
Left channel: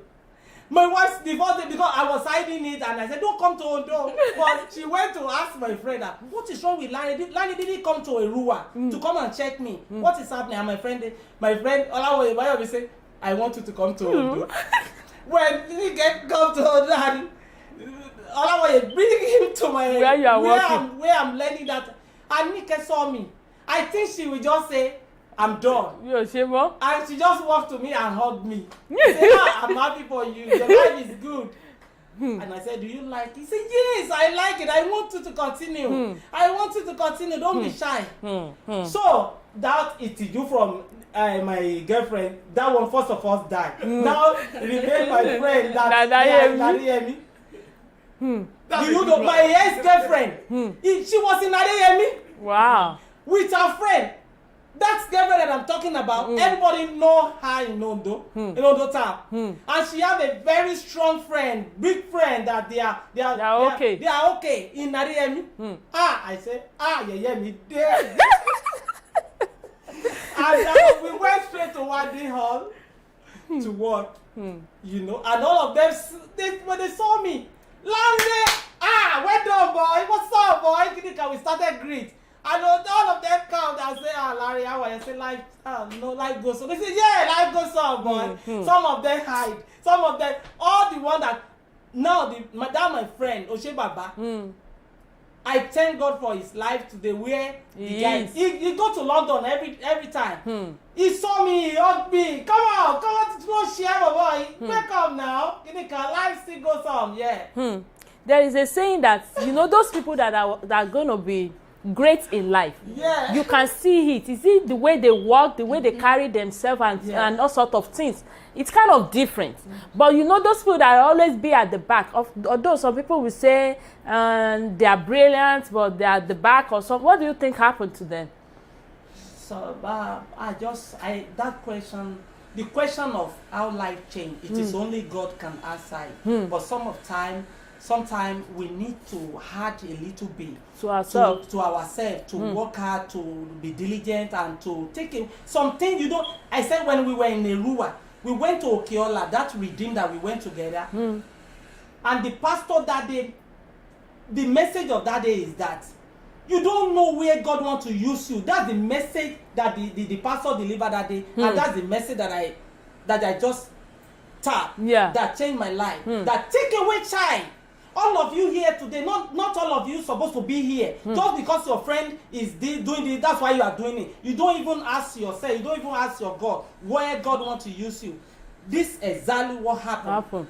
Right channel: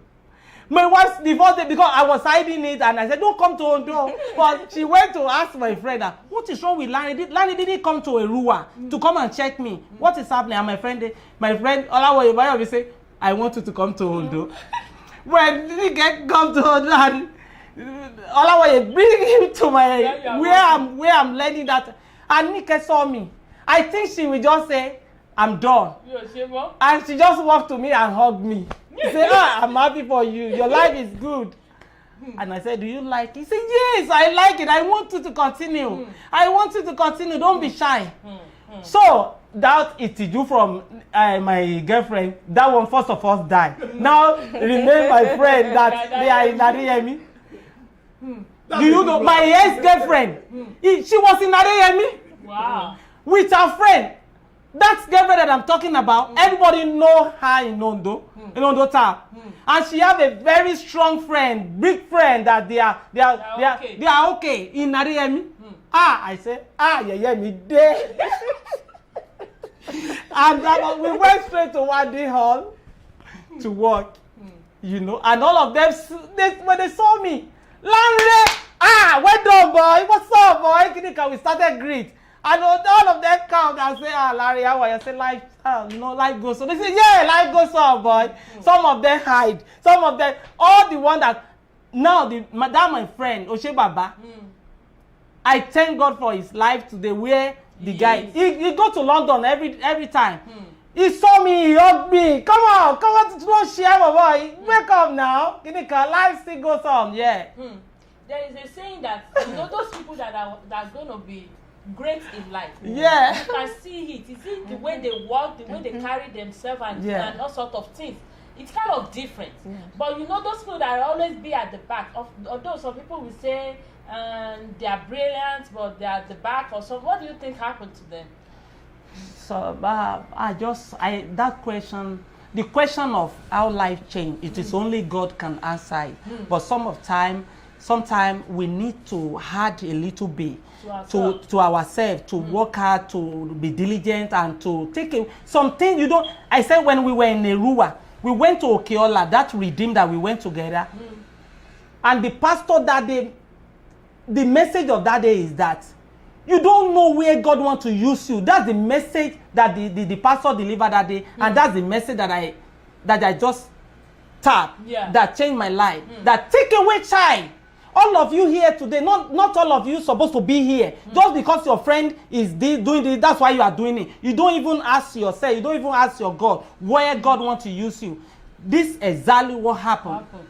My wife, the first day, because I was hiding it, and I said, don't come to Ondo. But she went to ask my friend, what is wrong with Lanre? Lanre didn't come to Erua to come and check me. What is happening? And my friend, Olawoye will say, I want you to come to Ondo. When he come to Ondo, and Olawoye bring him to my where I'm learning that. And Nike saw me. I think she will just say, I'm done. And she just walked to me and hugged me. She said, I'm happy for you. Your life is good. And I said, do you like it? He said, yes, I like it. I want you to continue. I want you to continue. Don't be shy. So that Itiju from my girlfriend, that one first of all died. Now remain my friend that hear me. Do you know my ex-girlfriend? She was in Adeyemi. Wow. With her friend. That girlfriend that I'm talking about, everybody know her in Ondo, in Ondo town. And she have a very strong friend, big friend that they are okay in Adeyemi. I said, me there. And we went straight to Wadi Hall to work, you know, and all of them, when they saw me, Lanre, well done, boy, what's up, boy? We started greet. And all of them come and say, Larry, how are you? I say, life goes on. They say, yeah, life goes on, boy. Some of them hide. Some of them, all the one that, now, my friend, Oshe Baba, I thank God for his life today, where the guy, he go to London every time. He saw me, he hugged me. Come on, don't share, my boy. Wake up now. Life still goes on, yeah. There is a saying that, you know, those people that are going to be great in life, you can see it. Is it the way they walk, the way they carry themselves, and all sorts of things? It's kind of different. But you know, those people that always be at the back, although some people will say they are brilliant, but they are at the back or something. What do you think happened to them? So that question, the question of how life changed, it is only God can answer it. But sometimes we need to add a little bit to ourselves, to work hard, to be diligent, and to take something you don't. I said when we were in Erua, we went to Okeola, that redeem that we went together, and the pastor that day, the message of that day is that you don't know where God wants to use you. That's the message that the pastor delivered that day, and that's the message that I just tapped, that changed my life. That take away child. All of you here today, not all of you supposed to be here. Just because your friend is doing this, that's why you are doing it. You don't even ask yourself, you don't even ask your God where God wants to use you. This is exactly what happened.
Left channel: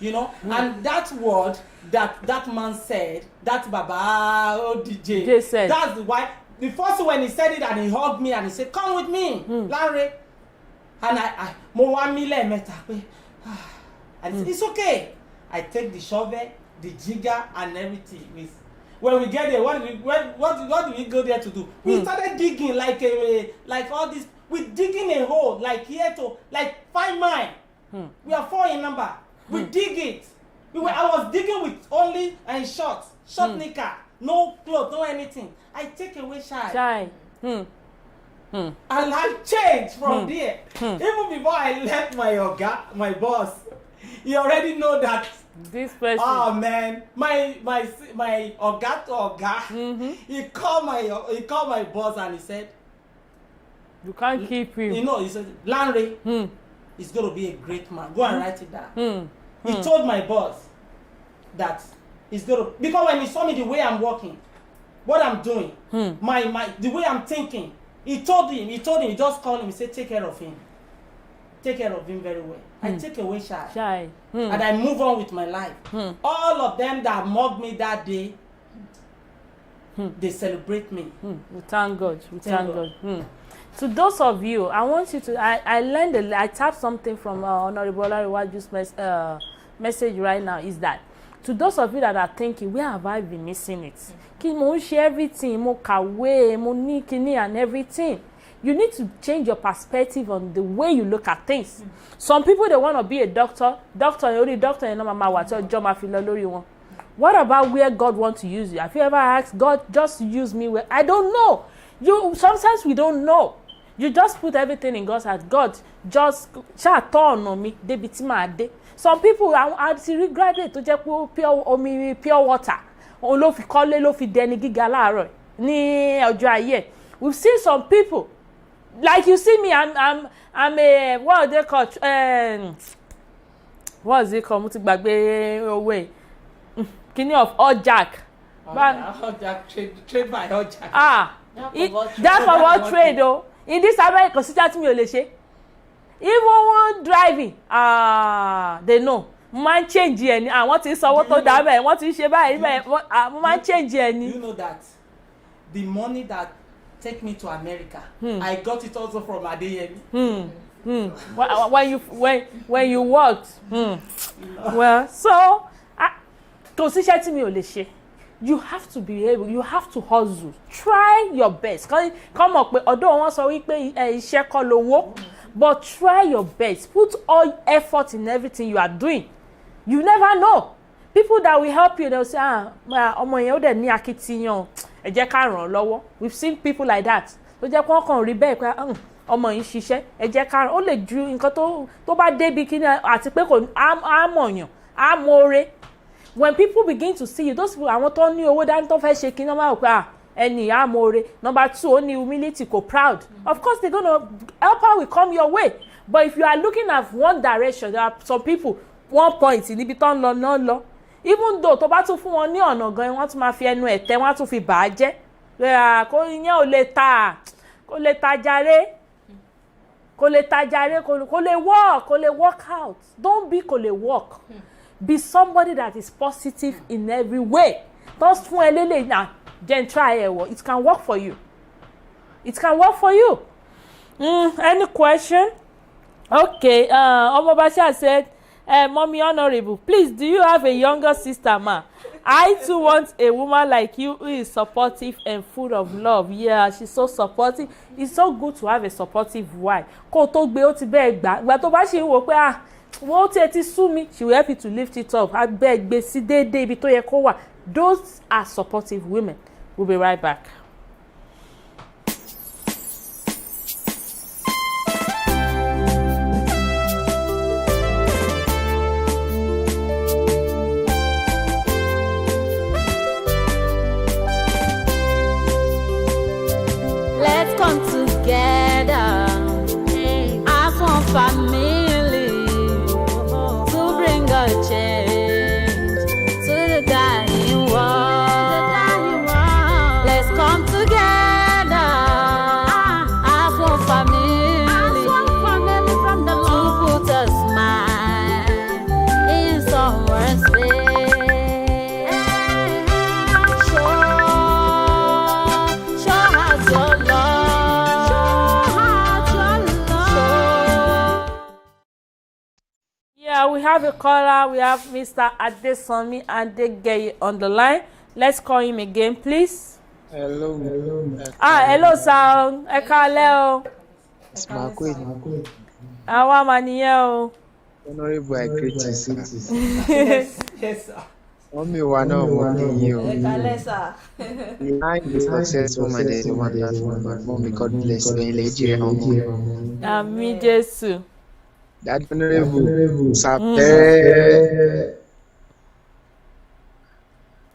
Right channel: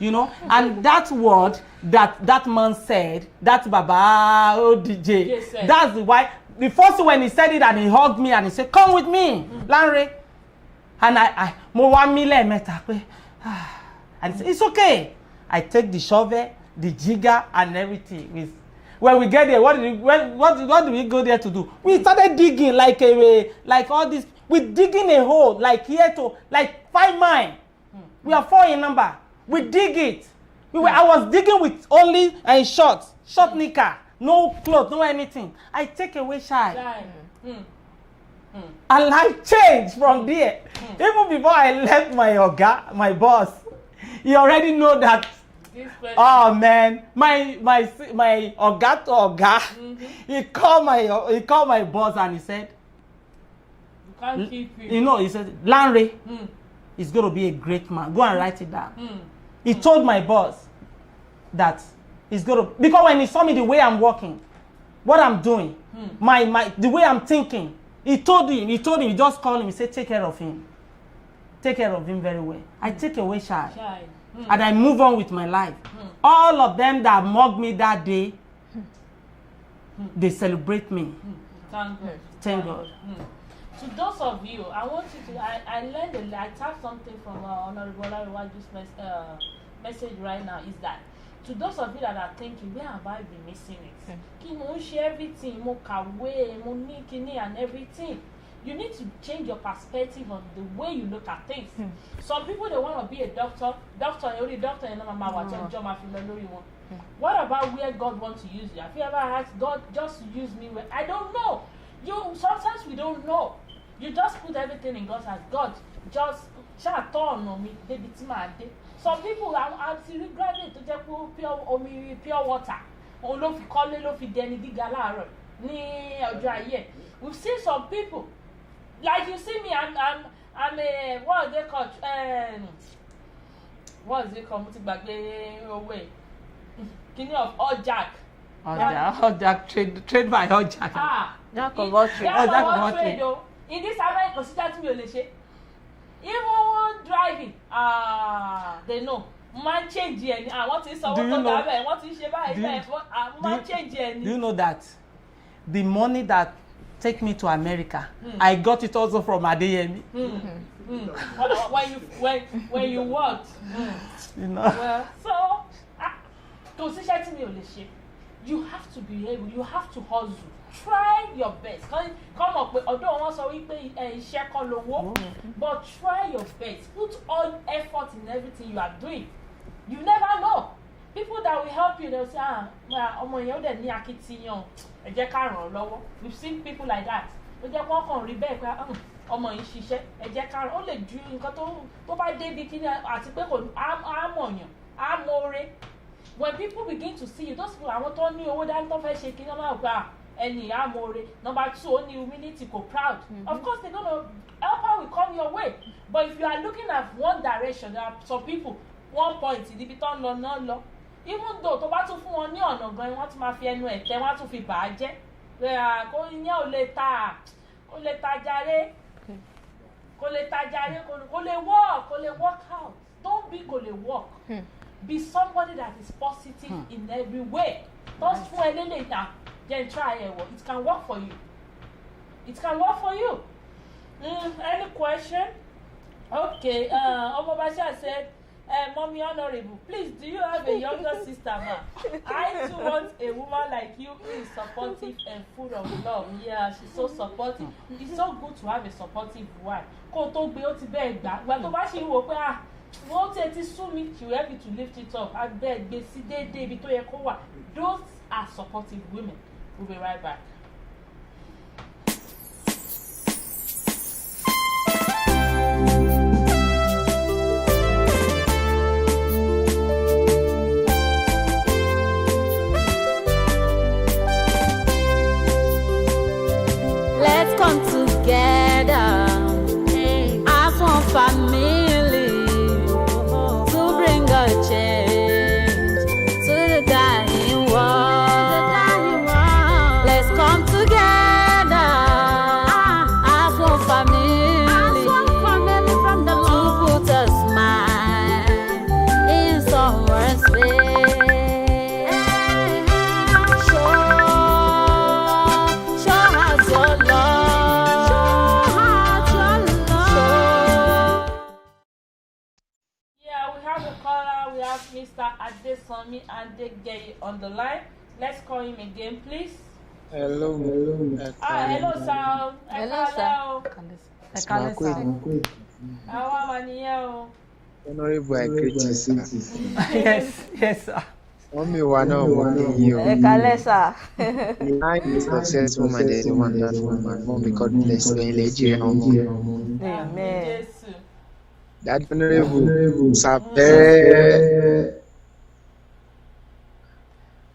You know, and that word that man said, that Baba DJ said, that's why the first when he said it and he hugged me and he said, come with me, Lanre. And I and he said, it's okay. I take the shovel, the jigger, and everything. When we get there, what do we go there to do? We started digging like all this. We're digging a hole like here to like 5 miles. We are 4 in number. We dig it. I was digging with only short knicker, no clothes, no anything. I take away shy. And life changed from there. Even before I left my boss, he already know that. This person. Oh man, my Oga, he called my boss and he said, you can't keep him. You know, he said, Lanre is going to be a great man. Go and write it down. He told my boss that is going to, because when he saw me the way I'm walking, what I'm doing, the way I'm thinking, he told him, he just called him, he said, take care of him. Take care of him very well. I take away shy. And I move on with my life. All of them that mocked me that day, they celebrate me. We thank God. Thank God. To those of you, I want you to, I learned, I tapped something from Honorable Olariwaju's message right now, is that to those of you that are thinking, where have I been missing it? Kí mo ń ṣe everything, mo kàwé, mo ní kíní and everything. You need to change your perspective on the way you look at things. Some people, they want to be a doctor. Only doctor, you know, mama, what your job, what about where God wants to use you? Have you ever asked God, just use me where? I don't know. Sometimes we don't know. You just put everything in God's hands. God, just turn on me. Some people are graduate to just pure water. We've seen some people, like you see me, I'm a, what they call, what is it called? Kini of Ojak. Ojak, trade by Ojak. That's for what trade though. In this America, consider to me Oleshe. Even driving, they know. Man change any. I want to say what to do. Want to share by. Man change any. You know that the money that take me to America, I got it also from Adeyemi. When you worked, you know. Well, so consider to me Oleshe. You have to be able, you have to hustle. Try your best. Come up with, although one sorry pay iṣẹ́ kọ́ lówó, but try your best. Put all effort in everything you are doing. You never know. People that will help you, they'll say, ọmọ yẹn ó dẹ̀ ní akitiyan, ẹ jẹ́ ká ràn lọ́wọ́. We've seen people like that. Tó jẹ́ kó kàn rí bẹ́ẹ̀ pé ọmọ yìí ṣiṣẹ́, ẹ jẹ́ ká ràn. Ó lè ju nǹkan tó bá débi kíní àti pé kò á mọ̀yàn, á mọ̀ọ́rẹ́. When people begin to see you, those people, àwọn tó ní owó dání tó fẹ́ ṣe kí ní wọ́n máa pẹ́ ẹni ìyá amóore. Number 2, ó ní humility, kò proud. Of course, they're gonna help her will come your way. But if you are looking at one direction, there are some people, one point, níbi tó ń lọ náà lọ. Even though tó bá tún fún wọn ní ọ̀nà gan, wọ́n tún máa fi ẹnu ẹ̀tẹ́, wọ́n á tún fi bà á jẹ́. Kò yẹn ò lè ta, kò lè tajàre, kò lè tajàre, kò lè work out. Don't be kò lè work. Be somebody that is positive in every way. Just fún elele na then try it can work for you. It can work for you. Any question? Okay. Omobasha said, Mommy Honorable, please, do you have a younger sister, ma? I too want a woman like you who is supportive and full of love. Yeah, she's so supportive. It's so good to have a supportive wife. Kó tó gbé ó ti bẹ́ẹ̀ gbà. Ìgbà tó bá ṣe wò pé wọ́n ti sú mi, she will help you to lift it up. Abeg gbé sí déédéé ibi tó yẹ kó wà. Those are supportive women. We'll be right back. Let's come together as one family to bring a change to the dying world. Let's come together as one family from the Lord to put a smile in someone's face. We have a caller. We have Mr. Adesanmi Adegeye on the line. Let's call him again, please. Hello. Hello, sir. Ẹ káalẹ́ o. Àwa mà nìyẹn o. Honorable, I greet you, sir. Yes, sir. Mommy, wa náà mo kí yín o. Ẹ káalẹ́ sà. Behind the successful man, there is a wonderful man. Mommy, God bless you. Ẹ̀yin lè jèrè ọmọ. Àmín Jésù. That honorable, Sapere.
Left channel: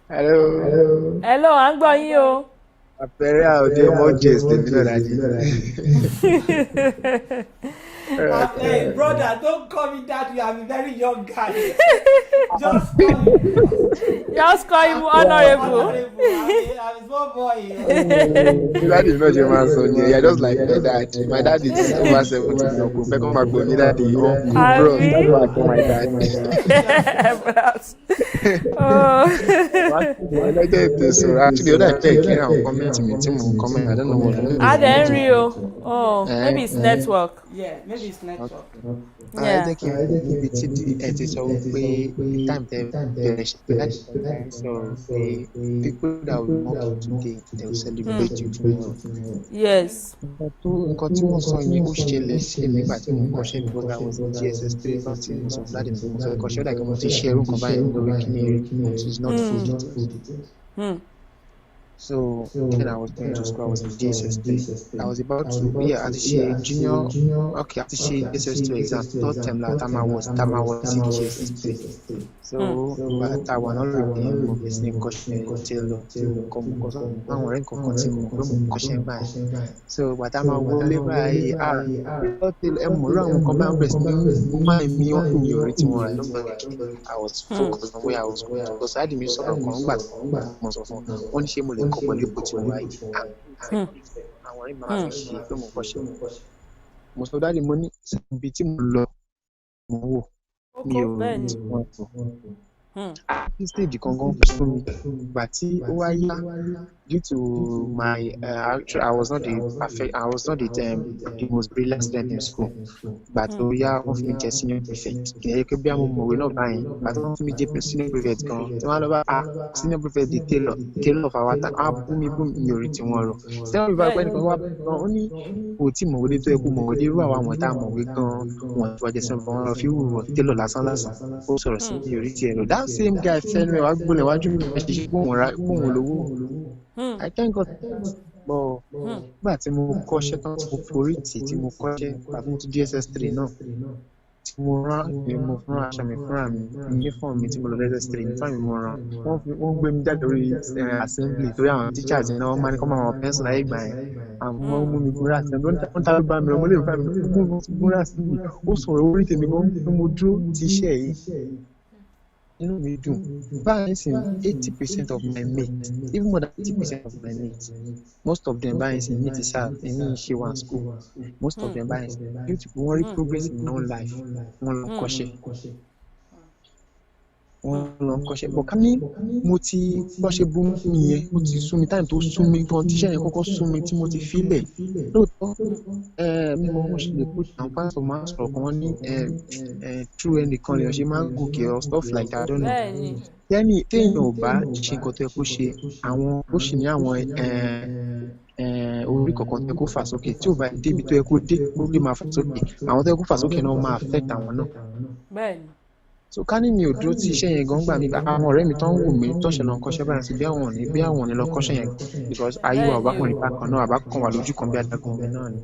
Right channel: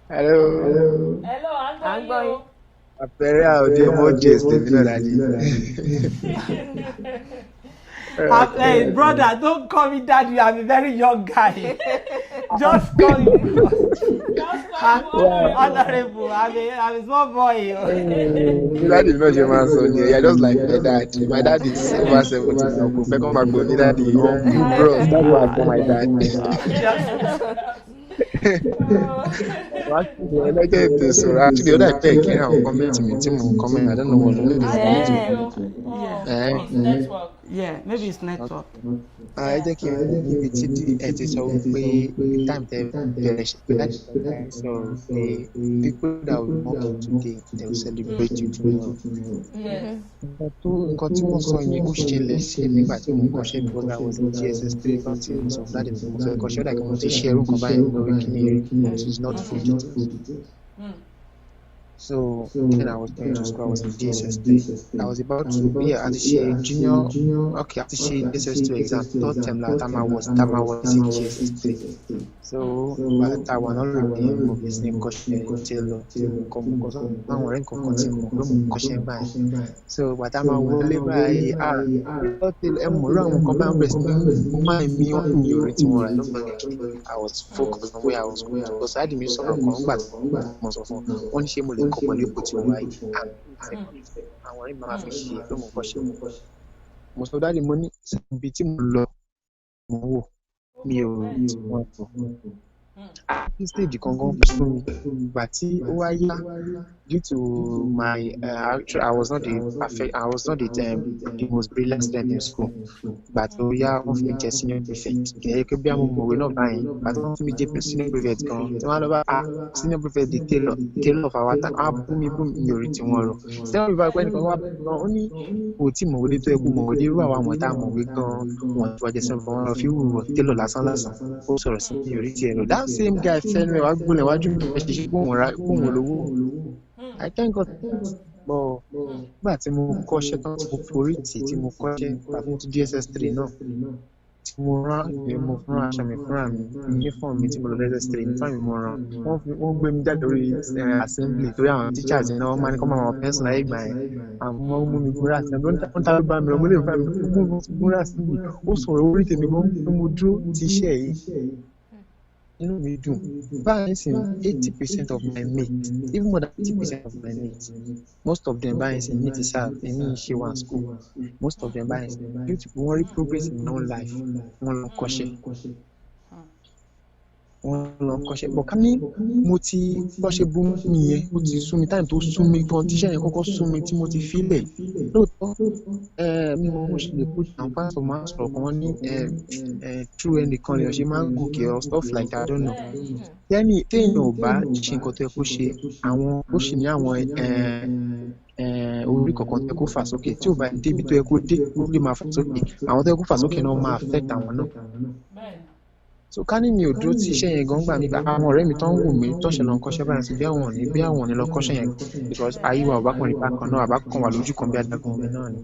Hello. Hello, à ń gbọ́ yín o. Sapere àwọn ọdẹ emojis tèmi náà dájú. Hey, brother, don't call me daddy. I'm a very young guy. Just call me. Just call him honorable. I'm a small boy. Daddy is not your man, son. You're just like my dad. My dad is over 70 now. Go back on my bro. Daddy, uncle, bros. That's why I call my dad. Actually, I like this. Actually, the other day, I comment me. Comment. I don't know what. Maybe it's network. Yeah, maybe it's network. I think níbi tí ẹ ti sọ wípé time tẹ bẹ̀rẹ̀ ṣe láti sọ pé people that will mock you today they will celebrate you tomorrow. Yes. Nǹkan tí wọ́n sọ yẹn ó ṣẹlẹ̀ sí èmi nígbà tí mo ń kọ́ṣẹ́ because I was in GSS 3 láti mo sọ fún dáàdì mi mo fẹ́ kọ́ṣẹ́ like mo ti ṣe ẹrú nǹkan báyìí lórí kíní rí but it's not full details. So when I was going to school, I was in GSS 3. I was about to àti ṣe junior àti ṣe GSS 2 exam third term la time I was in GSS 3. So but I was not really mo bẹ̀ sí ní kọ́ṣẹ́ tailor tí mo kọ́ mo kọ́ sọ àwọn ọ̀rẹ́ nǹkan kan tí mo pé mo kọ́ṣẹ́ báyìí. So but I máa wọlé báyìí ẹ mọ̀ rí àwọn nǹkan bá ń bẹ̀rẹ̀ sí ní mo máa ń mi wọ́n mi ò rí tiwọn rà lọ́gbọ̀n I was focused on where I was going to go. So I had mi sọ̀rọ̀ kan nígbà tí mo sọ fún wọn ní ṣé mo lè kọ́ pẹ̀lú ipò tí mo wà yìí àwọn ọ̀rẹ́ mi máa fi ṣe pé mo kọ́ṣẹ́ mo sọ dáàdi mo ní ibi tí mo lọ mo wò mi ò tí wọ́n tó stage kankan fún mi ìgbà tí ó wá yá due to my I was not the most brilliant student in school but ó yá wọ́n fi mi jẹ́ senior prefect kì í ṣe pé bí àwọn ọmọwé náà báyìí but wọ́n fi mi jẹ́ senior prefect kan tí wọ́n lọ bá senior prefect di tailor of our time bú mi mi ò rí tí wọ́n rọ senior prefect pẹ́ nìkan wá gan ó ní kò tí mọ̀wé dé tó yẹ kó mọ̀wé dé irú àwọn tá a mọ̀wé gan wọn ti wá jẹ́ senior wọn lọ fi wúwo tailor lásán ó sọ̀rọ̀ sí mi ò rí tiẹ̀ rọ that same guy fẹ́ẹ́ mi wá gbọ́lẹ̀ wájú mi ẹ̀ ṣiṣẹ́ gbóhùn lówó. I thank God but nígbà tí mo kọ́ṣẹ́ tán tí mo forí tì tí mo kọ́ṣẹ́ àti mo ti GSS 3 náà tí mo rán aṣọ mi fúnra mi uniform mi tí mo lọ GSS 3 nípa mi mo rán wọ́n gbé mi jáde lórí assembly torí àwọn teachers yẹn náà wọ́n máa ní kọ́ máa wọ pencil láyé ìgbà yẹn àwọn mú mi gbúra assembly wọ́n ta ló bá mi rọ mo lè fà mí gbúra assembly ó sọ̀rọ̀ orí tèmi gan pé mo dúró ti iṣẹ́ yìí. Inú mi dùn báyìí sì 80% of my mates even more than 80% of my mates most of them báyìí sì ní ti sáà èmi ṣe wà school most of them báyìí sì due to wọ́n rí progress in their own life wọ́n lọ kọ́ṣẹ́ bọ̀ ká ní mo ti bọ́ṣẹ́ bú mi yẹn ó ti sú mi time tó sú mi gan tíṣẹ́ yẹn kọ́kọ́ sú mi tí mo ti fílẹ̀ lóòótọ́ mi mo ṣe lè put down pásítọ̀ máa sọ̀rọ̀ kan wọ́n ní true ẹnìkan lèèyàn ṣe máa ń gòkè or stuff like that I don't know téèyàn ò bá ṣe nǹkan tó yẹ kó ṣe àwọn ó sì ní àwọn orí kọ̀ọ̀kan tó yẹ kó fà sókè tí ò bá débi tó yẹ kó dé ó lè máa fà sókè àwọn tó yẹ kó fà sókè náà máa affect àwọn náà. So ká ní mi ò dúró tí iṣẹ́ yẹn gan gbà mí àwọn ọ̀rẹ́ mi tó ń wù mí tọ́ṣẹ̀ lọ kọ́ṣẹ́ báyìí sí bí àwọn ò ní lọ kọ́ṣẹ́ yẹn because ayé wa ọ̀bákùnrin bákan náà àbákan wà lójú kan bí adágún omi náà ni.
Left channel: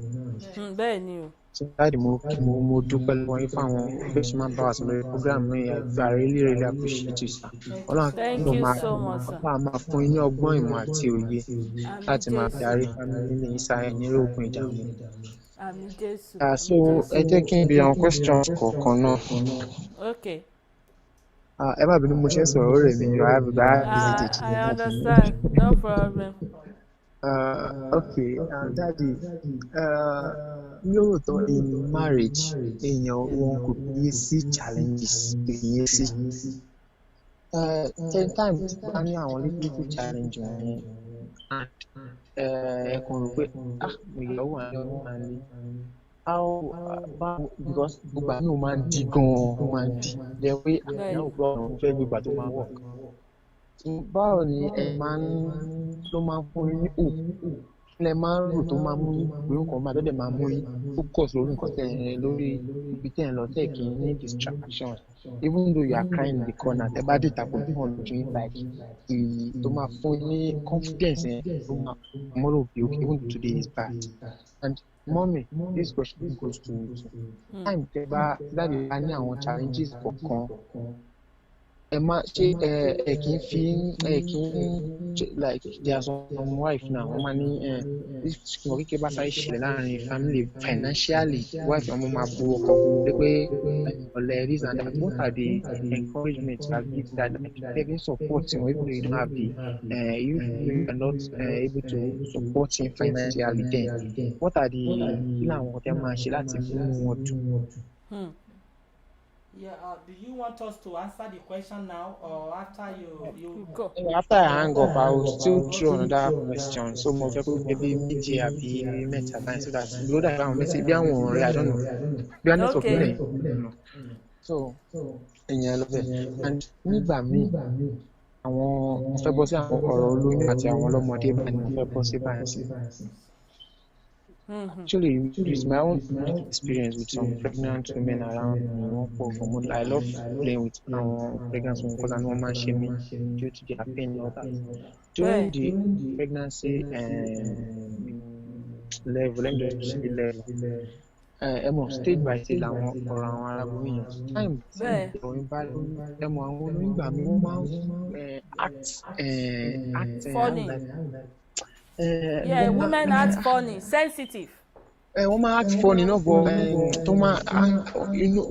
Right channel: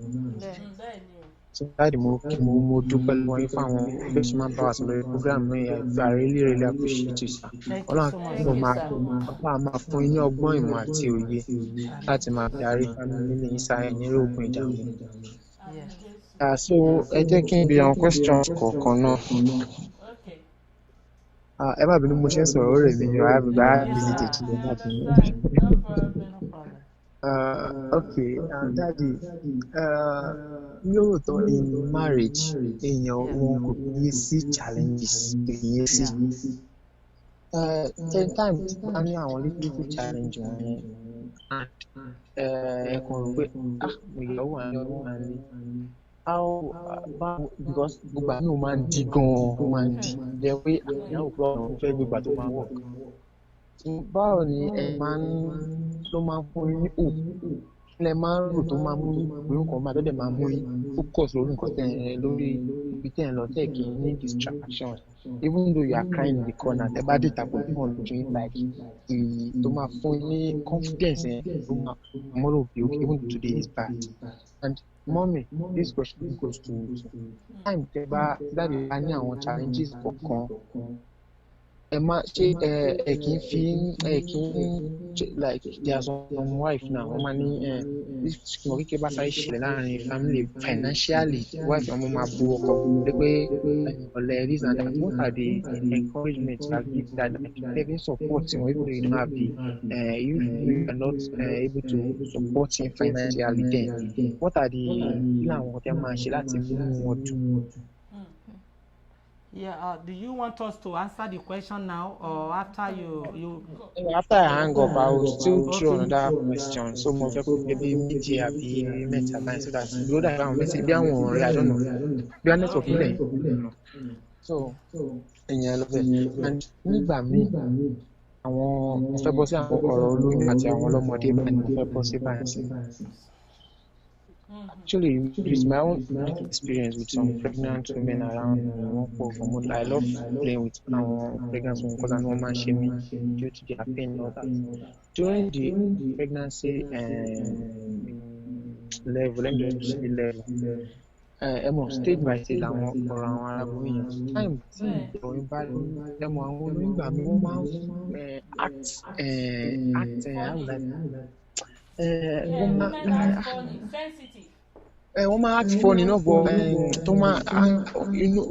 So dáàdì mo dúpẹ́ lọ́wọ́ yín fún àwọn bẹ́ẹ̀ ṣe máa ń bá wa sọ lórí program mi I really appreciate you sir. Ọlọ́run máa fún yín ní ọgbọ́n ìmọ̀ àti òye láti máa darí family ní ìsáyẹ̀ ní ogun ìdààmú. So ẹ jẹ́ kí n bi àwọn questions kọ̀ọ̀kan náà. Okay. Ẹ má bínú mo ṣe ń sọ̀rọ̀ rẹ̀ mi I have visited. I understand, no problem. Okay, Daddy, lóòótọ́ in marriage èèyàn wọn kò yé sí challenges yé sí. Time tí bá ní àwọn little challenge wọ̀nyẹn ẹ kàn rò pé ìyàwó àti ọdún máa ń lé. Because gbogbo àmì ò máa ń di gan-an ó máa ń di jẹ́ pé àyàwó pé ọ̀nà òun fẹ́ gbégbà tó máa work. Báwo ni ẹ máa ń ló máa ń fún yín ní hope ilẹ̀ máa ń rò tó máa mú yín pé nǹkan máa tọ́jú máa mú yín focus lórí nǹkan lórí ibi tẹ̀ ń lọ tẹ̀ kí ní distraction even though you are crying in the corner tẹ́ bá dé ìtàkùn bí wọ́n lójú yín like tó máa fún yín ní confidence yẹn tó máa tomorrow be okay even though today is bad. And mommy, this question goes to you. Time tẹ́ bá dáàbò bá ní àwọn challenges kọ̀ọ̀kan ẹ má ṣe ẹ kì í fi ẹ kì í like there are some wife now wọ́n máa ní if ìwọ̀n kékeré bá sáré ṣẹlẹ̀ láàrin family financially wife ọmọ máa bu ọkọ pé ọ̀lẹ́ this and that. What are the encouragement you are giving that like having support him even though you don't have the you are not able to support him financially then what are the kí làwọn ọ̀tí máa ṣe láti mú wọn dùn. Yeah, do you want us to answer the question now or after you Go. After I hang up, I will still throw another question. So mo fẹ́ kó maybe méjì àbí mẹ́ta báyìí so that bí ó dà báwọn mẹ́sì bí àwọn ọ̀rẹ́ I don't know bí wọ́n network nílẹ̀ so ìyẹn lọ bẹ́ẹ̀ and nígbà míì àwọn mo fẹ́ bọ́ sí àwọn ọ̀rọ̀ olóyún àti àwọn ọlọ́mọdé báyìí mo fẹ́ bọ́ sí báyìí sí. Actually, with my own experience with some pregnant women around me, I love playing with pregnant women because I know man shame due to their pain and all that. During the pregnancy level, let me just say level. Stage by stage làwọn ọ̀rọ̀ àwọn arábìnrin yẹn time tí ìròyìn bá àwọn olóyìnbá mi wọ́n máa ń act Yeah, women act funny, sensitive. Wọ́n máa act funny náà bọ̀ tó máa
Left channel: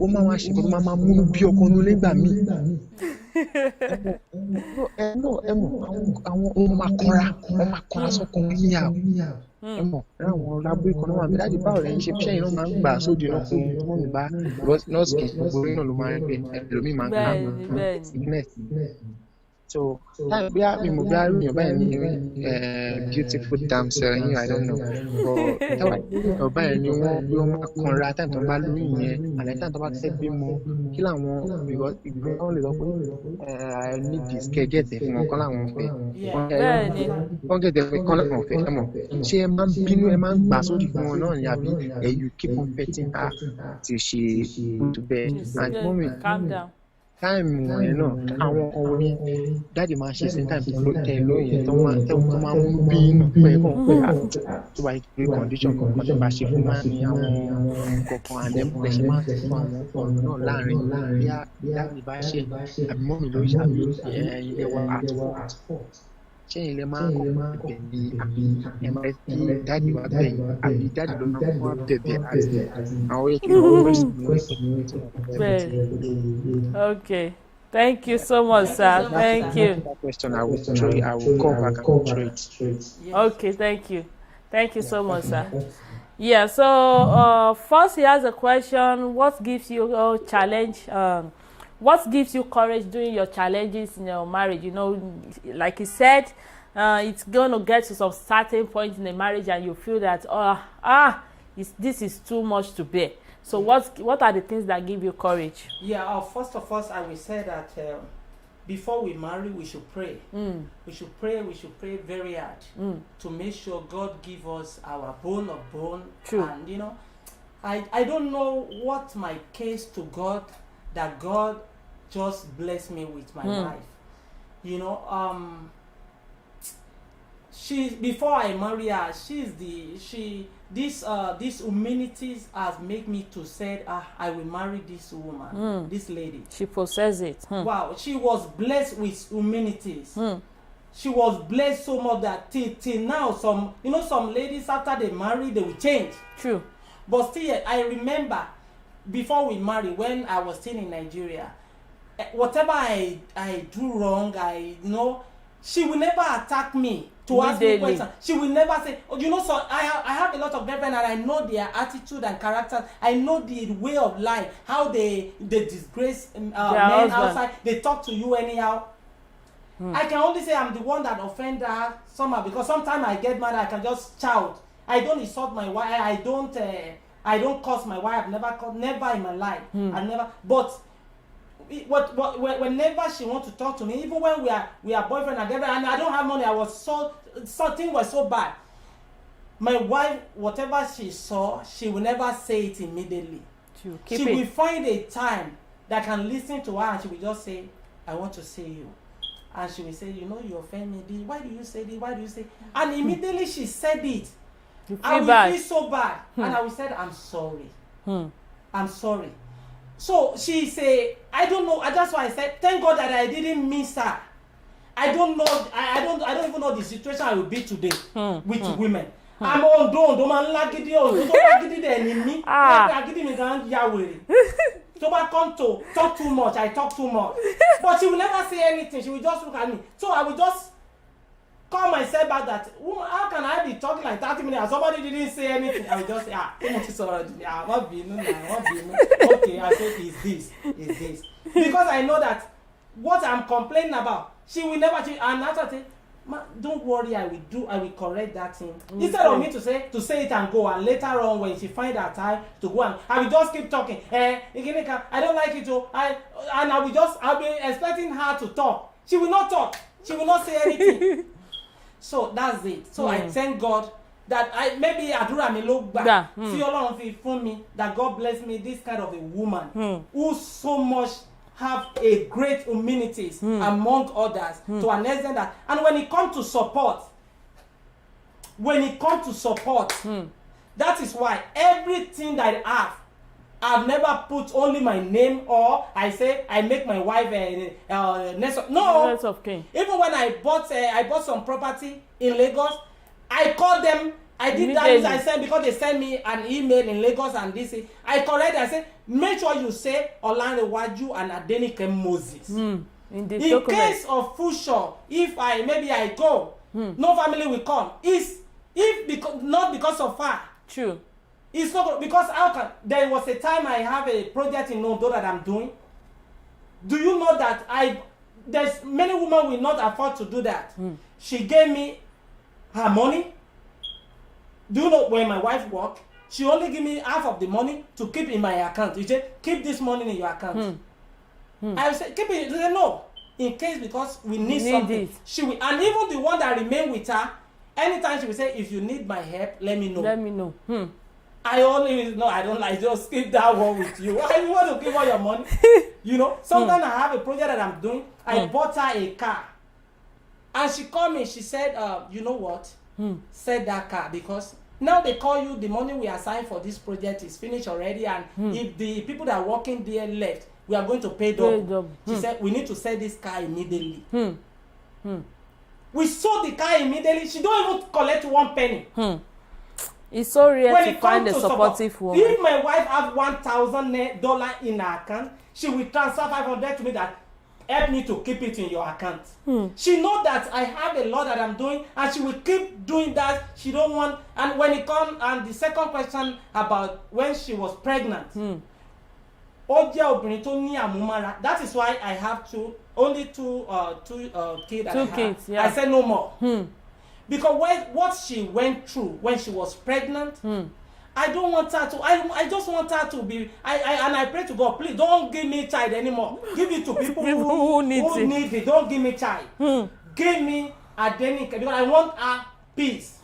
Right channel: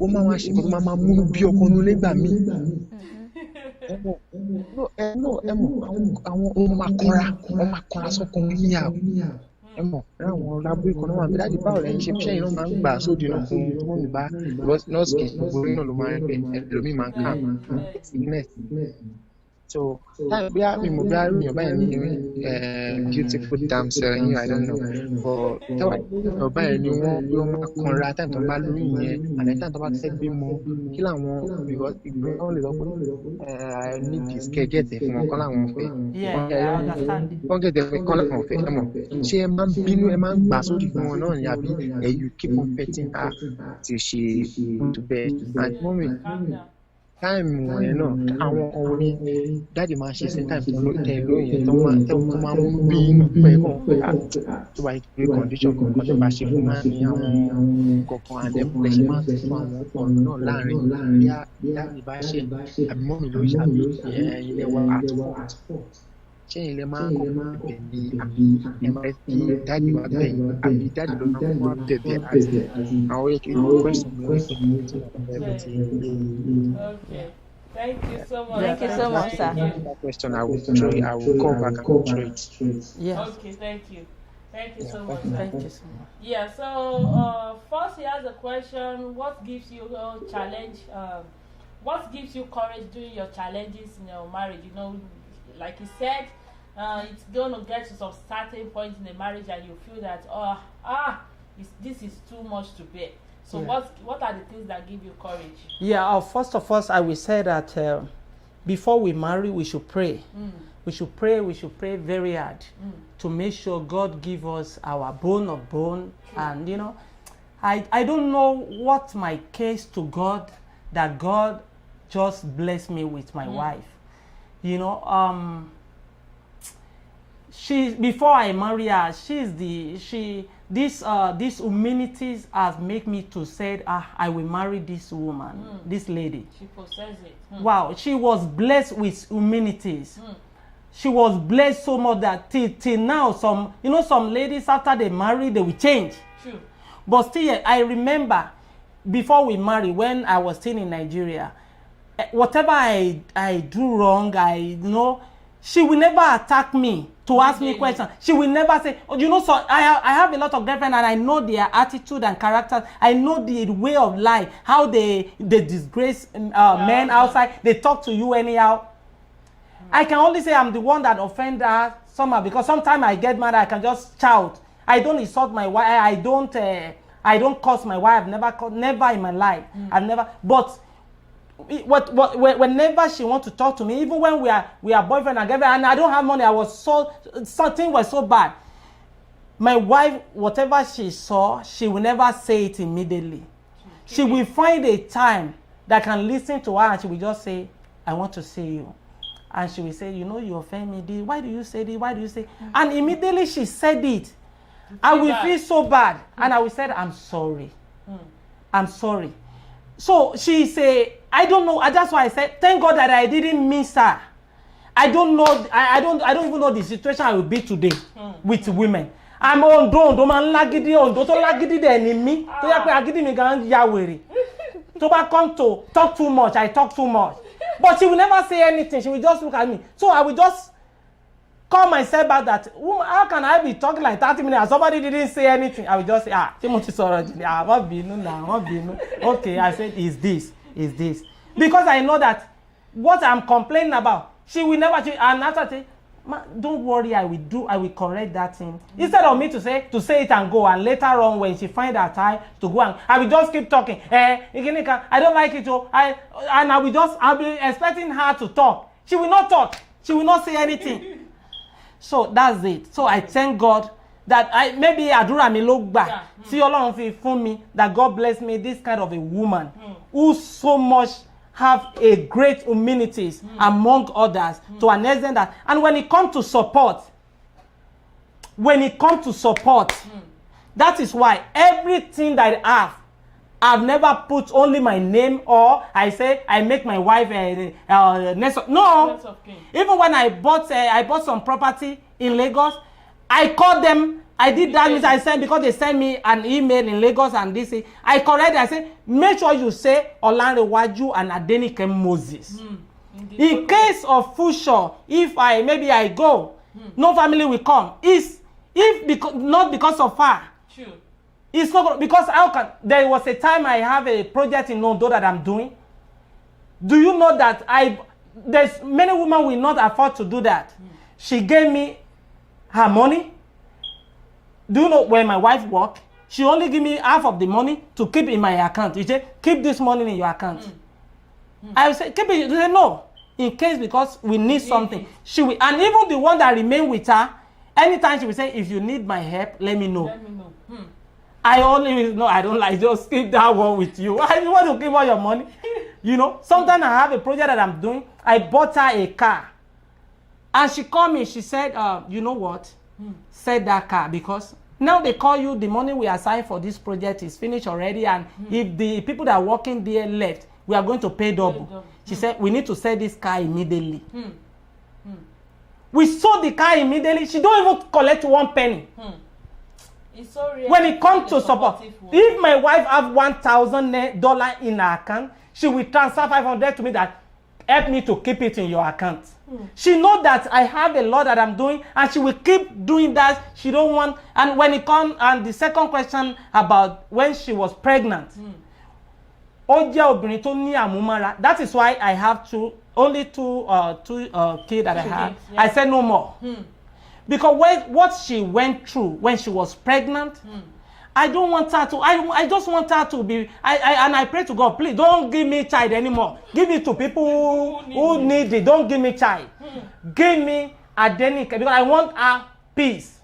ó máa wá ṣe nǹkan tó máa múnú bí ọkọ inú ilé gbà mí. Àwọn ọmọ máa kọ́ra sọ́kùnrin níyà àwọn lábúrò kan náà wà mí láti báwo lẹ́yìn ṣe ṣẹ́yìn náà máa ń gbà sóde náà fún wọn mi bá nọ́ọ̀sì kì í gbogbo orí náà ló máa ń gbẹ ẹlòmíì máa ń kà sickness. So táyà bí mímú bí àrùn báyìí ní beautiful damsel yín I don't know but táwa ọba yẹn ni wọ́n máa kanra táyà tó ń bá lóyún yẹn àlẹ́ táyà tó bá fẹ́ bímọ kí làwọn because ìgbẹ́ wọn lè lọ pé I need this kẹ́gẹ́tẹ̀ fún wọn kọ́ làwọn fẹ́ wọ́n gẹ̀dẹ̀ fẹ́ kọ́ làwọn fẹ́ ẹ mọ̀ ṣé ẹ máa ń bínú ẹ máa ń gbà sódì fún wọn náà ni àbí you keep on petting her till she go to bed and moment. Time wọ̀nyẹn náà àwọn ọ̀wọ́ ní dáàdì máa ṣe sí time tẹ lóyún tó máa mú bí inú pẹ́ kàn pé tó bá yẹ kí condition kankan tó bá ṣe fún máa ní àwọn kọ̀ọ̀kan àdẹ́pọ̀ ṣe máa tẹ̀ fún àwọn ọ̀rọ̀ náà láàrin bí dáàdì bá ṣe àbí mọ́mì ló ṣe àbí ilé wa at fault ṣé ilé máa ń kọ́ bẹ̀ ní àbí ẹ máa kí dáàdì wa bẹ̀yìn àbí dáàdì ló máa wá bẹ̀bẹ̀ àti àwọn yẹ kí wọ́n rẹ̀ sí Okay, thank you so much, sir. Thank you. That question I will call back and throw it. Yes. Okay, thank you so much, sir. Yeah, so first he has a question: what gives you a challenge? What gives you courage during your challenges in your marriage? You know, like he said, it's going to get to some certain point in the marriage, and you feel that this is too much to bear. So what are the things that give you courage? Yeah, first of all, I will say that before we marry, we should pray. We should pray very hard to make sure God give us our bone of bone. True. And you know, I don't know what my case to God that God just blessed me with my wife. You know, before I marry her, these humanities has made me to say, I will marry this woman, this lady. She possesses it. Wow, she was blessed with humanities. She was blessed so much that till now, some ladies after they marry, they will change. True. But still, I remember before we married, when I was still in Nigeria, whatever I do wrong, she will never attack me to ask me questions. She will never say, so I have a lot of girlfriends and I know their attitude and character. I know the way of life, how they disgrace men outside. They talk to you anyhow. I can only say I'm the one that offend her somehow, because sometimes I get mad, I can just shout. I don't insult my wife. I don't curse my wife. Never in my life. I've never. But whenever she wants to talk to me, even when we are boyfriend and girlfriend, and I don't have money, something was so bad. My wife, whatever she saw, she will never say it immediately. She will find a time that can listen to her, and she will just say, I want to see you. And she will say, you offend me. Why do you say this? Why do you say? And immediately she said it. I will feel so bad. And I will say, I'm sorry. I'm sorry. So she's I don't know. That's why I said, thank God that I didn't miss her. I don't know. I don't even know the situation I will be today with women. I'm Ondo man lagidi Ondo to lagidi the enemy. Agidi me gan ya were. To back come to talk too much. I talk too much. But she will never say anything. She will just look at me. So I will just call myself back that, woman, how can I be talking like 30 minutes and somebody didn't say anything? I will just say, Timothy Sorajini, what binu now, what binu? Okay, I said, is this. Because I know that what I'm complaining about, she will never change. And after say, don't worry, I will correct that thing. Instead of me to say it and go, and later on when she find her time to go and I will just keep talking. I don't like it, I'll be expecting her to talk. She will not talk. She will not say anything. So that's it. So I thank God that maybe àdúrà mi ló gbà tí Ọlọ́run fi fún mi, that God bless me this kind of a woman who so much have a great humility among others to an extent that, and when it comes to support, that is why everything that I have, I've never put only my name, or I say I make my wife next of kin. Even when I bought some property in Lagos, I called them. I did that. I said, because they sent me an email in Lagos and this, I corrected. I said, make sure you say Olanrewaju and Adenike Moses. In case of future, if I go, no family will come. Not because of her. True. It's not because there was a time I have a project in Ondo that I'm doing. Do you know that there's many women will not afford to do that. She gave me her money. Do you know where my wife worked? She only gave me half of the money to keep in my account. She said, keep this money in your account. I said, keep it. She said, no. In case, because we need something. She will, and even the one that remain with her, anytime she will say, if you need my help, let me know. I don't like, just keep that one with you. Why you want to give all your money? Sometimes I have a project that I'm doing. I bought her a car. And she called me. She said, you know what? Said that car, because now they call you, the money we assigned for this project is finished already. And if the people that are working there left, we are going to pay double. She said, we need to sell this car immediately. We sold the car immediately. She don't even collect one penny. It's so rare when to it comes find to a supportive woman. If my wife have $1,000 in her account, she will transfer $500 to me, that help me to keep it in your account. She knows that I have a lot that I'm doing, and she will keep doing that. She don't want. And when it comes, and the second question about when she was pregnant, that is why I have only two kids that I have. I said no more. Because what she went through when she was pregnant, I don't want her to. I just want her to be. And I pray to God, please don't give me child anymore. Give it to people who need it. Don't give me child. Give me Adenike, because I want her peace.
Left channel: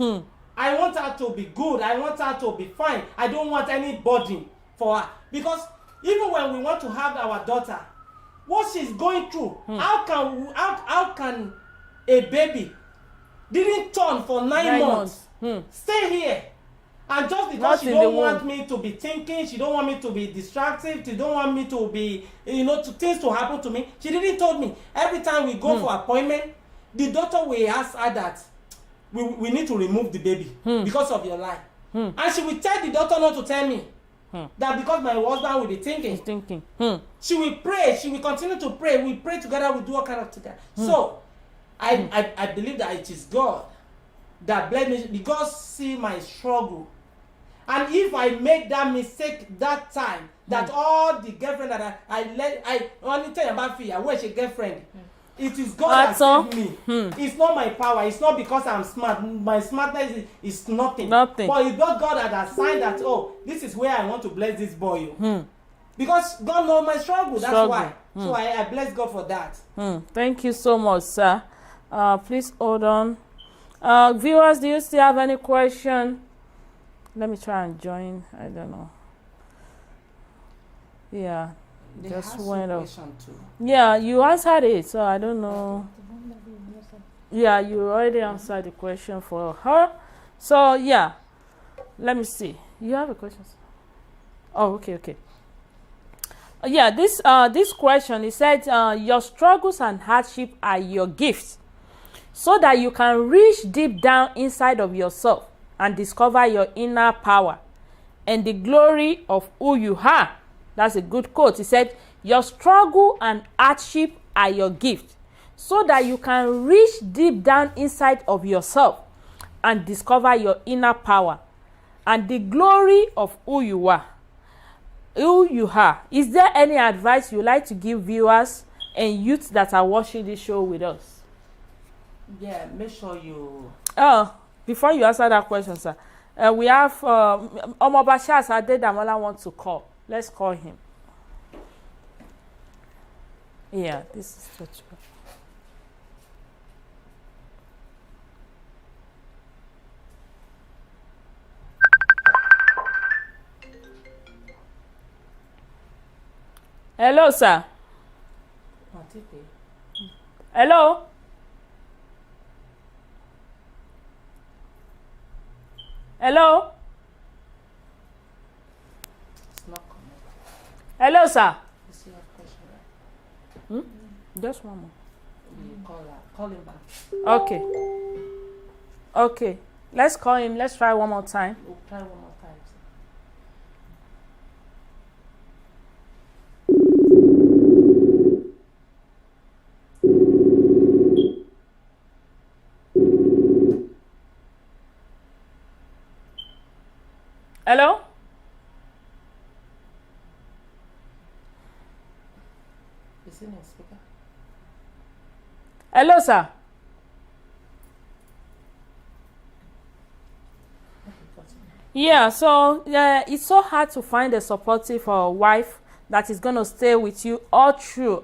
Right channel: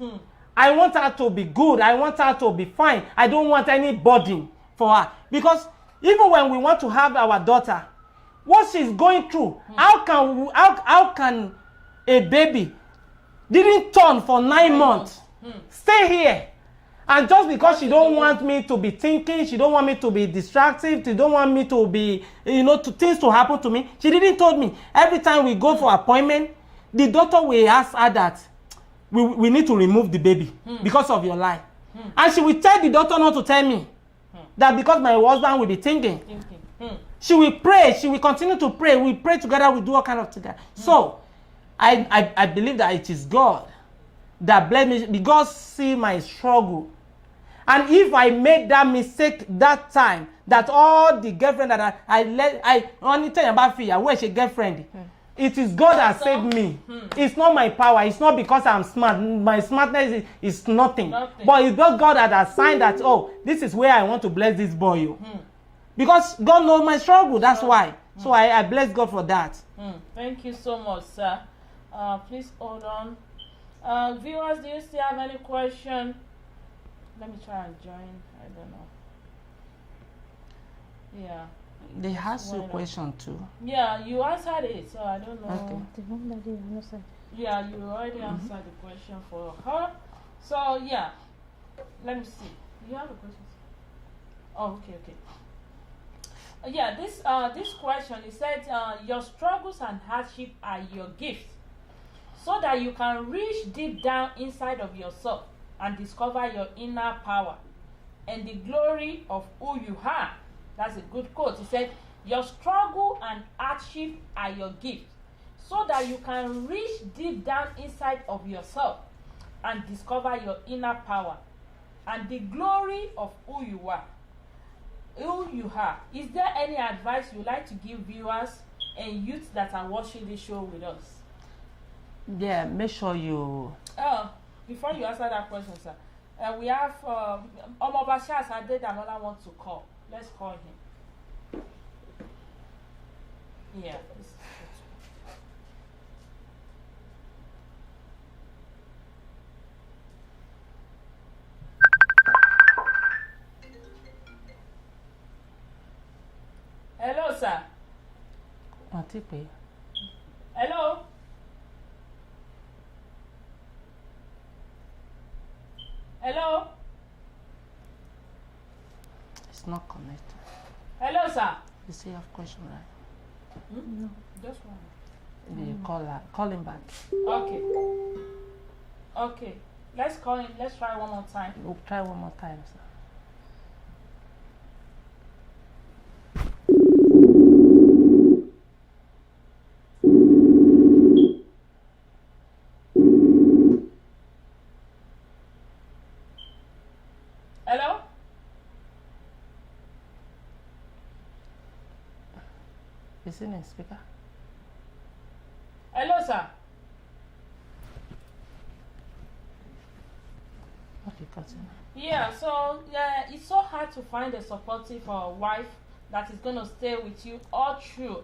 I want her to be good. I want her to be fine. I don't want any burden for her, because even when we want to have our daughter, what she's going through, how can a baby didn't turn for 9 months stay here, and just because she don't want me to be thinking, she don't want me to be distracted, she don't want me to be, things to happen to me, she didn't told me. Every time we go for appointment, the doctor will ask her that we need to remove the baby because of your life. And she will tell the doctor not to tell me that, because my husband will be thinking. She will pray, she will continue to pray, we pray together, we do all kind of together. So I believe that it is God that blessed me, because see my struggle. And if I make that mistake that time, that all the girlfriend that I only tell you about fear, where's your girlfriend? It is God that saved me. It's not my power. It's not because I'm smart. My smartness is nothing. But it's not God that assigned that, this is where I want to bless this boy. Because God knows my struggle. That's why. So I bless God for that. Thank you so much, sir. Please hold on. Viewers, do you still have any question? Let me try and join. I don't know. Yeah. They have a question too. Yeah, you answered it, so I don't know. Yeah, you already answered the question for her. So yeah, let me see. You have a question? Oh, okay. Yeah, this question, he said, your struggles and hardship are your gifts, so that you can reach deep down inside of yourself and discover your inner power and the glory of who you are. That's a good quote. He said, your struggle and hardship are your gifts, so that you can reach deep down inside of yourself and discover your inner power and the glory of who you are. Is there any advice you like to give viewers and youths that are watching this show with us? Yeah, make sure you. Before you answer that question, sir, we have Omobashas Adedamola wants to call. Let's call him. Yeah, this is Hello, sir. Hello. Hello. It's not connected. Hello, sir. You see, have question, right? Just one more. You call him back. Okay. Okay. Let's call him. Let's try one more time. We'll try one more time, sir. Hello? Is it in speaker? Hello, sir. Okay, continue. Yeah, so it's so hard to find a supportive wife that is gonna stay with you all through.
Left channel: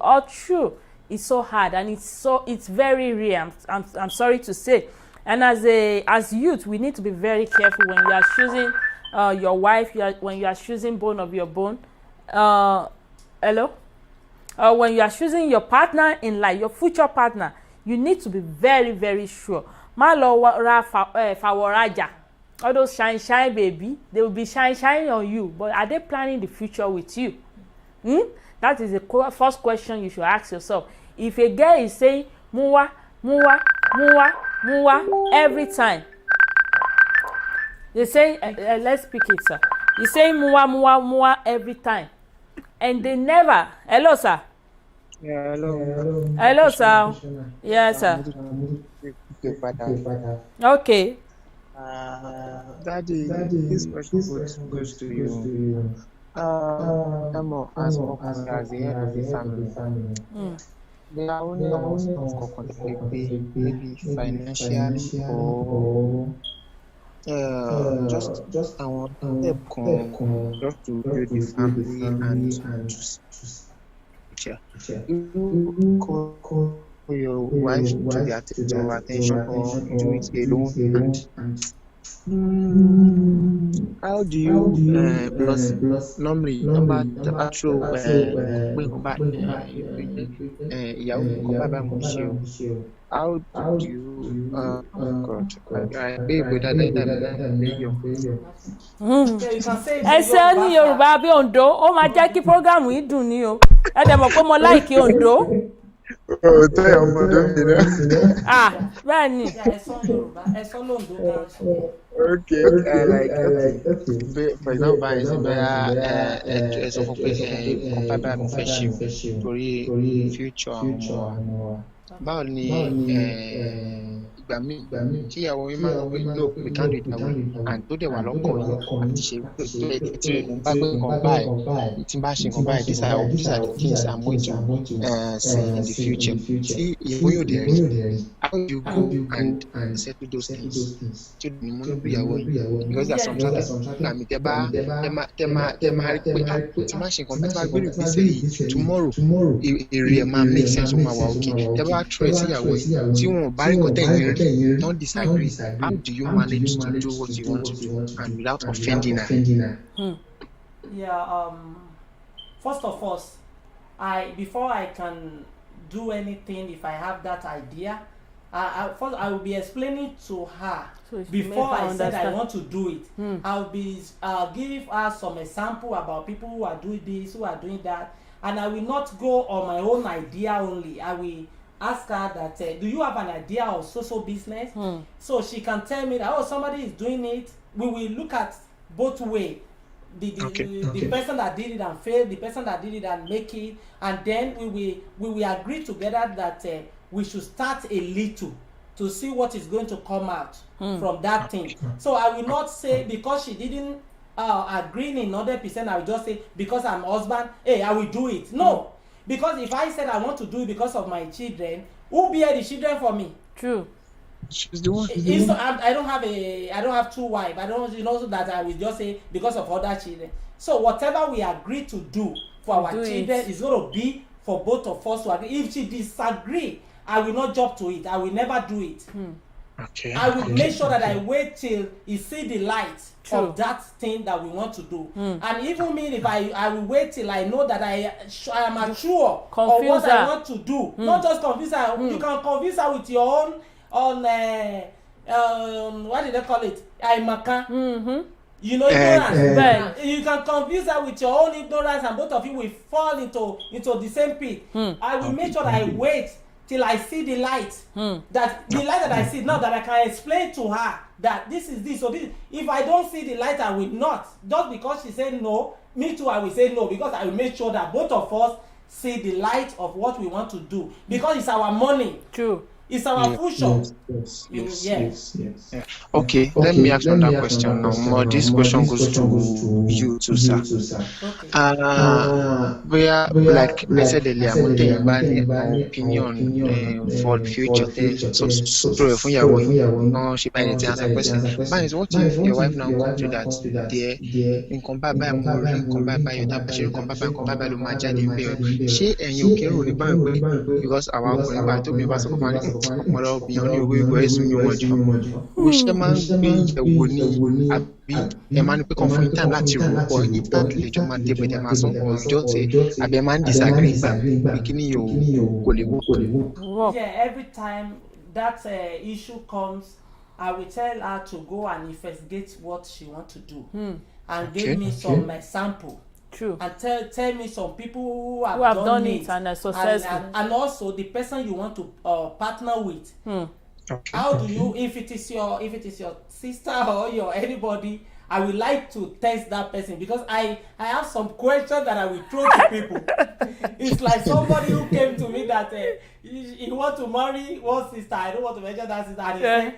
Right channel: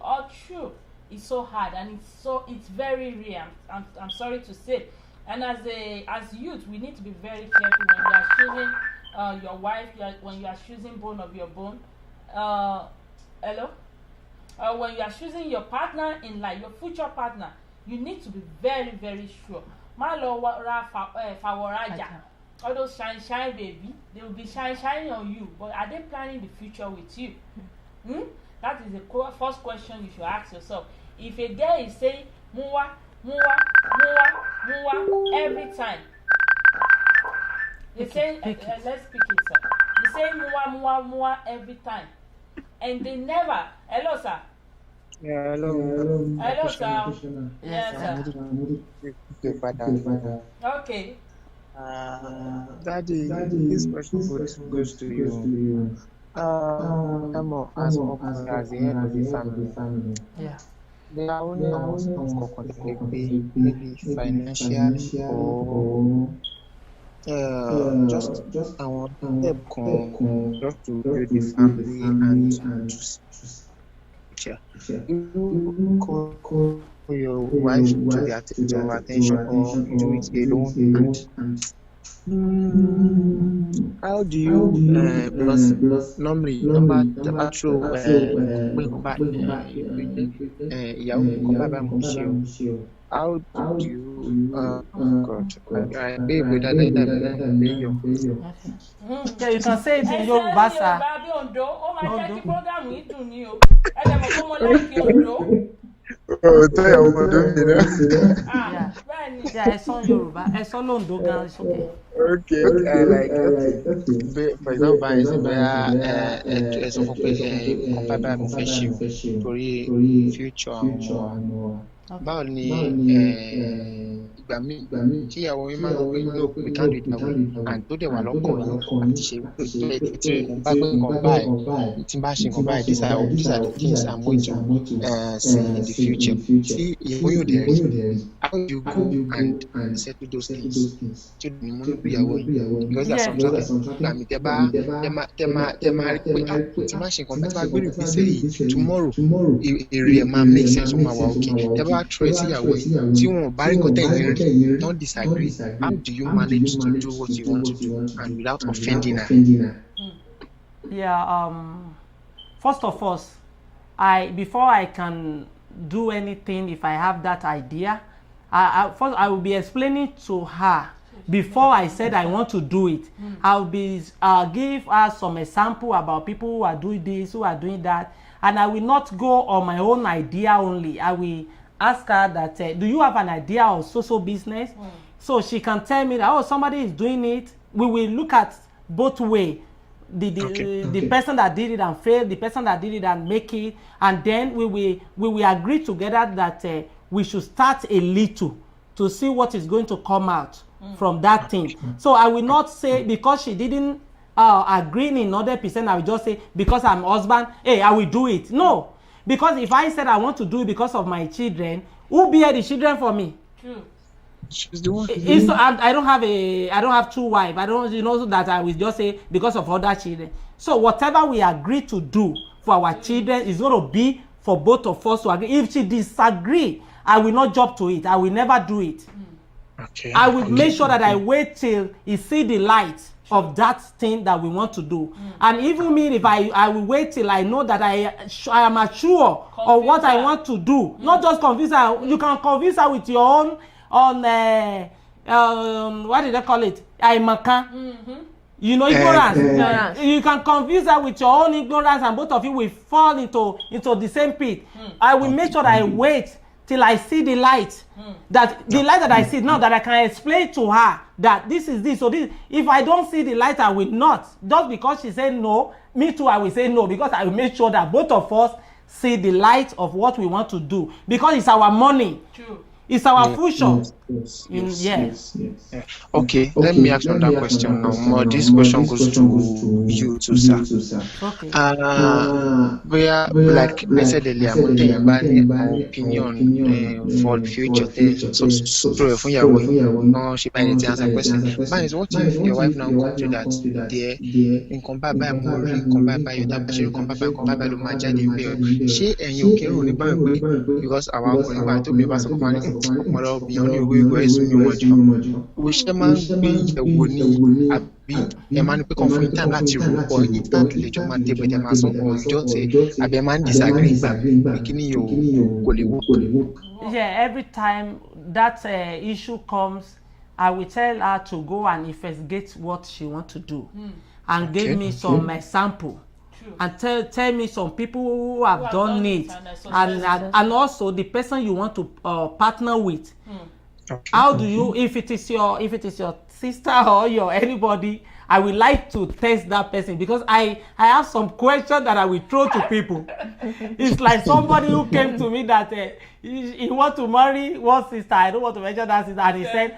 It's so hard, and it's very rare. I'm sorry to say. And as youth, we need to be very careful when you are choosing your wife. When you are choosing bone of your bone. Hello. When you are choosing your partner in life, your future partner, you need to be very, very sure. All those shine baby, they will be shine on you, but are they planning the future with you? That is the first question you should ask yourself. If a girl is saying muwa every time, they say let's speak it, sir. You say muwa every time, and they never. Hello, sir. Yeah, hello. Hello, sir. Yes, sir. Okay. Daddy, this question goes to you. Emo, as the head of the family, there are only almost maybe financially or just I want help just to build the family and to you call your wife to the attention or do it alone and how do you because normally the actual how do you God I baby that Yeah, you can say it ẹ in ṣe ní Yoruba, Yorùbá bí Ondo ó máa jẹ́ kí program yìí dùn ní o ẹ dẹ̀ mọ̀ pé mo láìkí Ondo. tell your mother Bẹ́ẹ̀ ni. sir. Yeah, ẹ sọ Yoruba, ẹ sọ Londo gan, it's okay. Okay, for example, báyìí sí bẹ́ẹ̀ ẹ sọ fún pé nǹkan báyìí mo fẹ́ ṣe o torí future àwọn ọmọ wa. Báwo ni ìgbà míì tí ìyàwó yín máa ń sọ pé no we can't do it that way and tó dẹ̀ wà lọ́kàn yín àti ṣe tí mo bá gbé nǹkan báyìí tí n bá ṣe nǹkan báyìí these are the things I'm going to see in the future. Tí ìyàwó yóò dẹ̀ rí how do you go and settle those things tí o ní mú níbi ìyàwó yín because there are some certain ìgbà mi tẹ máa rí pé tí n bá ṣe nǹkan báyìí tí n bá gbé ìgbésẹ̀ yìí tomorrow èrè ẹ̀ máa make sense ó máa wà okay tẹ bá try sí ìyàwó yín tí wọn ò bá rí nǹkan tẹ̀yìn rí don't disagree how do you manage to do what you want to do and without offending her? Yeah, first of all, before I can do anything, if I have that idea, first I will be explaining to her before I said I want to do it. I'll give her some example about people who are doing this, who are doing that, and I will not go on my own idea only. I will ask her that do you have an idea of social business? So she can tell me that, oh, somebody is doing it. We will look at both ways. The person that did it and failed, the person that did it and make it, and then we will agree together that we should start a little to see what is going to come out from that thing. So I will not say because she didn't agree in 100%, I will just say because I'm husband, hey, I will do it. No, because if I said I want to do it because of my children, who bear the children for me? True. She's the one. If so, I don't have two wives. I don't, that I will just say because of other children. So whatever we agree to do for our children is going to be for both of us to agree. If she disagree, I will not jump to it. I will never do it. Okay. I will make sure that I wait till he see the light of that thing that we want to do. And even me, if I will wait till I know that I am sure of what I want to do. Not just confuse her. You can confuse her with your own what did they call it? You know, ignorance. You can confuse her with your own ignorance, and both of you will fall into the same pit. I will make sure that I wait till I see the light. That the light that I see, now that I can explain to her that this is this. So this, if I don't see the light, I will not. Just because she said no, me too, I will say no, because I will make sure that both of us see the light of what we want to do. Because it's our money. True. It's our future. Yes. Okay, let me ask another question now. This question goes to you too, sir. We are, like I said earlier, I'm taking our opinion for the future. So, for your she might answer question. But what if your wife now come to that there in combat by more, in combat by your tabashir, combat by the majadi, she and you can only buy because our combat to be about ọ̀pọ̀lọpọ̀ obìnrin ní owó ìgbọ́ ẹ̀sùn ní wọn jù ó ṣe máa ń gbé ìyẹ̀wò ní àbí ẹ máa ń pẹ́ kàn fún yín time láti rò pọ̀ ìtàn lè jọ máa débẹ̀ tẹ́ máa sọ ọjọ́ tẹ àbí ẹ máa ń disagree gbà pé kí ni yóò kò lè wó. Yeah, every time that issue comes, I will tell her to go and investigate what she want to do and give me some sample. True. And tell me some people who have done it and also the person you want to partner with. Okay. How do you, if it is your sister or your anybody, I would like to test that person because I have some questions that I will throw to people. It's like somebody who came to me that he want to marry one sister. I don't want to mention that sister, and he said,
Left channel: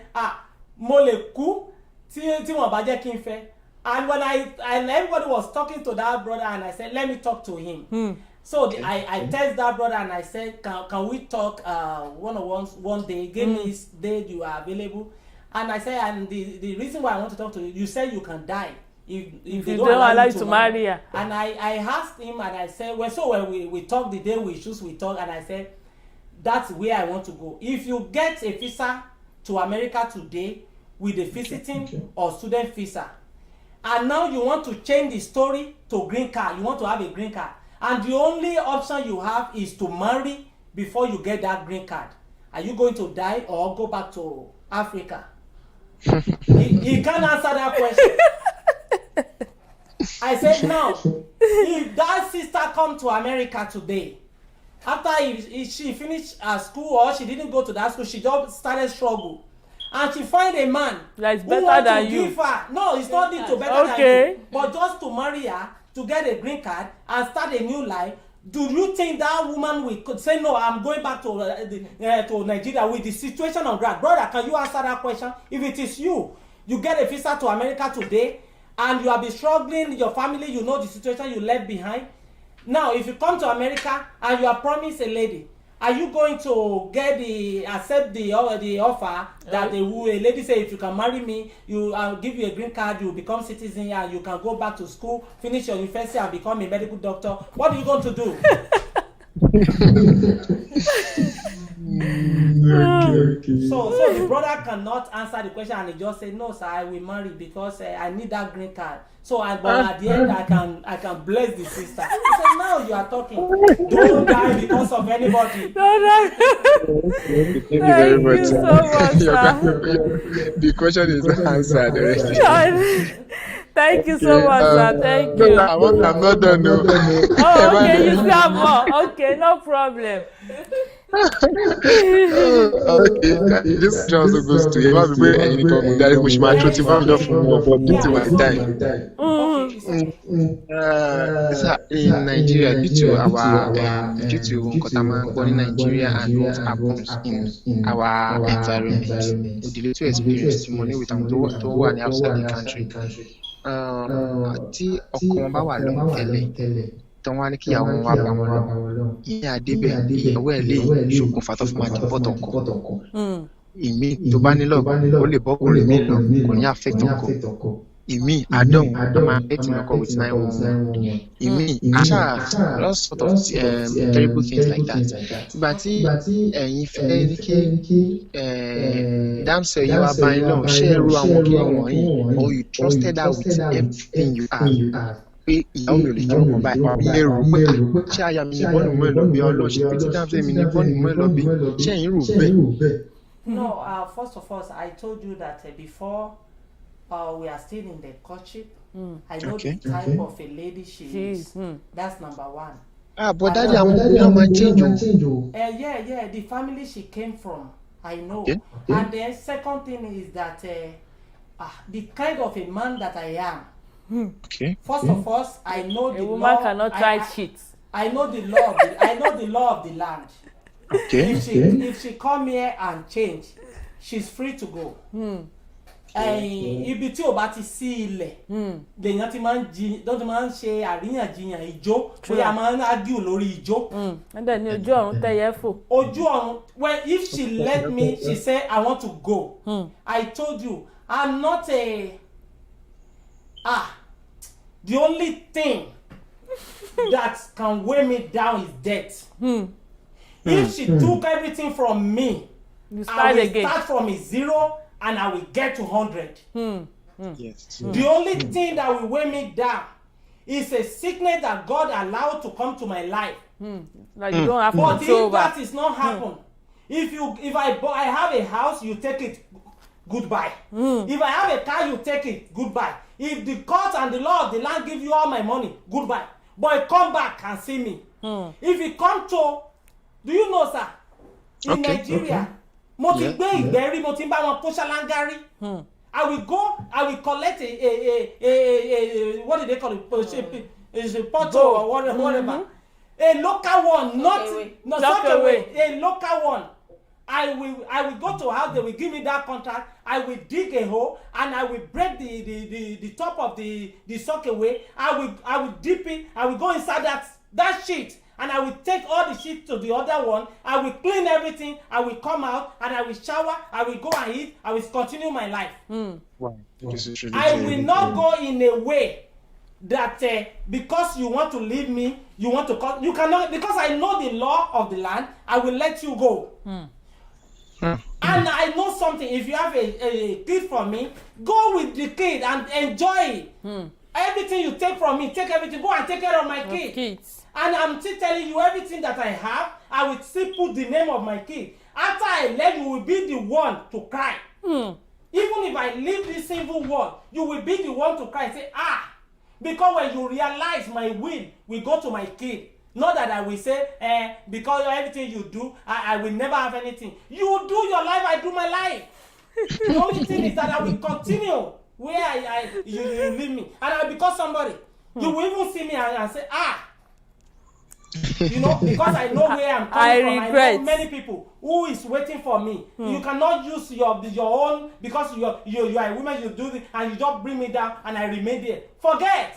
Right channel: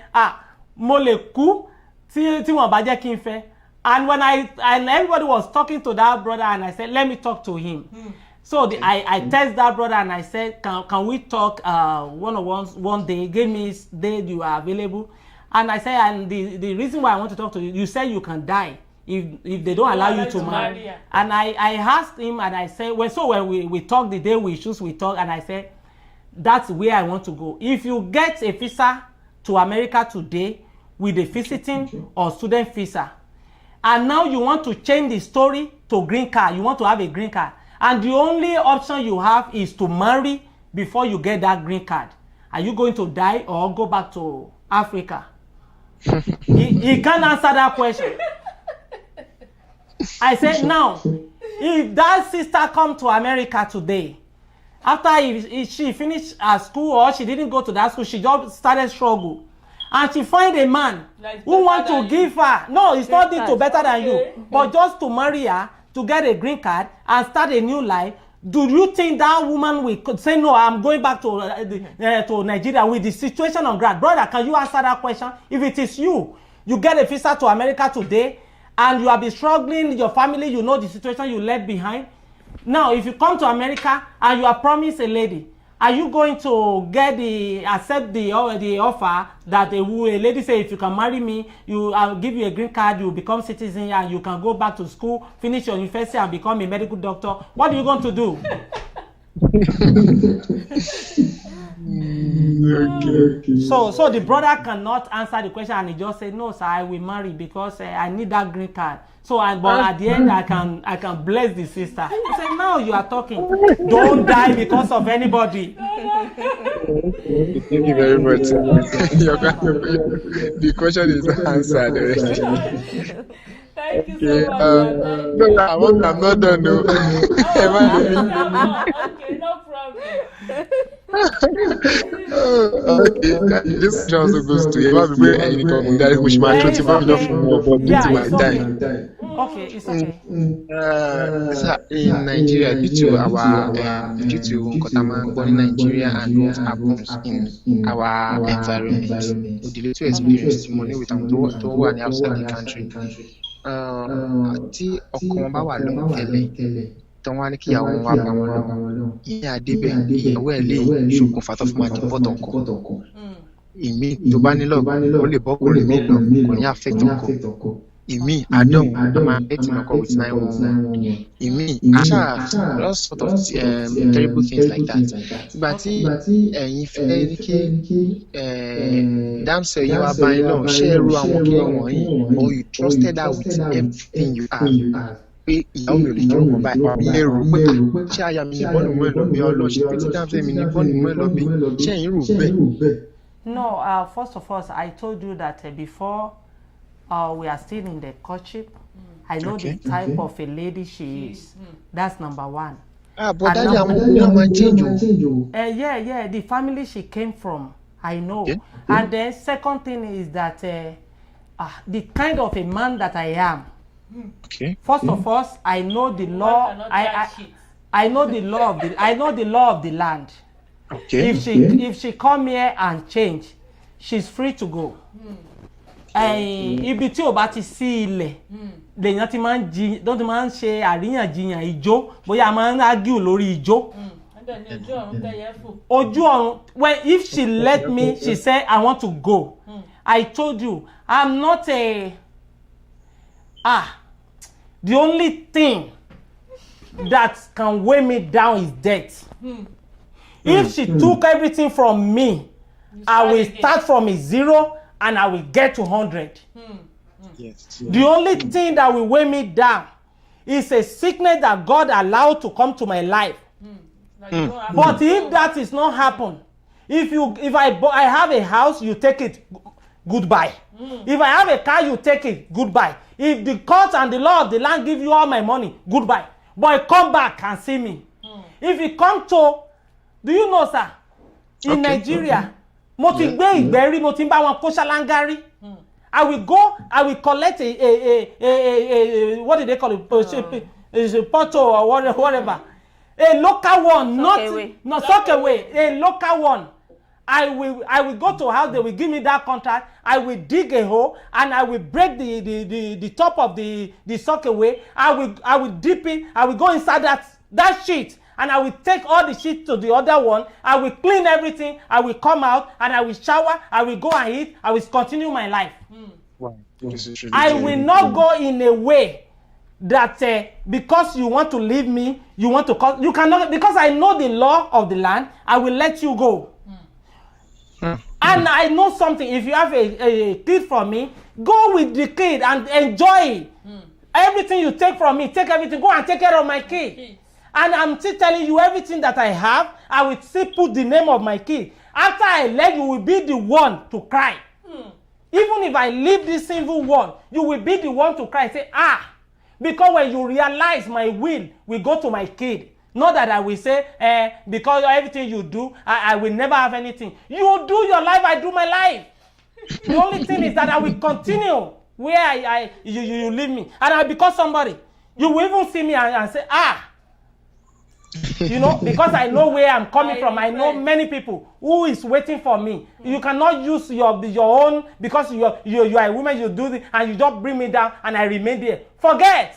mo le kú tí wọ́n bá jẹ́ kí n fẹ́. And when and everybody was talking to that brother, and I said, let me talk to him. So I text that brother and I said, can we talk one day? He gave me his day you are available. And I said, and the reason why I want to talk to you, you said you can die if they don't allow you to marry. And I asked him and I said, well, so when we talk the day we choose, we talk, and I said, that's where I want to go. If you get a visa to America today with a visiting or student visa, and now you want to change the story to green card, you want to have a green card, and the only option you have is to marry before you get that green card. Are you going to die or go back to Africa? he can't answer that question. I said, now, if that sister come to America today, after if she finished her school or she didn't go to that school, she just started struggle. And she find a man who want to give her. No, it's not to better than you. But just to marry her, to get a green card and start a new life. Do you think that woman will say, no, I'm going back to Nigeria with the situation on ground? Brother, can you answer that question? If it is you get a visa to America today and you have been struggling, your family, you know the situation you left behind. Now, if you come to America and you are promised a lady, are you going to accept the offer that a lady say, if you can marry me, I'll give you a green card, you become citizen, and you can go back to school, finish your university, and become a medical doctor? What are you going to do? Okay. So the brother cannot answer the question, and he just said, no, sir, I will marry because I need that green card. So, but at the end, I can bless the sister. I said, now you are talking. Don't die because of anybody. Thank you very much. The question is answered already. Thank you so much, sir. Thank you. I'm not done, no. Okay, you got more. Okay, no problem. Okay, this also goes to you. I'm very anything that which my truth is enough for due to my time. Okay, it's okay. In Nigeria, due to Nkotama born in Nigeria and what happens in our environment, with the little experience, money with them to one outside the country. Tí ọkọ wọn bá wà lọ́hùn tẹ́lẹ̀ tí wọ́n á ní kí ìyàwó wọn wá bá wọn lọ́hùn ìyẹn àdébẹ̀ ìyàwó ẹ̀ lè ṣokùnfà tó fi máa di pọ̀tọ̀ ọkọ ìmí tó bá nílò ó lè bọ́kùnrin míì lọ kò ní affect ọkọ ìmí àdéhùn a máa affect ọkọ with 911 ìmí àṣà all sort of terrible things like that ìgbà tí ẹ̀yin fẹ́ ní kí damsel yìí wá bá yín lọ́hùn ṣé ẹ ro àwọn kí wọ̀nyí or you trusted her with everything you have pé ìyàwó mi ò lè jẹ́ ọkàn báyìí wà bí ẹ rò pé ṣé aya mi ní bọ́ọ̀nù mọ́ ẹ lọ bí ọlọ́run ṣe pé tí damsel mi ní bọ́ọ̀nù mọ́ ẹ lọ bí ṣé ẹ̀yin rò bẹ́ẹ̀. No, first of all, I told you that before we are still in the courtship, I know the type of a lady she is. That's number one. But daddy, I'm not change. Yeah, the family she came from, I know. Okay. And the second thing is that the kind of a man that I am. Okay. First of all, I know the woman law. cannot try shit. I know the law of the. I know the law of the land. Okay. If she come here and change, she's free to go. Ibi tí o bá ti sí ilẹ̀ lèèyàn ti máa ń ṣe àríyànjiyàn ìjó bóyá máa ń argue lórí ìjó. Ẹ̀dẹ̀ ni ojú ọ̀run tẹ̀yẹ fò. Ojú ọ̀run if she let me she say I want to go. I told you I'm not the only thing that can weigh me down is death. If she took everything from me, I will start from a 0 and I will get to 100. Yes. The only thing that will weigh me down is a sickness that God allowed to come to my life. Like you don't have But control if that is not happen, if I have a house, you take it, goodbye. If I have a car, you take it, goodbye. If the court and the law of the land give you all my money, goodbye. But come back and see me. If you come to, do you know, sir, in Nigeria, mo ti gbé ìgbẹ́rí, mo ti ń bá wọn kó ṣáláńgárí. I will collect a what do they call it? A portal or whatever. A local one, not such a way. A local one. I will go to a house, they will give me that contract, I will dig a hole and I will break the top of the sockaway. I will dip it, I will go inside that sheet and I will take all the sheet to the other one, I will clean everything, I will come out and I will shower, I will go and eat, I will continue my life. Wow. This is really I will not go in a way that because you want to leave me, you want to call, you cannot, because I know the law of the land, I will let you go. And I know something, if you have a kid from me, go with the kid and enjoy it. Everything you take from me, take everything, go and take care of my kid. And I'm still telling you everything that I have, I will still put the name of my kid. After I left, you will be the one to cry. Even if I leave this single one, you will be the one to cry. Say, because when you realize my will go to my kid. Not that I will say, because of everything you do, I will never have anything. You do your life, I do my life. The only thing is that I will continue where you leave me. And I become somebody. You will even see me and say, you know, because I know where I'm coming from. I know many people who is waiting for me. You cannot use your own, because you are a woman, you do this, and you just bring me down and I remain there. Forget.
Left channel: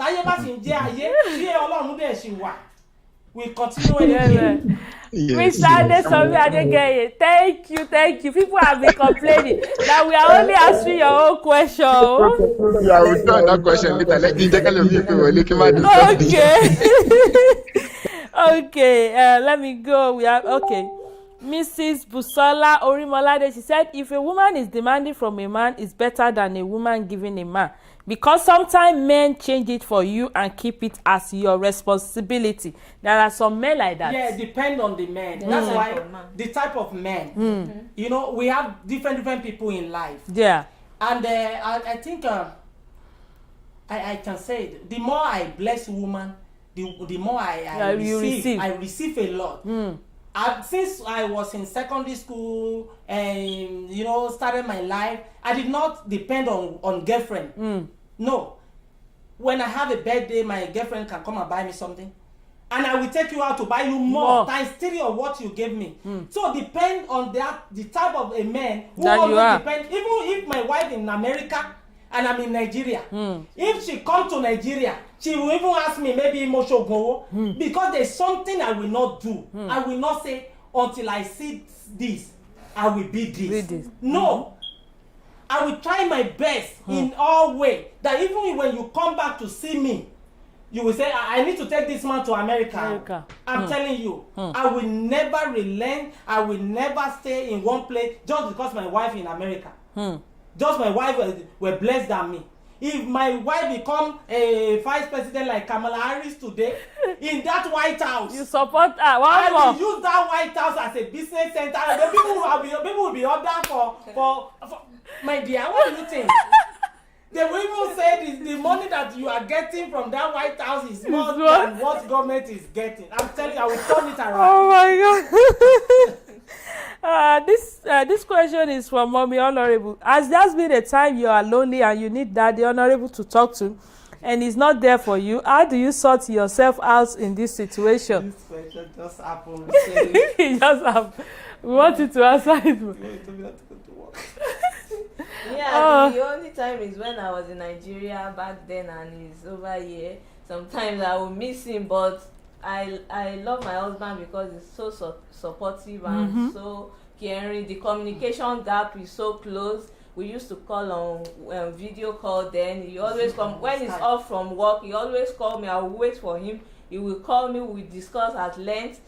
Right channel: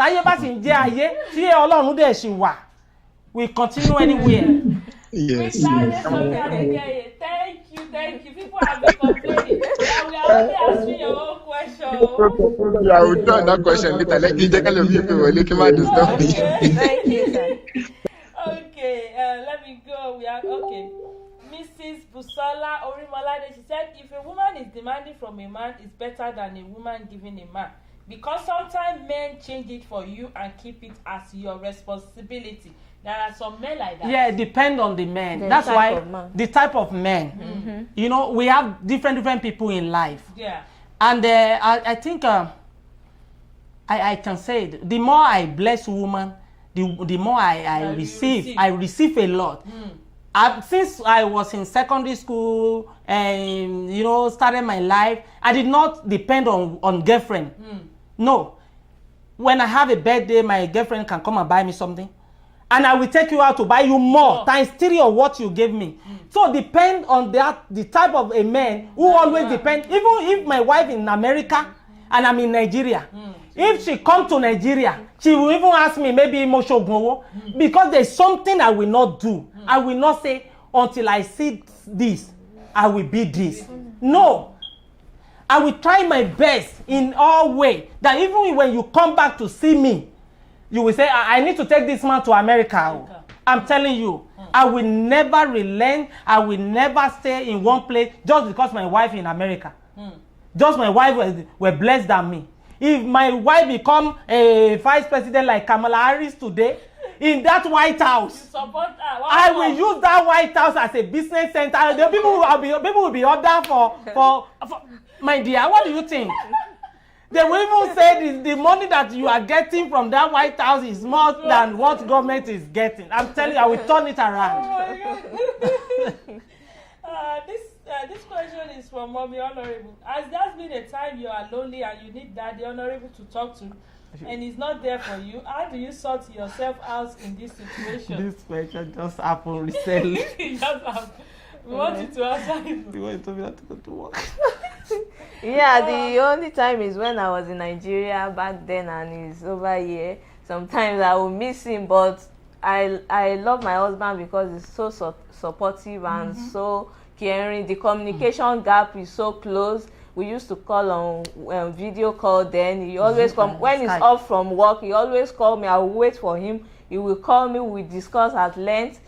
Táyé bá sì ń jẹ́ ayé, tí Ọlọ́run dẹ̀ ṣì wà. We continue anyway. Mr. Adesobi Adegeye, thank you. People have been complaining that we are only answering your own question. Yeah, I will turn that question later. Let me check out Okay, let me go. We have Mrs. Busola Orimolade, she said, if a woman is demanding from a man, it's better than a woman giving a man. Because sometimes men change it for you and keep it as your responsibility. There are some men like that. Yeah, depend on the man. That's why the type of men. You know, we have different people in life. Yeah. And I think I can say it. The more I bless woman, the more I receive. I receive a lot. Since I was in secondary school and started my life, I did not depend on girlfriend. No. When I have a birthday, my girlfriend can come and buy me something, and I will take you out to buy you more times 3 of what you gave me. So depend on the type of a man who always depend. Even if my wife in America and I'm in Nigeria, if she come to Nigeria, she will even ask me maybe Moshogowo, because there's something I will not do. I will not say until I see this, I will be this. No. I will try my best in all way that even when you come back to see me, you will say, I need to take this man to America. I'm telling you, I will never relent. I will never stay in one place just because my wife in America. Just my wife were blessed than me. If my wife become a vice president like Kamala Harris today, in that White House, you support her. I will use that White House as a business center. The people will be ordered for my dear. What do you think? They will even say the money that you are getting from that White House is more than what government is getting. I'm telling you, I will turn it around. Oh my God. This question is from Mommy Honorable. Has there been a time you are lonely and you need Daddy Honorable to talk to, and he's not there for you? How do you sort yourself out in this situation? This question just happened recently. It just happened. We want you to answer it. You want to go to work? Yeah, the only time is when I was in Nigeria back then, and he's over here. Sometimes I will miss him, but I love my husband because he's so supportive and so caring. The communication gap is so close. We used to call on video call then. He always come when he's off from work. He always call me. I will wait for him. He will call me. We discuss at length.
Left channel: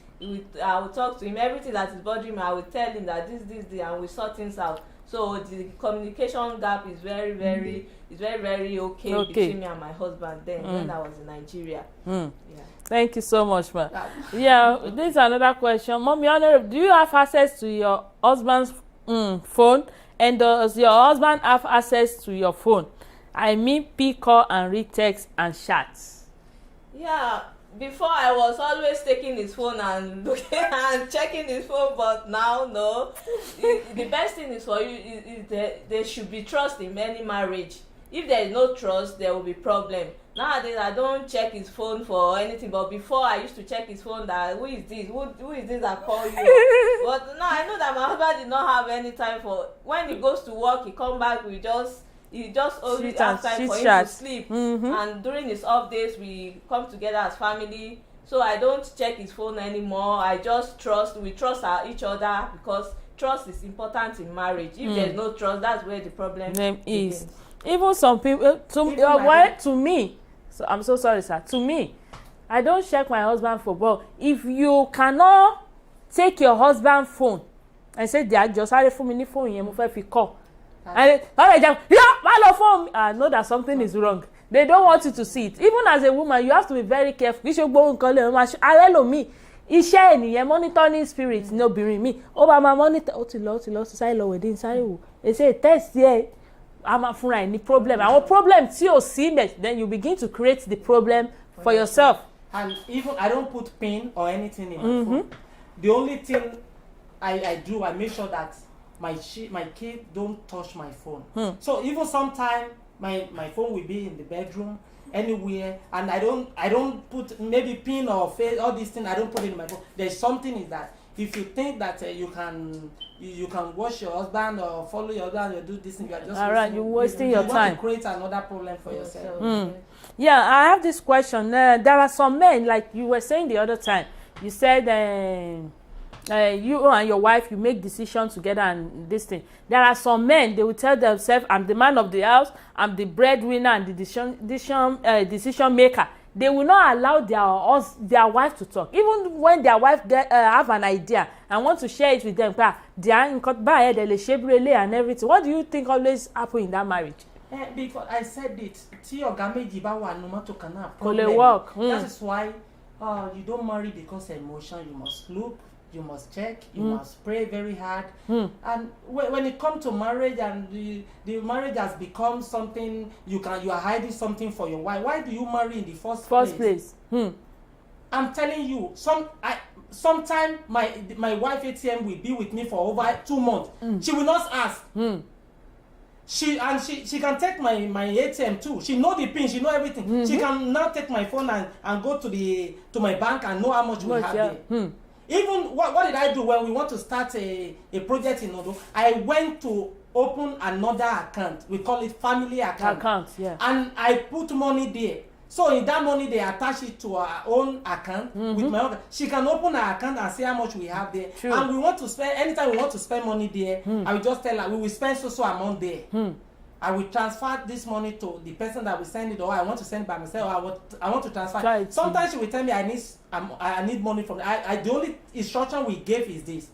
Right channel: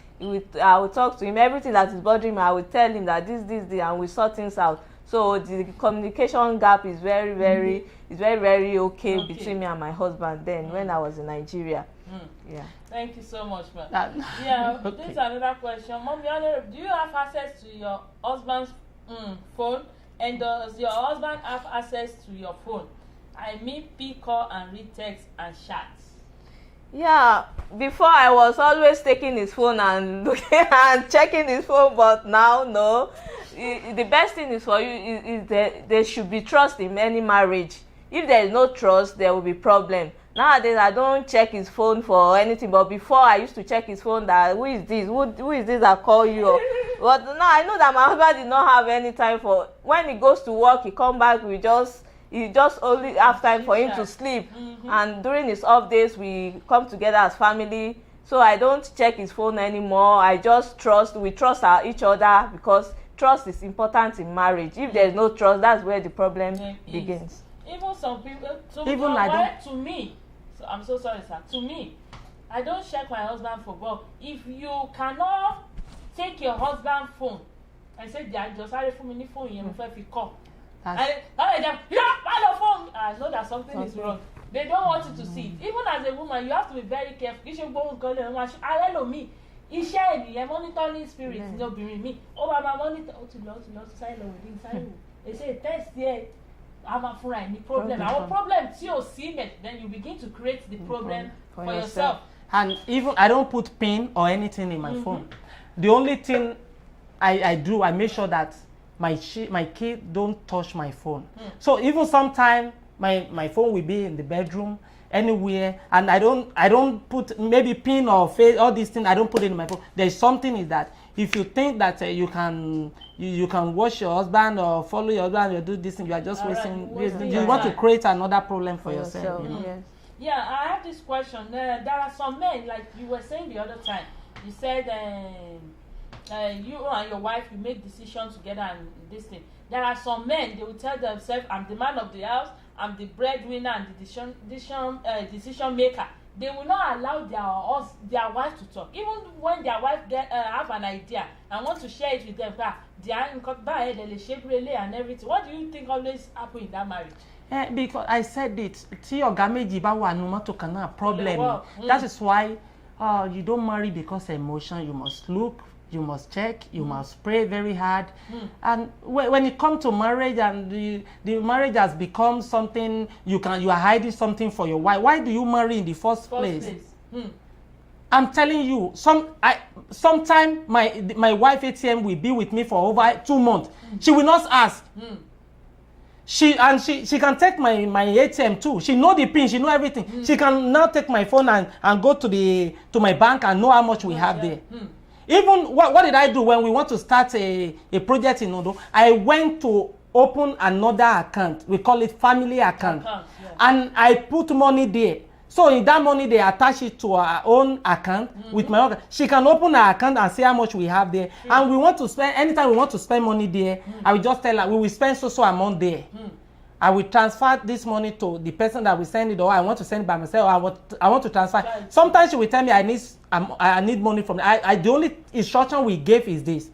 I will talk to him. Everything that is bothering me, I will tell him that this, and we sort things out. So the communication gap is very, very okay between me and my husband then when I was in Nigeria. Yeah. Thank you so much, man. Yeah, this is another question. Mommy Honorable, do you have access to your husband's phone? And does your husband have access to your phone? I mean, pick call and read text and chats. Yeah, before I was always taking his phone and looking and checking his phone, but now no. The best thing is for you is that there should be trust in any marriage. If there is no trust, there will be problem. Nowadays I don't check his phone for anything, but before I used to check his phone that who is this that call you. But now I know that my husband did not have any time for when he goes to work. He come back, he just only have time for him to sleep. And during his off days we come together as family, so I don't check his phone anymore. I just we trust each other, because trust is important in marriage. If there's no trust, that's where the problem begins. Even some people to me, so I'm so sorry sir, to me, I don't check my husband for, but if you cannot take your husband phone and say they are just for me phone yẹn mo fẹ́ fi call, and I know that something is wrong. They don't want you to see it. Even as a woman, you have to be very careful. You should go and me. Iṣẹ́ ènìyàn monitoring spirit ní obìnrin mi. Ó bá máa monitor ó ti lọ sáré lọ wẹ̀dẹ̀ sáré wò. They say test here. I'm a fúnra ẹ̀ ní problem. Our problem tí o sí mẹ́, then you begin to create the problem for yourself. And even I don't put pin or anything in my phone. The only thing I do, I make sure that my kid don't touch my phone. So even sometimes my phone will be in the bedroom, anywhere, and I don't put maybe pin or face, all these things. I don't put it in my phone. There's something is that if you think that you can watch your husband or follow your husband, you do this thing, you are just wasting your time. You want to create another problem for yourself. Yeah, I have this question. There are some men, like you were saying the other time. You said you and your wife, you make decisions together and this thing. There are some men, they will tell themselves, I'm the man of the house, I'm the breadwinner and the decision maker. They will not allow their wife to talk. Even when their wife have an idea and want to share it with them, they are in and everything. What do you think always happen in that marriage? Because I said it, problem. That is why you don't marry because of emotion. You must look you must check, you must pray very hard. And when it comes to marriage, and the marriage has become something you are hiding something for your wife. Why do you marry in the first place? I'm telling you, sometime my wife ATM will be with me for over 2 months. She will not ask. She can take my ATM too. She know the pin, she know everything. She can now take my phone and go to my bank and know how much we have there. Even what did I do when we want to start a project in Ondo? I went to open another account. We call it family account. And I put money there. So in that money, they attach it to our own account with my own. She can open her account and see how much we have there. True. And we want to spend, anytime we want to spend money there, I will just tell her, we will spend so amount there. I will transfer this money to the person that will send it, or I want to send it by myself, or I want to transfer. Right. Sometimes she will tell me I need money from the only instruction we gave is this.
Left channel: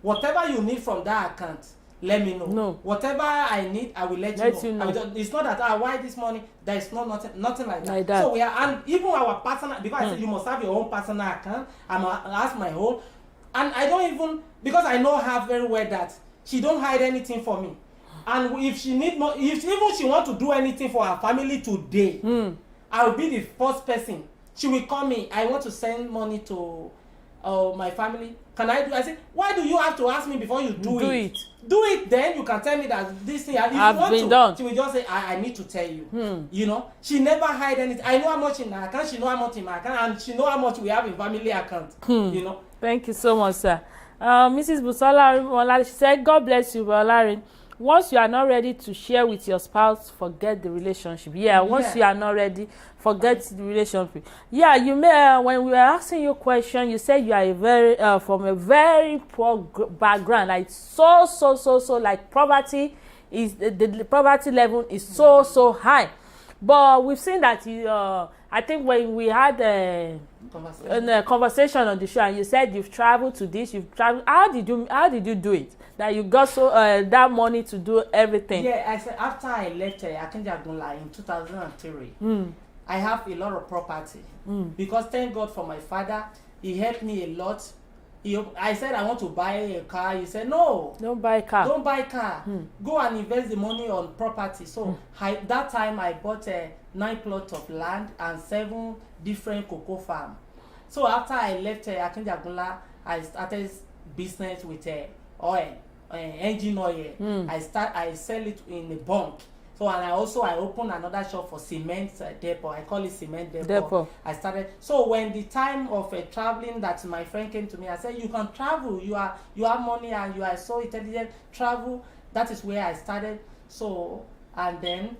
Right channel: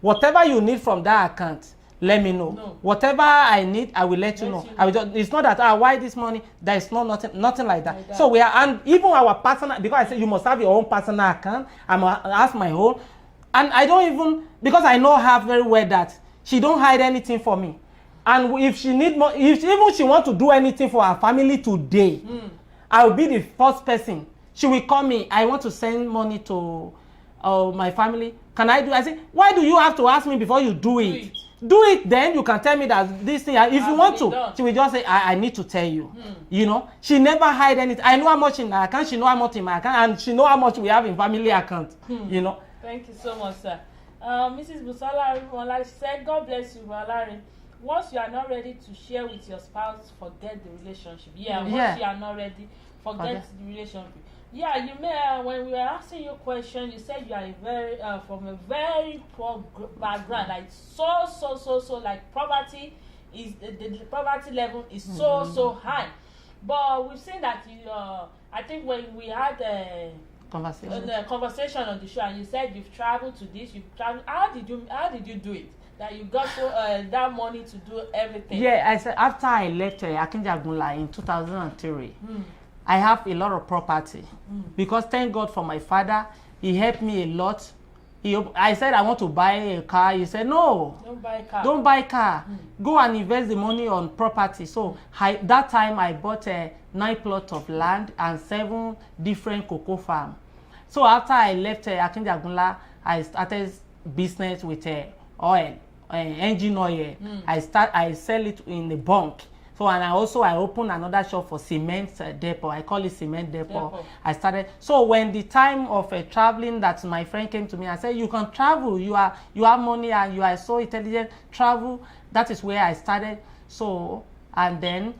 Whatever you need from that account, let me know. No. Whatever I need, I will let you know. I will just, it's not that why this money. There is nothing like that. So we are, and even our personal, because I said you must have your own personal account. I'm ask my own, and I don't even, because I know her very well that she don't hide anything for me. And if she need more, if even she want to do anything for her family today, I will be the first person. She will call me. I want to send money to my family. Can I do? I say, why do you have to ask me before you do it? Do it, then you can tell me that this thing. If you want to, done. She will just say, I need to tell you. You know, she never hide anything. I know how much in her account. She know how much in my account, and she know how much we have in family account. You know. Thank you so much, sir. Mrs. Busola, she said, God bless you, Olari. Once you are not ready to share with your spouse, forget the relationship. Once you are not ready, forget the relationship. You may when we were asking you a question, you said you are from a very poor background, like so like poverty is the poverty level is so high. But we've seen that you I think when we had a conversation on the show, and you said you've traveled to this, you've traveled. How did you do it? That you got that money to do everything? I said after I left Akinji Agunla in 2003, I have a lot of property because thank God for my father. He helped me a lot. I said I want to buy a car. He said no. Don't buy a car. Don't buy a car. Go and invest the money on property. So that time I bought 9 plots of land and 7 different cocoa farms. So after I left Akinji Agunla, I started business with oil. Engine oil. I sell it in the bunk. So and I opened another shop for cement depot. I call it cement depot. I started. So when the time of traveling, that my friend came to me, I said, you can travel. You have money and you are so intelligent. Travel. That is where I started. So and then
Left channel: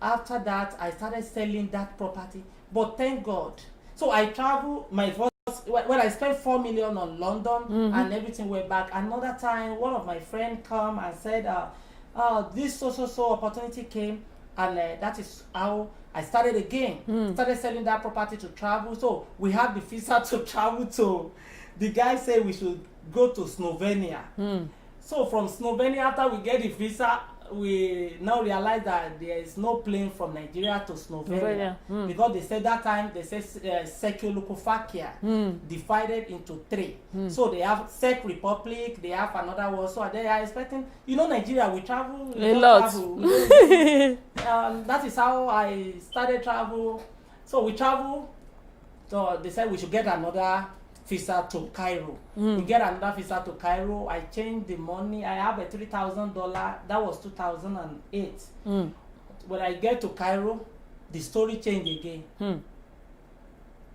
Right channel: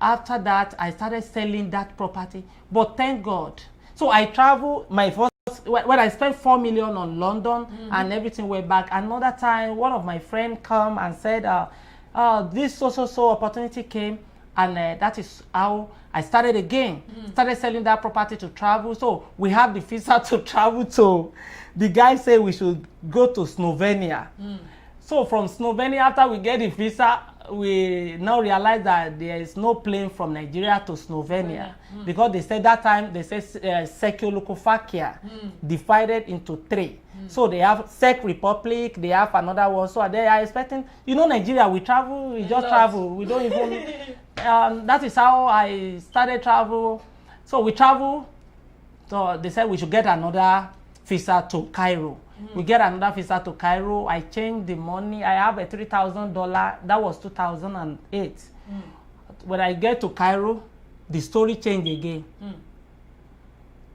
after that I started selling that property. But thank God. So I travel. My first, when I spent 4 million on London and everything went back. Another time, one of my friends come and said, this so opportunity came, and that is how I started again. Started selling that property to travel. So we have the visa to travel to. The guy said we should go to Slovenia. So from Slovenia, after we get the visa, we now realize that there is no plane from Nigeria to Slovenia because they said that time they said Czechoslovakia divided into 3. So they have Czech Republic, they have another one. So they are expecting, Nigeria, we travel, we don't travel, we don't even, that is how I started travel. So we travel. So they said we should get another visa to Cairo. We get another visa to Cairo. I changed the money. I have a $3,000. That was 2008. When I get to Cairo, the story changed again.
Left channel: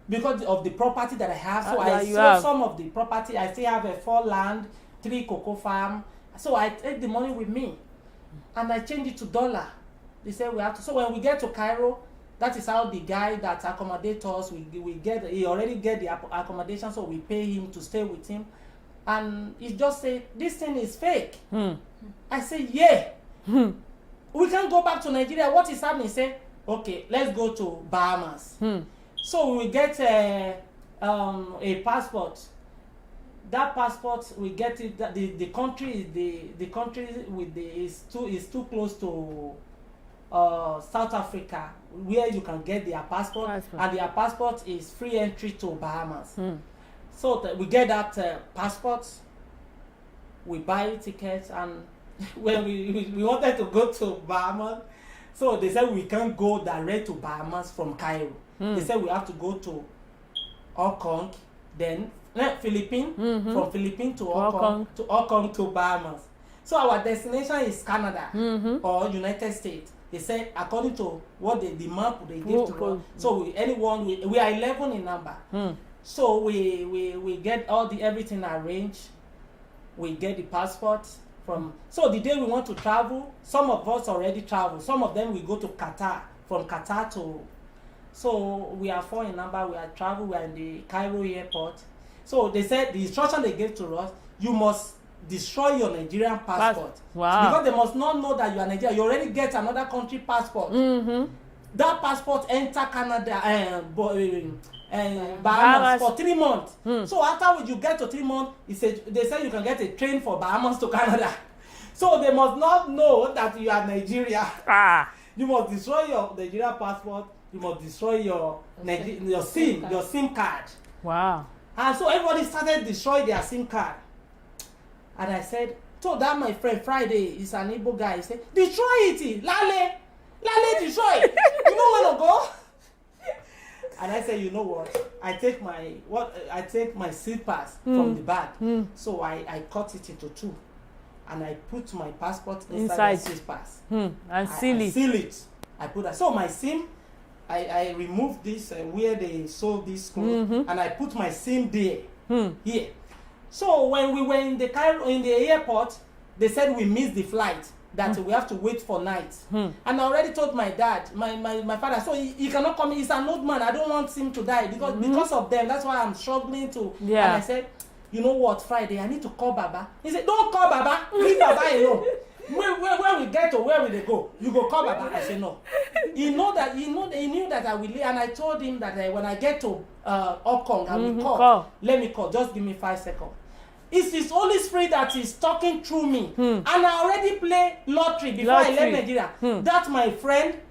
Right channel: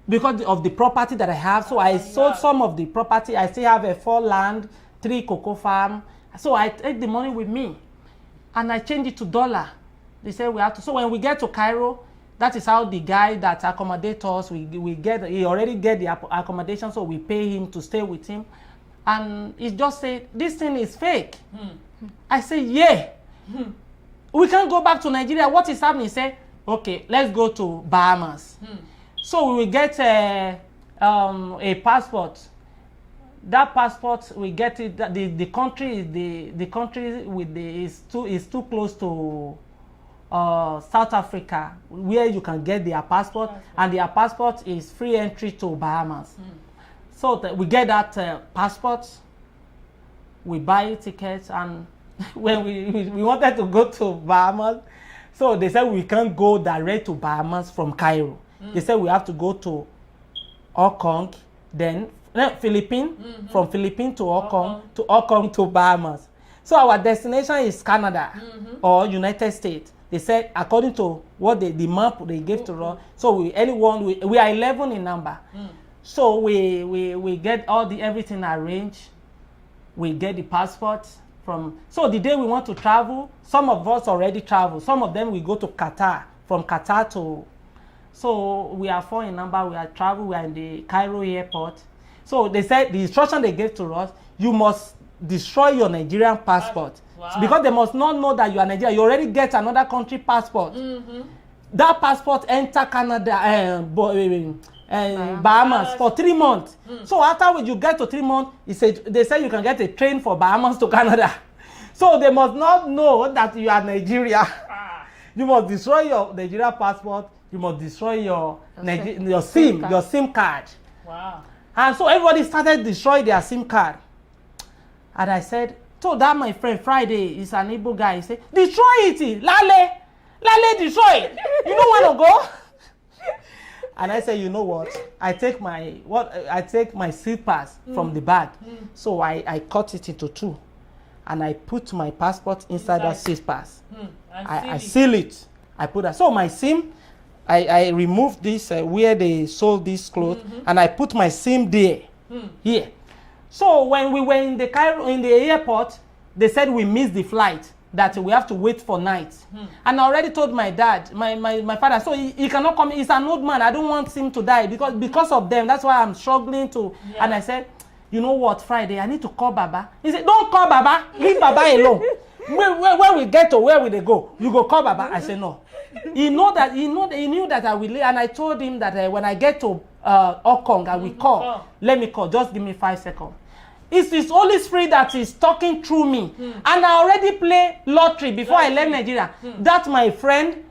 Because of the property that I have. So I sold some of the property. I still have a 4 land, 3 cocoa farm. So I take the money with me. And I change it to dollar. They say we have to. So when we get to Cairo, that is how the guy that accommodates us, he already get the accommodation, so we pay him to stay with him. And he just said, this thing is fake. I say, yeah. We can't go back to Nigeria. What is happening? He said, okay, let's go to Bahamas. So we will get a passport. That passport, we get it. The country is too close to South Africa, where you can get their passport, and their passport is free entry to Bahamas. So we get that passport, we buy tickets, and when we wanted to go to Bahamas, so they said we can't go direct to Bahamas from Cairo. They said we have to go to Hong Kong, then Philippines, from Philippines to Hong Kong to Bahamas. So our destination is Canada or United States. They said according to what the map they gave to us. So we are 11 in number. So we get everything arranged. We get the passports from. So the day we want to travel, some of us already travel. Some of them we go to Qatar. From Qatar to. So we are 4 in number. We are travel. We are in the Cairo airport. So they said the instruction they gave to us: you must destroy your Nigerian passport. Wow. Because they must not know that you are Nigerian. You already get another country passport. That passport enter Canada Bahamas for 3 months. So after you get to 3 months, they say you can get a train for Bahamas to Canada. So they must not know that you are Nigeria. You must destroy your Nigerian passport. You must destroy your SIM card. Wow. And so everybody started destroying their SIM card. And I said, so that my friend Friday is an Igbo guy. He said, destroy it, Lale, destroy it. You know where to go? And I said, you know what? I take my seat pass from the bag. So I cut it into 2, and I put my passport inside that seat pass. And I seal it. I put that. So my SIM, I removed this where they sold this clothes, and I put my SIM there, here. So when we were in the airport, they said we missed the flight, that we have to wait for night. And I already told my dad, my father, so he cannot come. He's an old man. I don't want him to die because of them. That's why I'm struggling to. Yeah. And I said, you know what, Friday, I need to call Baba. He said, don't call Baba. Leave Baba alone. When we get to where will they go? You go call Baba. I said no. He knew that I will leave, and I told him that when I get to Hong Kong, I will call. Let me call. Just give me 5 seconds. It's His Holy Spirit that is talking through me. And I already play lottery before I left Nigeria. That's my friend.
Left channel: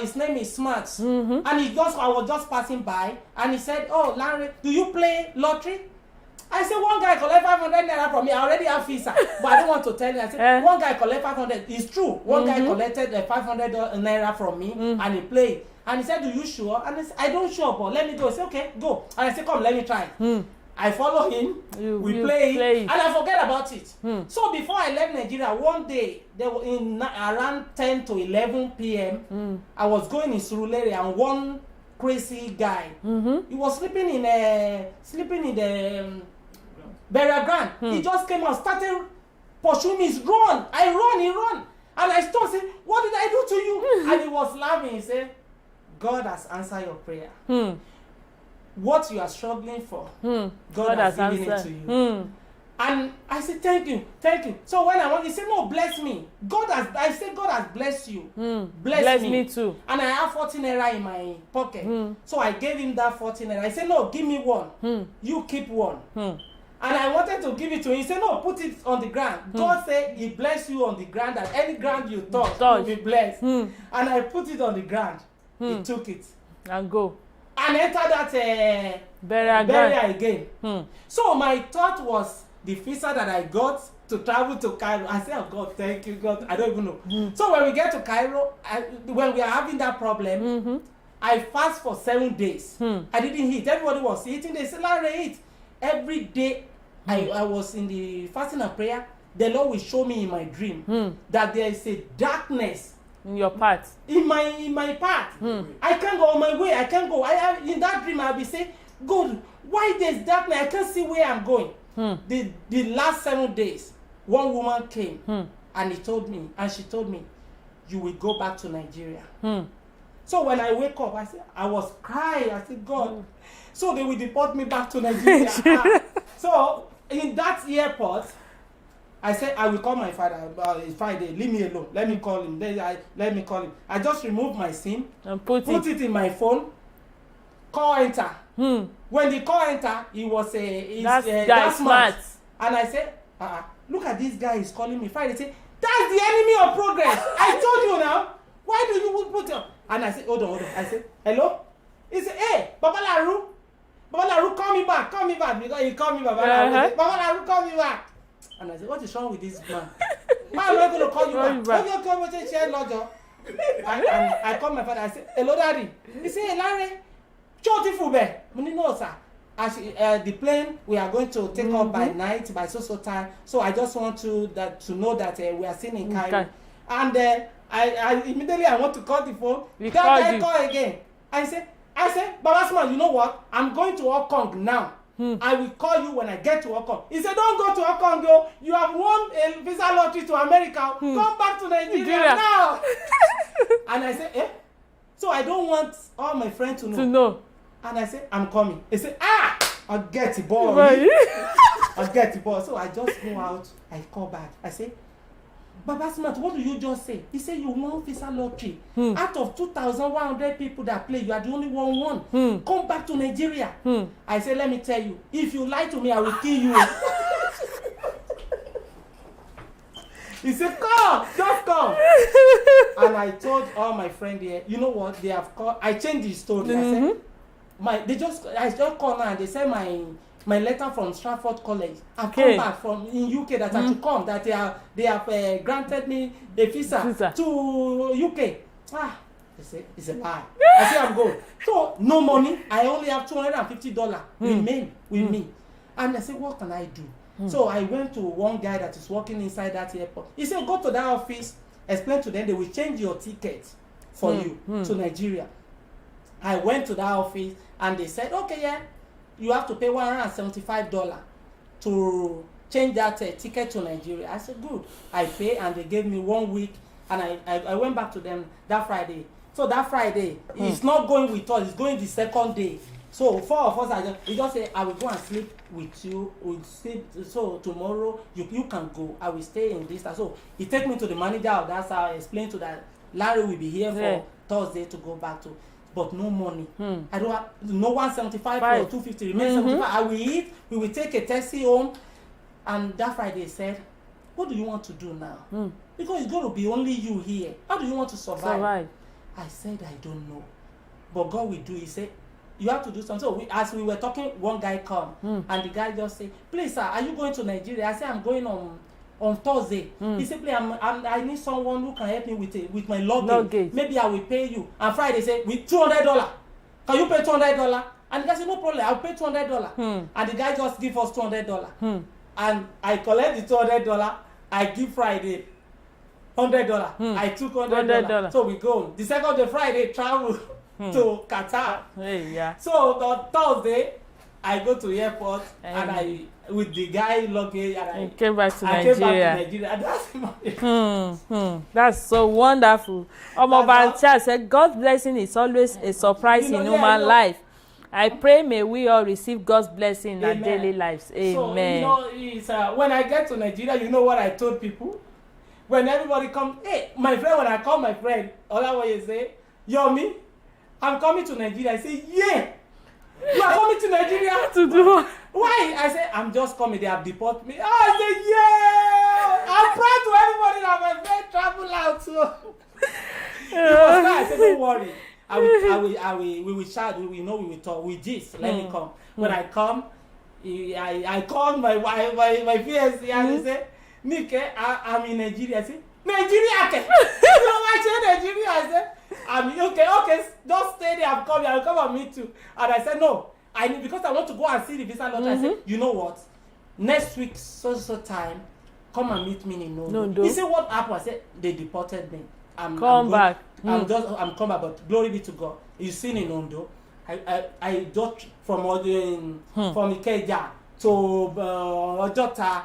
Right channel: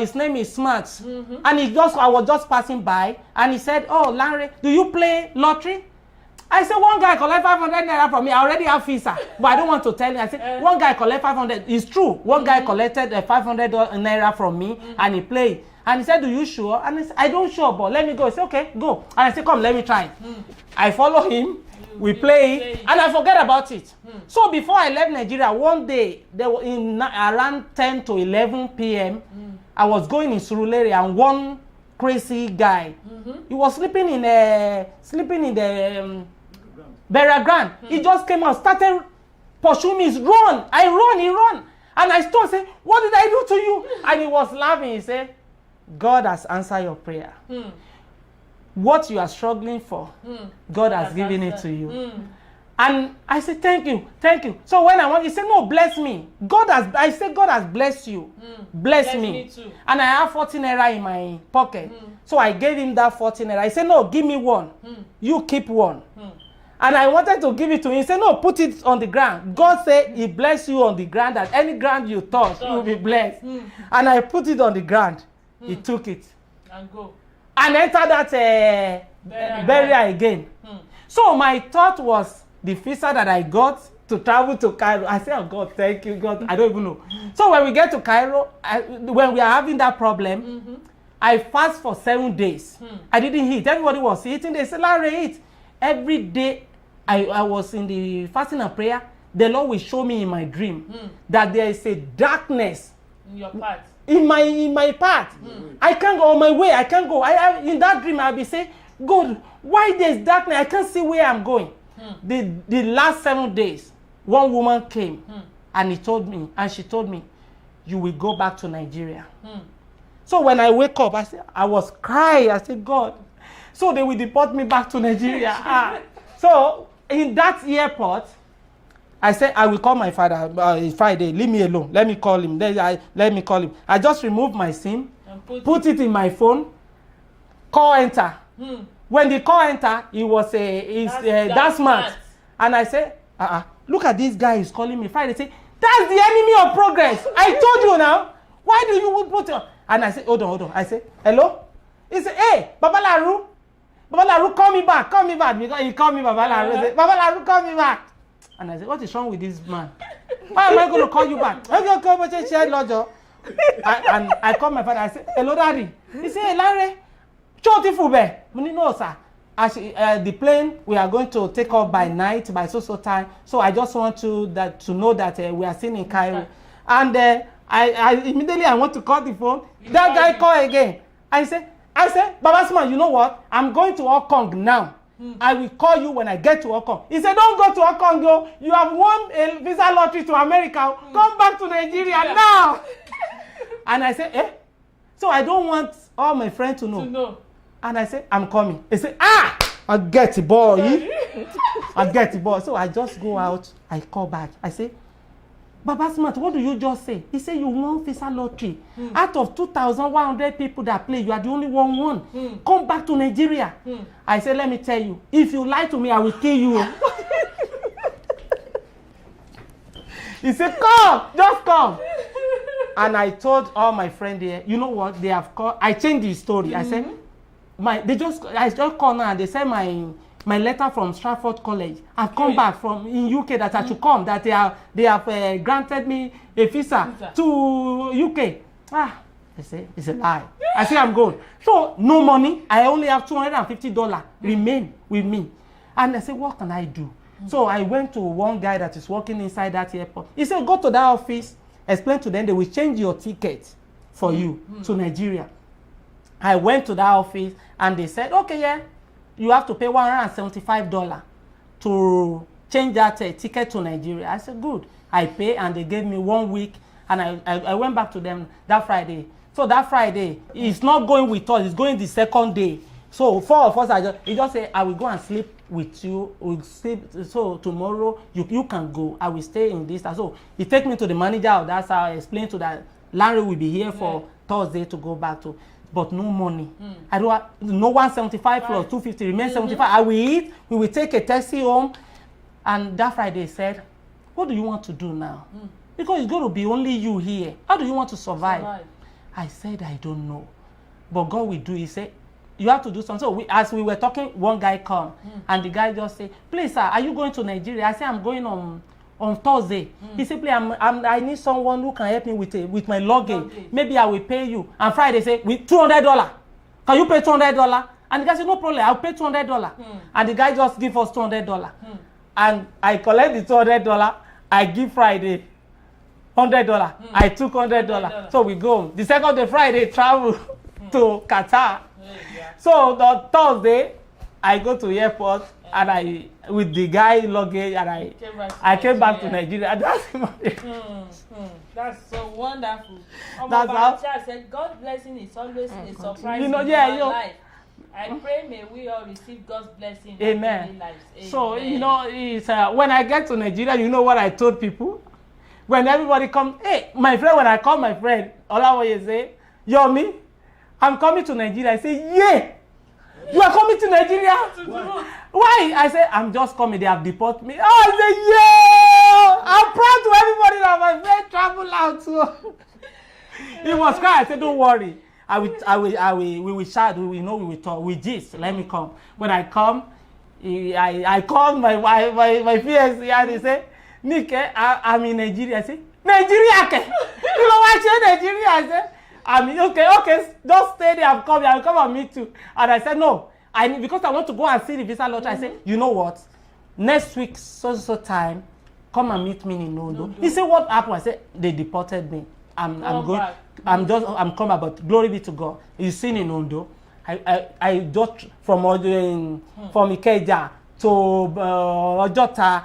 His name is Smart. And I was just passing by, and he said, oh, Larry, do you play lottery? I said, one guy collect 500 naira from me. I already have visa, but I don't want to tell you. I said, one guy collect 500. It's true. One guy collected 500 naira from me, and he played. And he said, do you sure? And I said, I don't sure, but let me go. He said, okay, go. And I said, come, let me try. I follow him. We play, and I forget about it. So before I left Nigeria, one day, there were around 10 to 11 p.m., I was going in Surulere, and one crazy guy, he was sleeping in the burial ground. He just came out, started pursuing me. Run! He run. And I stopped saying, what did I do to you? And he was laughing. He said, God has answered your prayer. What you are struggling for, God has given it to you. And I said, thank you. So when he said, no, bless me. I said, God has blessed you. Bless me too. And I have 14 naira in my pocket. So I gave him that 14 naira. I said, no, give me one. You keep one. And I wanted to give it to him. He said, no, put it on the ground. God said he bless you on the ground, that any ground you touch will be blessed. And I put it on the ground. He took it. And go. And enter that burial again. So my thought was the visa that I got to travel to Cairo. I said, oh God, thank you, God. I don't even know. So when we get to Cairo, when we are having that problem, I fast for 7 days. I didn't eat. Everybody was eating. They said, Larry, eat. Every day I was in the fasting and prayer. The Lord will show me in my dream that there is a darkness in your path. In my path. I can't go on my way. I can't go. In that dream, I'll be saying, God, why there's darkness? I can't see where I'm going. The last 7 days, one woman came and she told me, you will go back to Nigeria. So when I wake up, I was crying. I said, God. So they will deport me back to Nigeria. So in that airport, I said, I will call my father Friday. Leave me alone. Let me call him. Let me call him. I just removed my SIM, and put it in my phone, call enter. When the call enter, it was that's smart. And I said, look at this guy is calling me. Friday say, that's the enemy of progress. I told you now. Why do you put it? And I said, hold on. I said, hello? He said, hey, Baba Laru. Baba Laru, call me back, because he called me Baba Laru. Baba Laru, call me back. And I said, what is wrong with this man? How am I going to call you back? Okay, and I called my father. I said, hello, Daddy. He said, hey, Larry, no, sir. As the plane, we are going to take off by night, by so time. So I just want to know that we are still in Cairo. Okay. And I immediately I want to call the phone. That guy call again. I said, Baba Sma, you know what? I'm going to Hong Kong now. I will call you when I get to Hong Kong. He said, don't go to Hong Kong, yo. You have won a visa lottery to America. Come back to Nigeria now. And I said, eh? So I don't want all my friends to know. And I said, I'm coming. He said, I'll get the ball. I'll get the ball. So I just go out. I call back. I say, Baba Smart, what do you just say? He said, you won visa lottery. Out of 2,100 people that play, you are the only one. Come back to Nigeria. I said, let me tell you, if you lie to me, I will kill you. He said, come, just come. And I told all my friends there, you know what, they have called. I changed the story. I said, I just called now and they said my letter from Stratford College. I've come back from in UK that I should come, that they have granted me a visa to UK. They say it's a lie. I say I'm going. So no money. I only have $250 remain with me. And I said, what can I do? So I went to one guy that is working inside that airport. He said, go to that office, explain to them, they will change your ticket for you to Nigeria. I went to that office and they said, okay, yeah, you have to pay $175 to change that ticket to Nigeria. I said, good. I pay and they gave me 1 week and I went back to them that Friday. So that Friday, he's not going with us, he's going the second day. So 4 of us, he just said, I will go and sleep with you. We'll sleep, so tomorrow you can go. I will stay in this. So he take me to the manager of that. So I explained to that Larry will be here for Thursday to go back to. But no money. I don't have, no 175 plus 250 remain 75. I will eat. We will take a taxi home. And that Friday he said, what do you want to do now? Because it's going to be only you here. How do you want to survive? I said, I don't know. But God will do. He said, you have to do something. So as we were talking, one guy come and the guy just say, please sir, are you going to Nigeria? I said, I'm going on Thursday. He said, please, I need someone who can help me with my luggage. Maybe I will pay you. And Friday say, with $200. Can you pay $200? And the guy said, no problem, I'll pay $200. And the guy just give us $200. And I collect the $200. I give Friday $100. I took $100. So we go. The second day, Friday, travel to Qatar. So the Thursday, I go to airport and I with the guy luggage and I came back to Nigeria. That's so wonderful. Omobancha said, God's blessing is always a surprise in human life. I pray may we all receive God's blessing in our daily lives. Amen. So it's, when I get to Nigeria, you know what I told people? When everybody come, hey, my friend, when I call my friend, Olawoye say, Yomi, I'm coming to Nigeria. I say, yeah. You are coming to Nigeria to do why? I say, I'm just coming. They have deported me. Oh, I say, yeah. I'm proud to everybody that my friend travel out. So it was kind. I said, don't worry. We will chat. We know we will talk. We gist. Let me come. When I come, I called my wife, my fiancé, and he said, Nick, I'm in Nigeria. I say, Nigeria? You know why I say Nigeria? I said, I mean, okay, just stay there. I'll come and meet you. And I said, no, because I want to go and see the visa lottery. I said, you know what? Next week, so time, come and meet me in Ondo. He said, what happened? I said, they deported me. I'm back. I'm coming back, but glory be to God. You seen in Ondo. I just from Ikeja to Ojota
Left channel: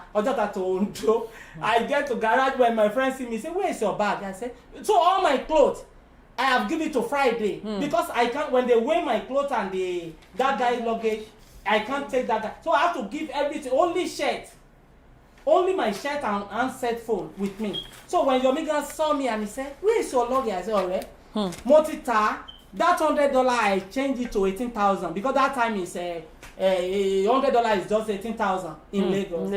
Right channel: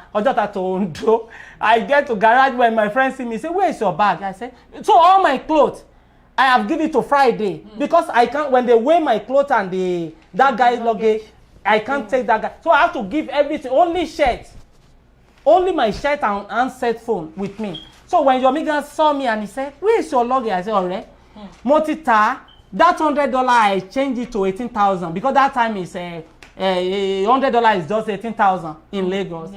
to Ondo. I get to garage when my friends see me. Say, where is your bag? I said, so all my clothes. I have given it to Friday because I can't. When they weigh my clothes and that guy's luggage, I can't take that guy. So I have to give everything. Only shirt, only my shirt and set phone with me. So when your migrant saw me and he said, "Where is your luggage?" I said, "Alright, Motita, that $100 I changed it to 18,000 because that time is $100 is just 18,000 in Lagos.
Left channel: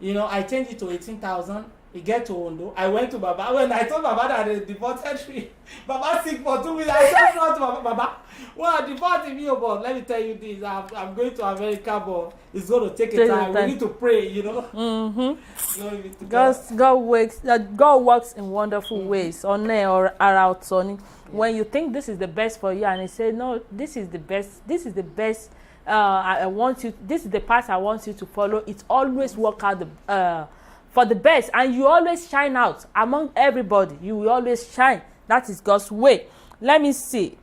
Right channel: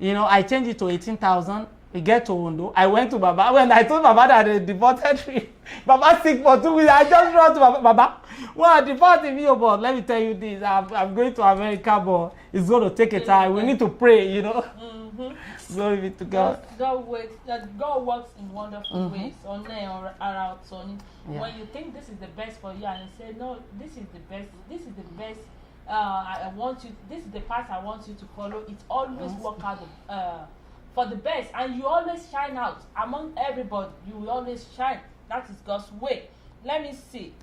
You know, I changed it to 18,000. We get to Ondo. I went to Baba. When I told Baba that they deported me, Baba sick for 2 weeks. I just wrote to Baba, Well, deporting me, but let me tell you this: I'm going to America, but it's going to take a time. We need to pray, you know. Glory be to God. God works in wonderful ways. On or out, Sonny. When you think this is the best for you, and he said, "No, this is the best. This is the best. I want you. This is the path I want you to follow." It always work out for the best, and you always shine out among everybody. You will always shine. That is God's way. Let me see.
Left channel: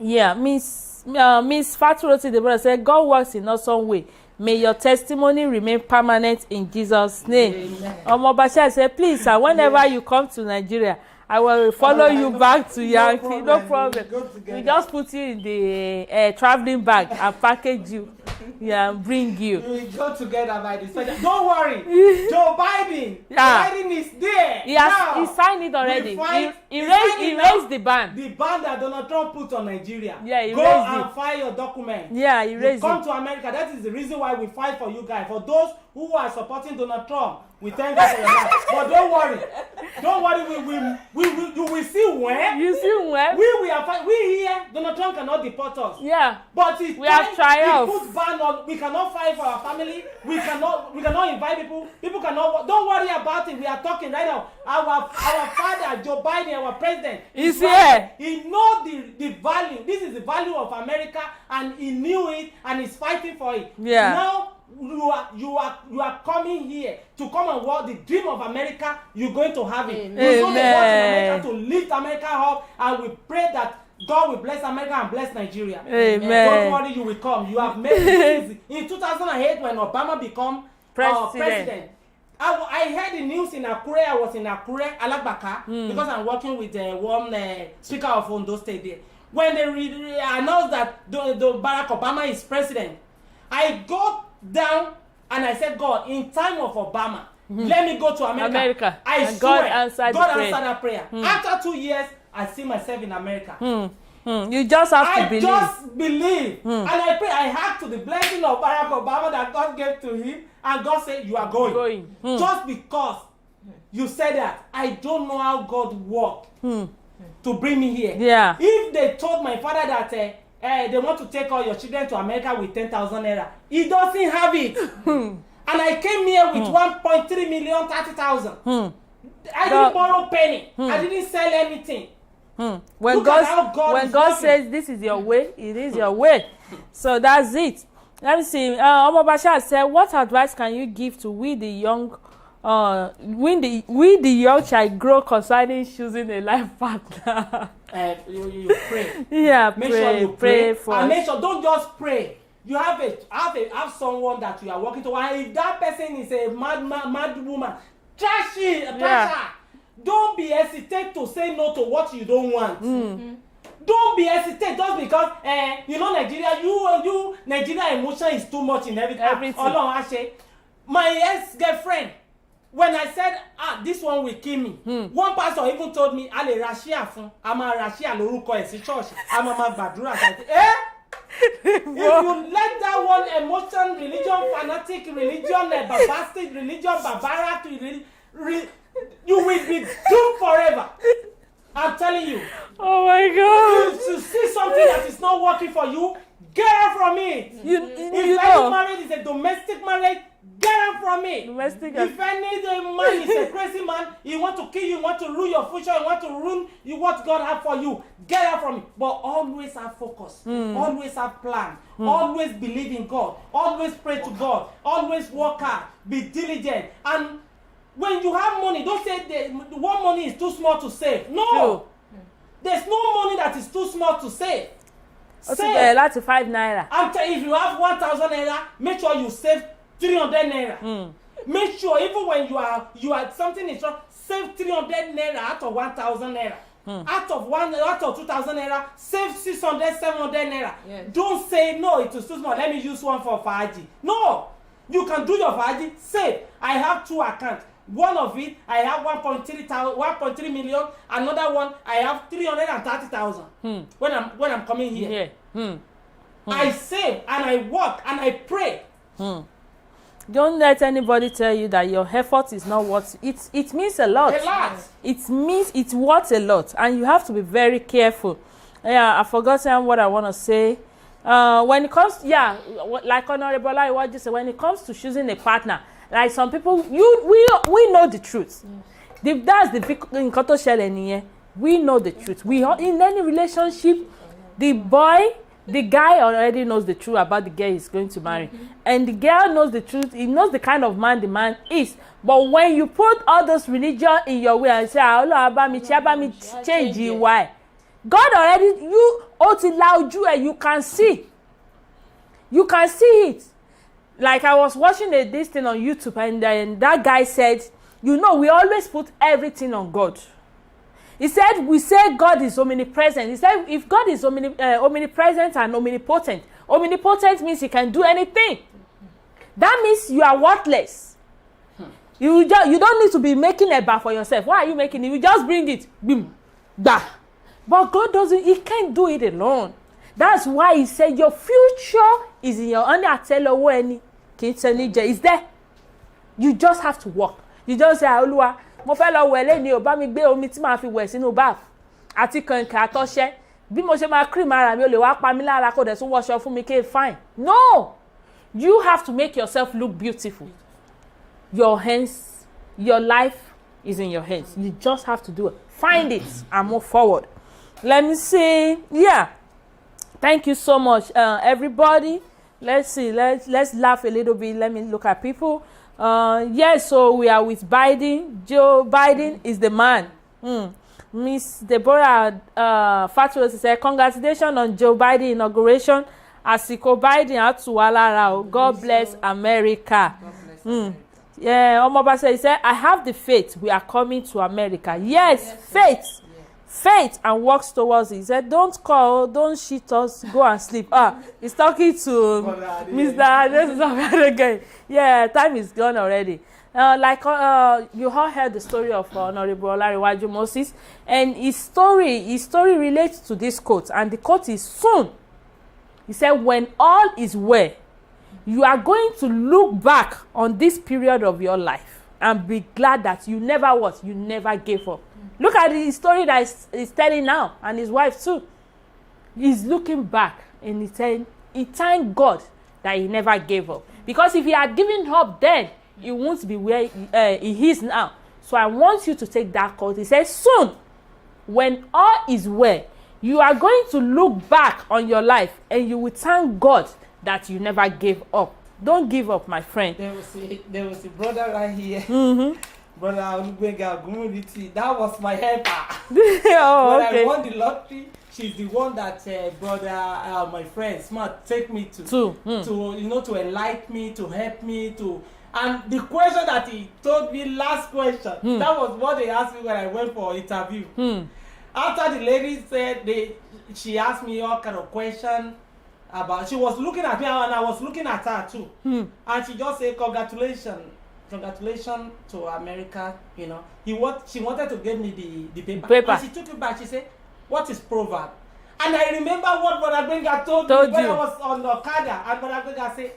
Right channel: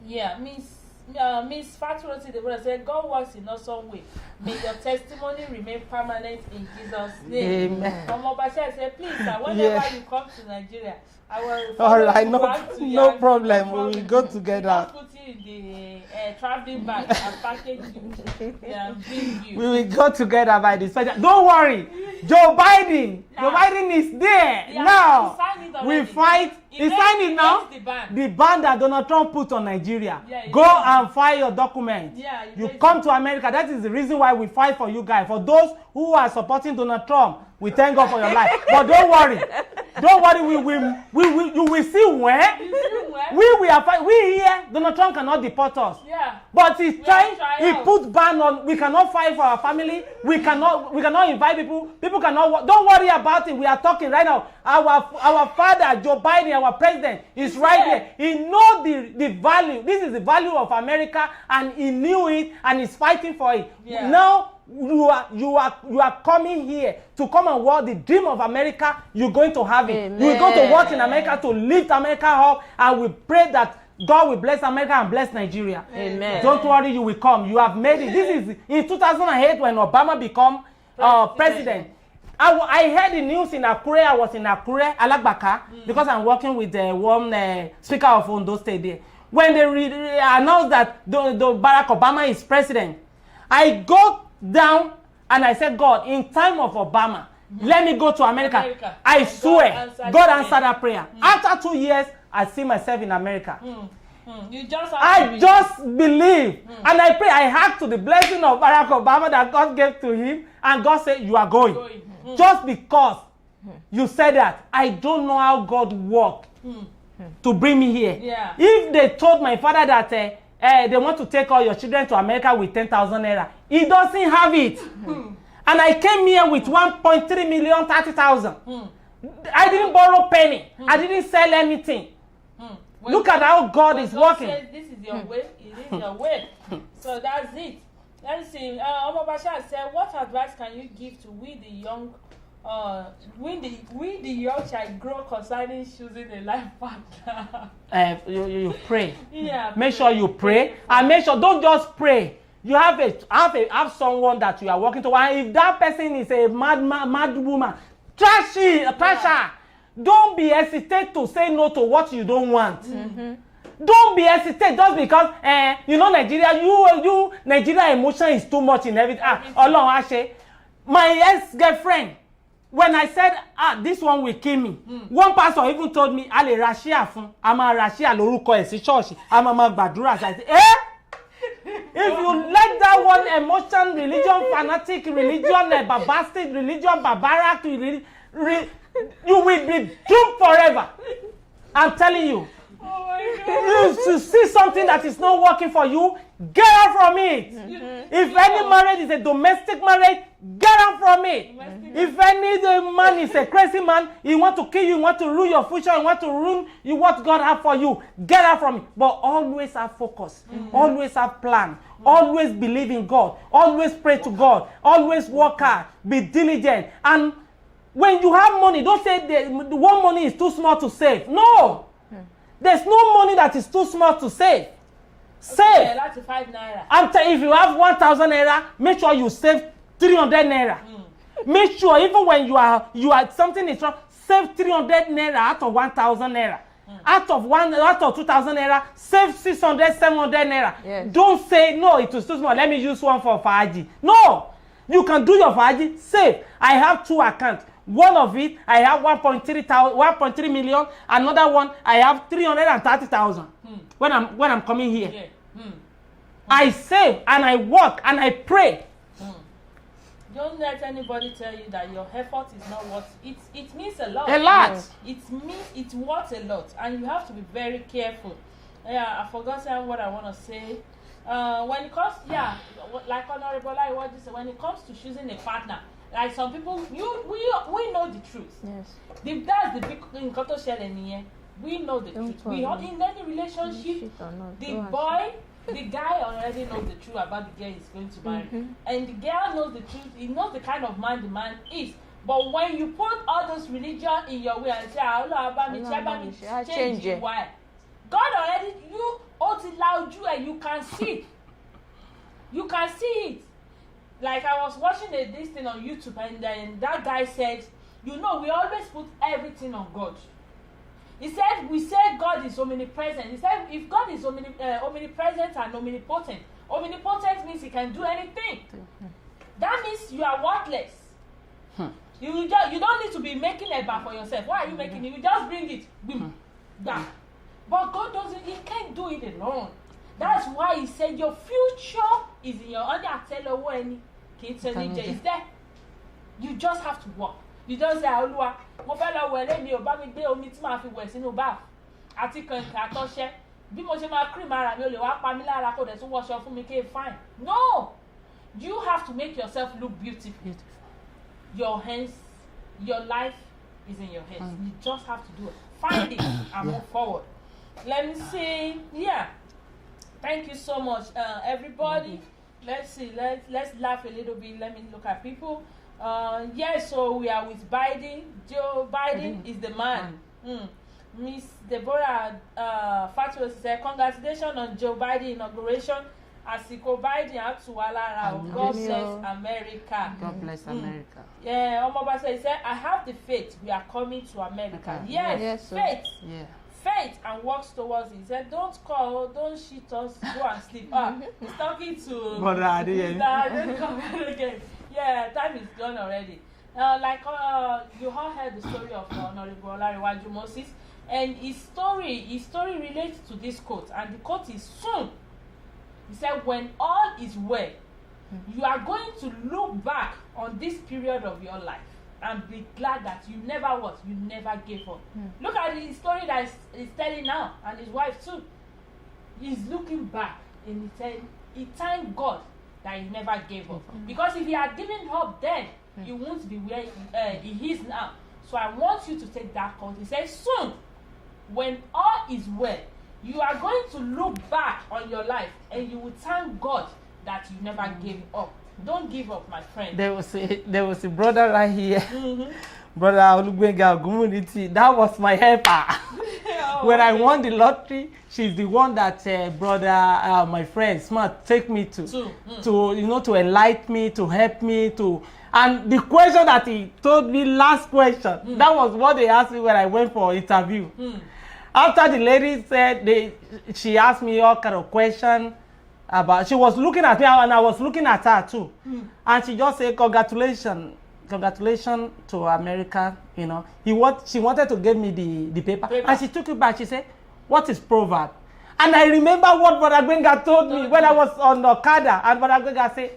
Yeah, Miss Faturoti the brother said, God works in awesome way. May your testimony remain permanent in Jesus' name. Omobasha said, please, sir, whenever you come to Nigeria, I will follow you back to Yankee. No problem. We'll go together. We'll just put you in the traveling bag and package you. Yeah, and bring you. We will go together by the special. Don't worry. Joe Biden. Joe Biden is there. He signed it already. We fight. He raised the ban. The ban that Donald Trump put on Nigeria. Yeah, go and file your document. Yeah, he raised it. Come to America. That is the reason why we fight for you guys. For those who are supporting Donald Trump, we thank God for your life. But don't worry. Don't worry. You will see when. You see when. We are fight. We here. Donald Trump cannot deport us. Yeah. But it's time he put ban on. We cannot fight for our family. We cannot invite people. People cannot. Don't worry about it. We are talking right now. Our father Joe Biden, our president, is right here. He knows the value. This is the value of America, and he knew it, and he's fighting for it. Yeah. Now you are coming here to come and work the dream of America. You're going to have it. We're going to work in America to lift America up, and we pray that God will bless America and bless Nigeria. Amen. Don't worry, you will come. You have made it. In 2008, when Obama became president, I heard the news in Akure. I was in Akure, Alagbaka, because I'm working with one speaker of Ondo State there. When they announced that the Barack Obama is president, I go down and I said, God, in time of Obama, let me go to America. I swear, God answered that prayer. After 2 years, I see myself in America. You just have to believe. I just believe. And I pray. I had to the blessing of Barack Obama that God gave to him. And God said, you are going. Just because you said that. I don't know how God worked to bring me here. Yeah. If they told my father that they want to take all your children to America with 10,000 naira, he doesn't have it. And I came here with 1.3 million, 30,000. I didn't borrow penny. I didn't sell anything. Look at how God is working. Says this is your way, it is your way. So that's it. Let me see. Omobasha said, what advice can you give to we the young young child grow concerning choosing a life partner? You pray. Yeah, make sure you pray. And make sure, don't just pray. You have someone that you are working to. And if that person is a mad woman, trash her. Don't be hesitant to say no to what you don't want. Don't be hesitant just because Nigeria, you Nigeria emotion is too much in everything. My ex-girlfriend, when I said, this one will kill me, one pastor even told me, Ale Rashia fun, ama Rashia lórúkọ ẹ̀ sí church, ama gbàdúrà. I said, if you let that one emotion, religion, fanatic, religion, barbaric, religion, barbaric, you will be doomed forever. I'm telling you. Oh my God. You see something that is not working for you, get out from it. If any marriage is a domestic marriage, get out from it. If any man is a crazy man, he want to kill you, he want to ruin your future, he want to ruin what God have for you, get out from it. But always have focus, always have plan, always believe in God, always pray to God, always work hard, be diligent. And when you have money, don't say the one money is too small to save. No. There's no money that is too small to save. Save. That's 5 naira. If you have 1,000 naira, make sure you save 300 naira. Make sure even when you are something is wrong, save 300 naira out of 1,000 naira. Out of 2,000 naira, save 600, 700 naira. Yes. Don't say no, it is too small. Let me use one for Faji. No, you can do your Faji. Save. I have 2 accounts. One of it, I have 1.3 million. Another one, I have 330,000. When I'm coming here, I save and I work and I pray. Don't let anybody tell you that your effort is not worth it. It means a lot. A lot. It means it's worth a lot, and you have to be very careful. Yeah, I've forgotten what I want to say. When it comes, like Honorable what you say, when it comes to choosing a partner, like some people, we know the truth. Yes. That's the big nǹkan tó ṣẹlẹ̀ nìyẹn. We know the truth. We all, in any relationship, the guy already knows the truth about the girl he's going to marry, and the girl knows the truth. He knows the kind of man the man is. But when you put all those religion in your way and say, "Allah, change you," why? God already you can see. You can see it. Like I was watching this thing on YouTube, and then that guy said, "You know, we always put everything on God." He said, we say God is omnipresent. He said, if God is omnipresent and omnipotent means he can do anything. That means you are worthless. You don't need to be making a bar for yourself. Why are you making it? You just bring it. Boom. Bah. But God doesn't, he can't do it alone. That's why he said your future is in your hand. It's there. You just have to walk. You just say, Olúwa, mo fẹ́ lọ wẹ̀ lẹ́ni ò bá mi gbé omi tí màá fi wẹ̀ sínú bath àti kànkàn àtọṣẹ bí mo ṣe máa cream ara mi ò lè wá pa mí lára kó dẹ̀ tún wọṣọ fún mi kéè fine. No, you have to make yourself look beautiful. Your hands, your life is in your hands. You just have to do it. Find it and move forward. Let me see. Yeah, thank you so much, everybody. Let's see. Let's laugh a little bit. Let me look at people. Yes, so we are with Biden. Joe Biden is the man. Miss Deborah Fatuos said, congratulations on Joe Biden inauguration. Àsìkò Biden àtúwàlára. God bless America. God bless America. Yeah, Omobase said, I have the faith. We are coming to America. Yes, faith. Yeah. Faith and works towards it. He said, don't call, don't shit us, go and sleep. He's talking to Mr. again. Yeah, time is gone already. You all heard the story of Honorable Olariwaju Moses, and his story relates to this quote, and the quote is soon. He said, when all is well, you are going to look back on this period of your life and be glad that you never gave up. Look at the story that he's telling now, and his wife too. He's looking back and he's saying, he thanked God that he never gave up. Because if he had given up then, he won't be where he is now. So I want you to take that call. He says, soon, when all is well, you are going to look back on your life and you will thank God that you never gave up. Don't give up, my friend. There was a brother right here. Brother Olugbenga Ogunmuniti. That was my helper. When I won the lottery, she's the one that my friend Smart take me to enlighten me, to help me to. And the question that he told me, last question, that was what they asked me when I went for interview. After the lady said, she asked me all kind of questions about. She was looking at me and I was looking at her too. And she just said, congratulations to America. You know, she wanted to give me the paper. And she took it back. She said, what is proverb? And I remember what Brother Gbenga told me when I was on the Okada, and Brother Gbenga said,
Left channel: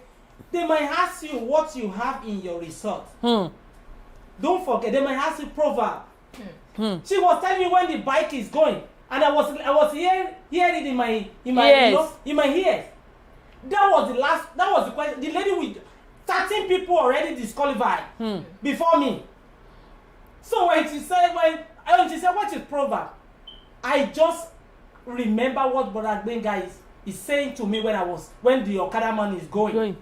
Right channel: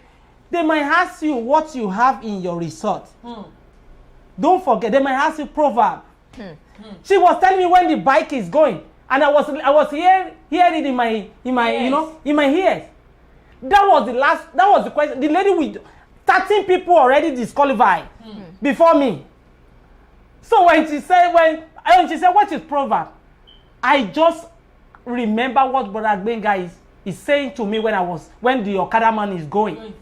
they might ask you what you have in your resort. Don't forget, they might ask you proverb. She was telling me when the bike is going, and I was hearing it in my in my ears. That was the question. The lady with 13 people already disqualified before me. So when she said what is proverb, I just remember what Brother Gbenga is saying to me when the Okada man is going.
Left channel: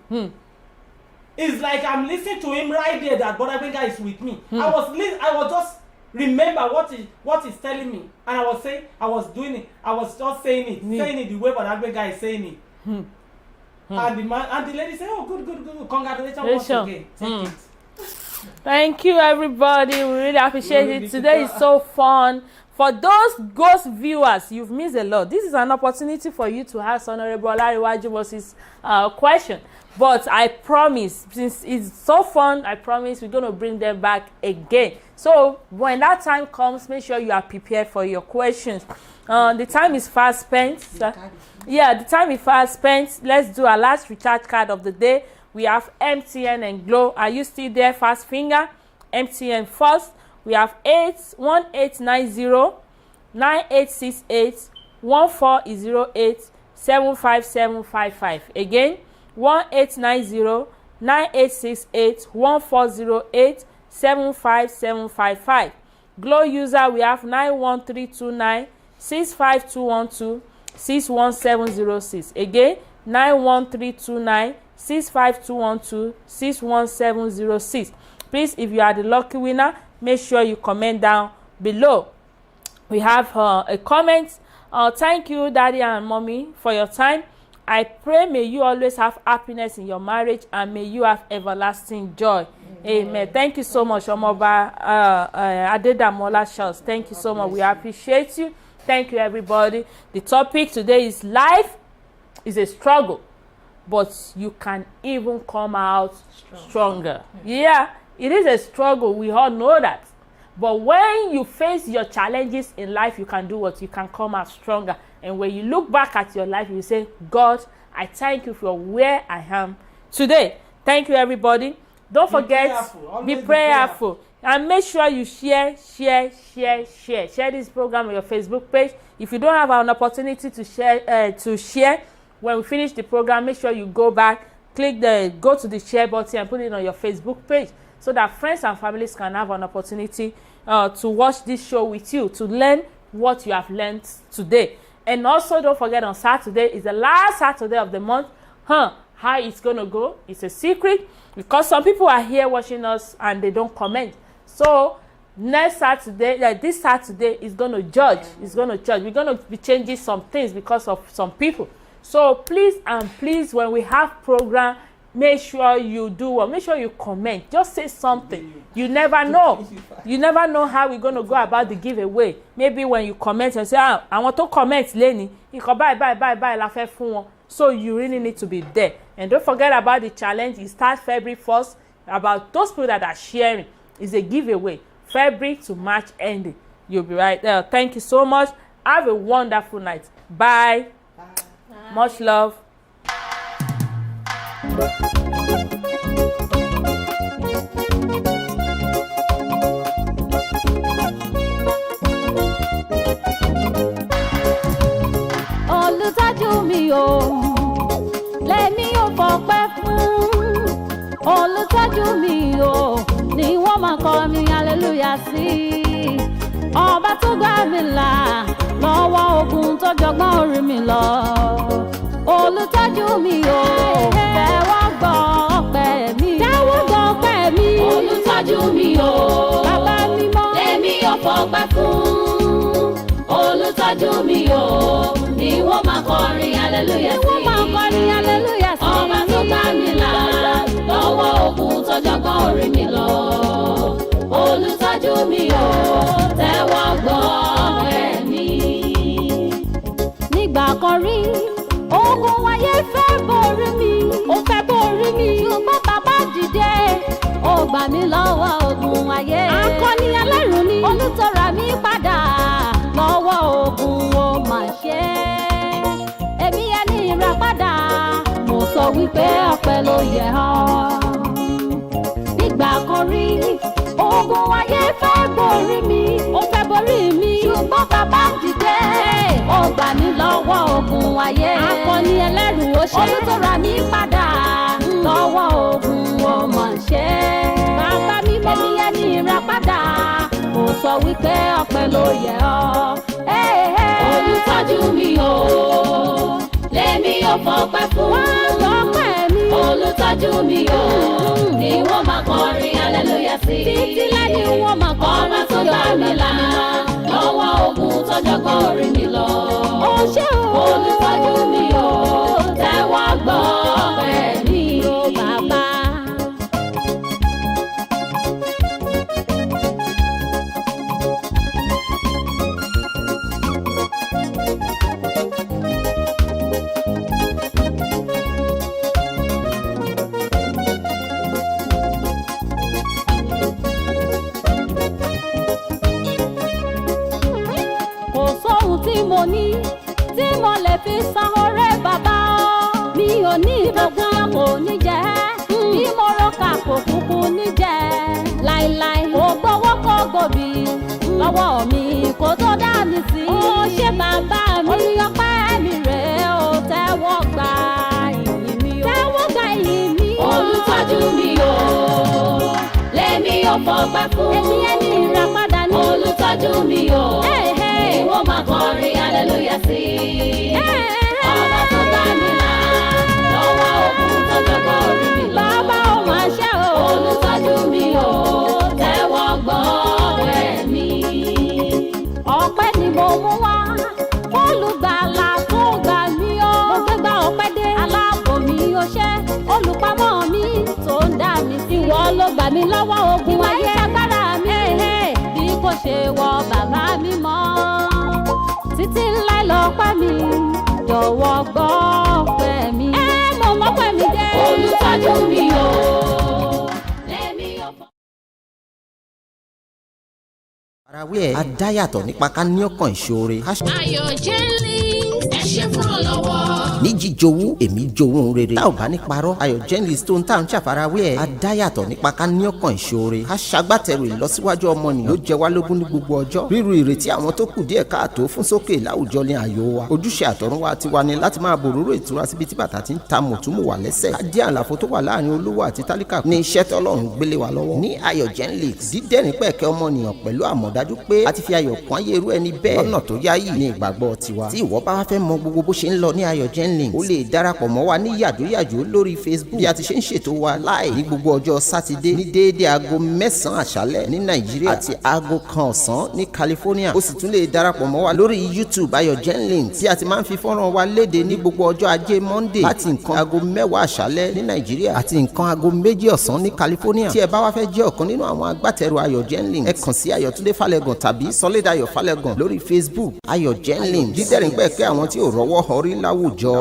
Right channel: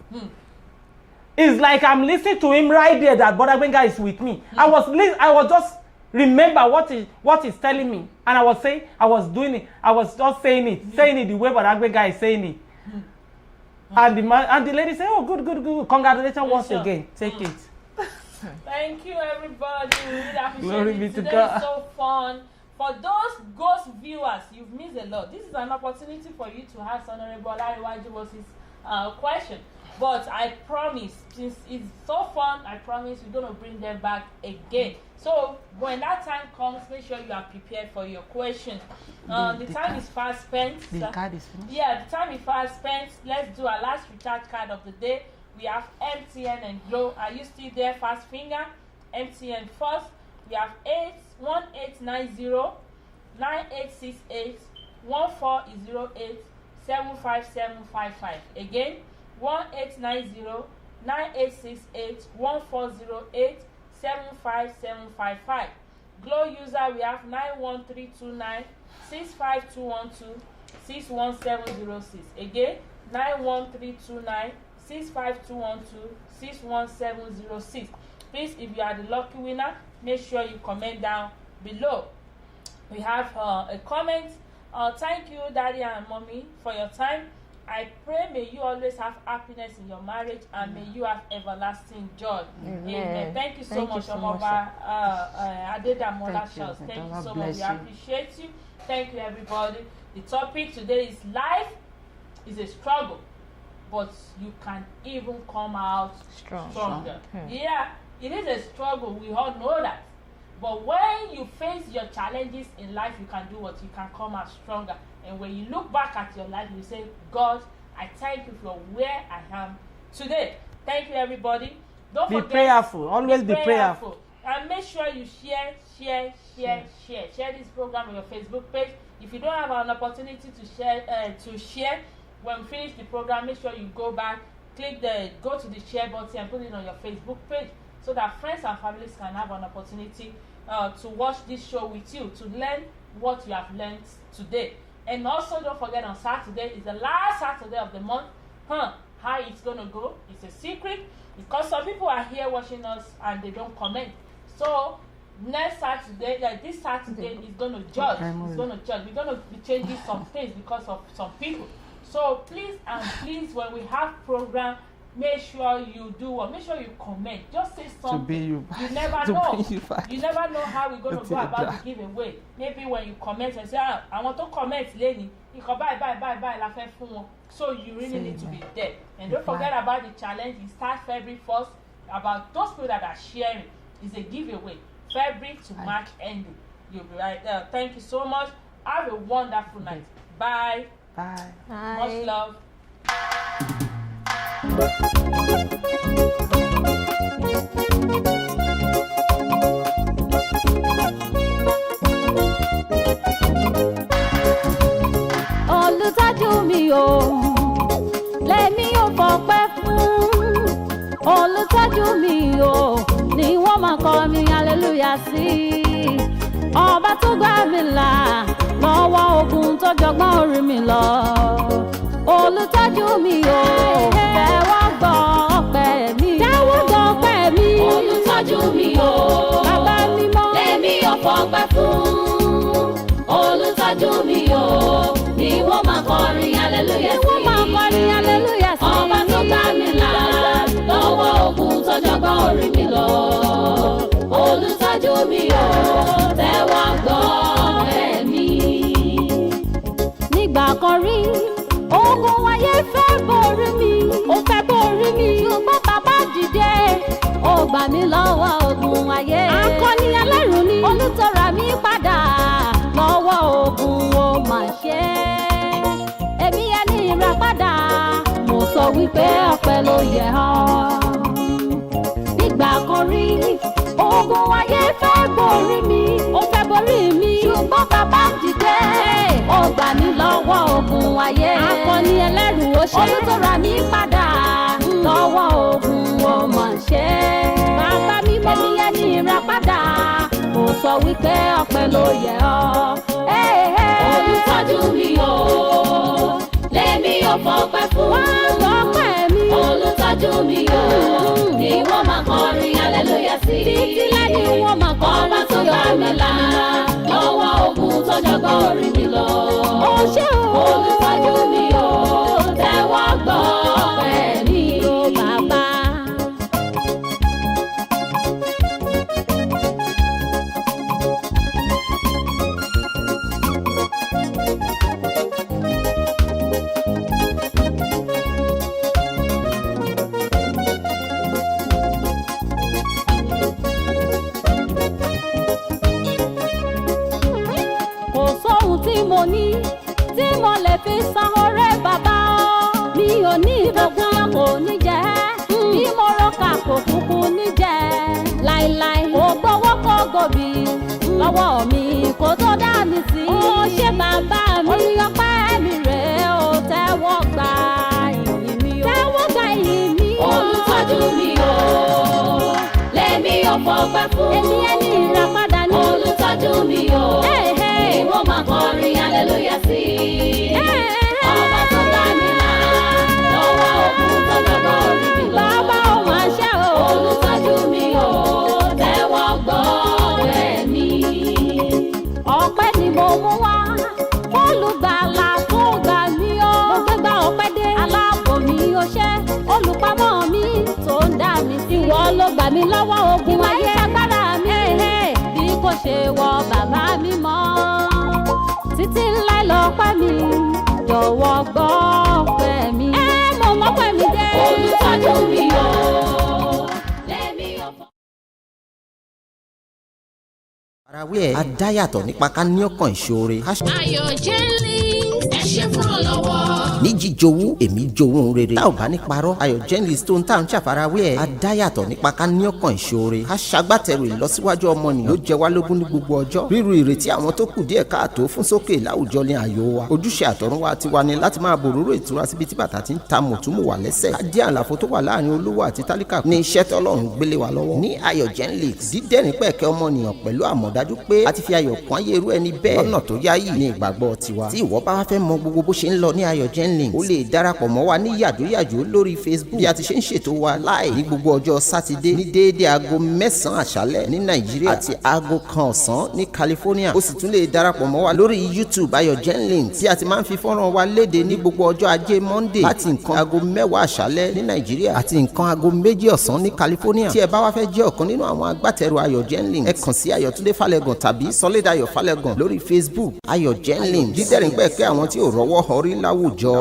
It's like I'm listening to him right there that Brother Gbenga is with me. I was just remember what he's telling me, and I was doing it. I was just saying it the way Brother Gbenga is saying it. And the lady said, "Oh, good, congratulations once again. Take it." Thank you, everybody. We really appreciate it. Today is so fun. For those ghost viewers, you've missed a lot. This is an opportunity for you to ask Honorable Olariwaju Moses question. But I promise, since it's so fun, I promise we're going to bring them back again. So when that time comes, make sure you are prepared for your questions. The time is fast spent. The time is fast spent. Let's do our last recharge card of the day. We have MTN and Glo. Are you still there? Fast finger. MTN first. We have 1890 9868 1-890-808-75755. Again, 1-890-9868-140875755. Glow user, we have 91329-65212-61706. Again, 91329-65212-61706. Please, if you are the lucky winner, make sure you comment down below. We have a comment. Thank you, Daddy and Mommy, for your time. I pray may you always have happiness in your marriage and may you have everlasting joy. Amen. Thank you so much, Omoba Adedamola Charles. Thank you so much. We appreciate you. Thank you, everybody. The topic today is life is a struggle, but you can even come out stronger. Yeah, it is a struggle. We all know that. But when you face your challenges in life, you can do what? You can come out stronger. And when you look back at your life, you say, God, I thank you for where I am today. Thank you, everybody. Don't forget, prayerful. Always be prayerful. And make sure you share this program on your Facebook page. If you don't have an opportunity to share, when we finish the program, make sure you go back, go to the share button and put it on your Facebook page so that friends and families can have an opportunity to watch this show with you, to learn what you have learned today. And also, don't forget, on Saturday is the last Saturday of the month. How it's going to go, it's a secret, because some people are here watching us and they don't comment. So next Saturday, this Saturday is going to judge. It's going to judge. We're going to be changing some things because of some people. So please and please, when we have program, make sure you do what? Make sure you comment. Just say something. You never know. You never know how we're going to go about the giveaway. Maybe when you comment and say, I want to comment, Lenny. You can buy, la fe fun won. So you really need to be there. And don't forget about the challenge. It starts February 1st. About those people that are sharing, is a giveaway. February to March ending. You'll be right there. Thank you so much. Have a wonderful night. Bye. Bye. Much love. Olùtọ́jú mi o, lèmi ò fọpẹ́ fún. Olùtọ́jú mi o, ni wọ́n máa kọ mi hallelujah sí. Ọba tó gbà mí là lọ́wọ́ ogun tó jọgbọ́n orí mi lọ. Olùtọ́jú mi o, tẹ́wọ́ gbọ́ ọpẹ́ mi. Tẹ́wọ́ gbọ́ ọpẹ́ mi. Olùtọ́jú mi o, bàbá mímọ́, lèmi ò fọpẹ́ fún. Olùtọ́jú mi o, ni wọ́n máa kọrin hallelujah sí. Ni wọ́n máa kọrin hallelujah sí. Ọba tó gbà mí là lọ́wọ́ ogun tó jọgbọ́n orí mi lọ. Olùtọ́jú mi o, tẹ́wọ́ gbọ́ ọpẹ́ mi. Nígbà kan rí, ogun ayé fẹ́ borí mi, ó fẹ́ borí mi. Ṣùgbọ́n bàbá dìde, ó gbà mí lọ́wọ́ ogun ayé. Akọni ẹlẹ́rù ni, olùtọ́ra mi padà lọ́wọ́ ogun ó mà ṣe. Èmi ẹni ìràpadà, mo sọ wípé ọpẹ́ ló yẹ ọ́. Nígbà kan rí, ogun ayé fẹ́ borí mi, ó fẹ́ borí mi. Ṣùgbọ́n bàbá dìde, ó gbà mí lọ́wọ́ ogun ayé. Akọni ẹlẹ́rù ó ṣe, olùtọ́ra mi padà lọ́wọ́ ogun ó mà ṣe. Bàbá mi mọ́, èmi ẹni ìràpadà, mo sọ wípé ọpẹ́ ló yẹ ọ́. Olùtọ́jú mi o, lèmi ò fọpẹ́ fún. Wọ́n lọ́pẹ́ mi. Olùtọ́jú mi o, ni wọ́n máa kọrin hallelujah sí. Títí lẹ́yìn wọ́n máa kọrin. Ọba tó gbà mí là lọ́wọ́ ogun tó jọgbọ́n orí mi lọ. Ó ṣé o. Olùtọ́jú mi o, tẹ́wọ́ gbọ́ ọpẹ́ mi. Ó bàbá. Mo ní tí mo lè fi san ọrẹ bàbá ọ. Mi ò ní ìdókòwò kò ní jẹ́. Bí mo rọ́kà kò kúkú ní jẹ́. Láíláí kò gbowó kò gòbí. lọ́wọ́ mi kó tó dá mi sí. ó ṣe bàbá mi orí ọpẹ́ mi rèé o tẹ́wọ́ gbà ìyìn mi o. tẹ́wọ́ gbà ìyìn mi o. olùtọ́jú mi o lèmi ò fọgbà fún. èmi ẹni ìràpadà ni. olùtọ́jú mi o ìwọ máa kọrin hallelujah sí. ọba tó bá mi là lọ́wọ́ òkun tó jọgọ́ orí mi lọ. bàbá ò máa ṣe o. olùtọ́jú mi o tẹ́wọ́ gbọ́ ọpẹ́ mi. ọpẹ́ ni mo mú wá olùgbàlà tó gbà mí o. mo gbégbá ọpẹ́ dé aláàbò mi ó ṣe olùpamọ́ mi tó ń dá mi sí. ìwọ ló gbà mí lọ́wọ́ ogun ayé agbára mi bí kò ṣe wọ bàbá mi mọ́. títí láì lọ́pẹ́ mi jọ̀wọ́ gbọ́ ọpẹ́ mi. mo mọ́pẹ́ mi dé. olùtọ́jú mi o lèmi ò fọ. àfarawé ẹ̀ adáyàtọ̀ nípa ká ní ọkàn ìṣoore. Ayọ̀ Jennings ẹ ṣé fún ọlọ́wọ́. ní jíjowú èmi jowú rere. tá ò bá ní parọ́ Ayọ̀ Jennings tó ń tà ń ṣàfarawé ẹ̀ adáyàtọ̀ nípa ká ní ọkàn ìṣoore. ká ṣagbátẹrù ìlọsíwájú ọmọnìyàn ló jẹ wá lógún ní gbogbo ọjọ́. ríru ìrètí àwọn tó kù díẹ̀ káàtó fún sókè láwùjọ ní ààyò wa. ojúṣe àtọ̀runwá tiwa ni láti máa bòróró ìtura síbi tí bàtà ti ń ta mùtúmù wà lẹ́sẹ̀. ká dí àlàfo tó wà láàrin olówó àti tálíkà ní iṣẹ́ tọ́lọ́run gbélé wa lọ́wọ́. ní Ayọ̀ Jennings dídẹ́rìn pẹ̀kẹ́ ọmọnìyàn pẹ̀lú àmọ̀dájú pé a ti fi ayọ̀ kún ayé irú ẹni bẹ́ẹ̀ lọ́nà tó yáyì ní ìgbàgbọ́ tiwa. tí ìwọ bá wá fẹ́ mọ gbogbo bó ṣe ń lọ ní Ayọ̀ Jennings ó lè darapọ̀ mọ́ wa ní yàjóyàjó lórí Facebook bí a ti ṣe ń ṣètò wa láì ní gbogbo ọjọ́ sátidé ní déédéé aago 9 àṣálẹ́ ní Nàìjíríà àti aago 1 ọ̀sán ní California. ó sì tún lè darapọ̀ mọ́ wa lórí YouTube Ayọ̀ Jennings tí a ti máa ń fi fọ́nrán wa léde ní gbogbo ọjọ́ ajé Monday láti nǹkan aago 10 àṣálẹ́ ní Nàìjíríà àti nǹkan aago 2 ọ̀sán ní California. tí ẹ bá wá fẹ́ jẹ́ ọ̀kan nínú àwọn agbátẹrù Ayọ̀ Jennings ẹ kàn sí Ayọ̀túndé Fálẹ́gàn tàbí Sọlédayọ̀ Fálẹ́gàn lórí Facebook Ayọ̀ Jennings dídẹ̀rìn pẹ̀kẹ́ àwọn tí ò rọ́wọ́ họrí láwùjọ.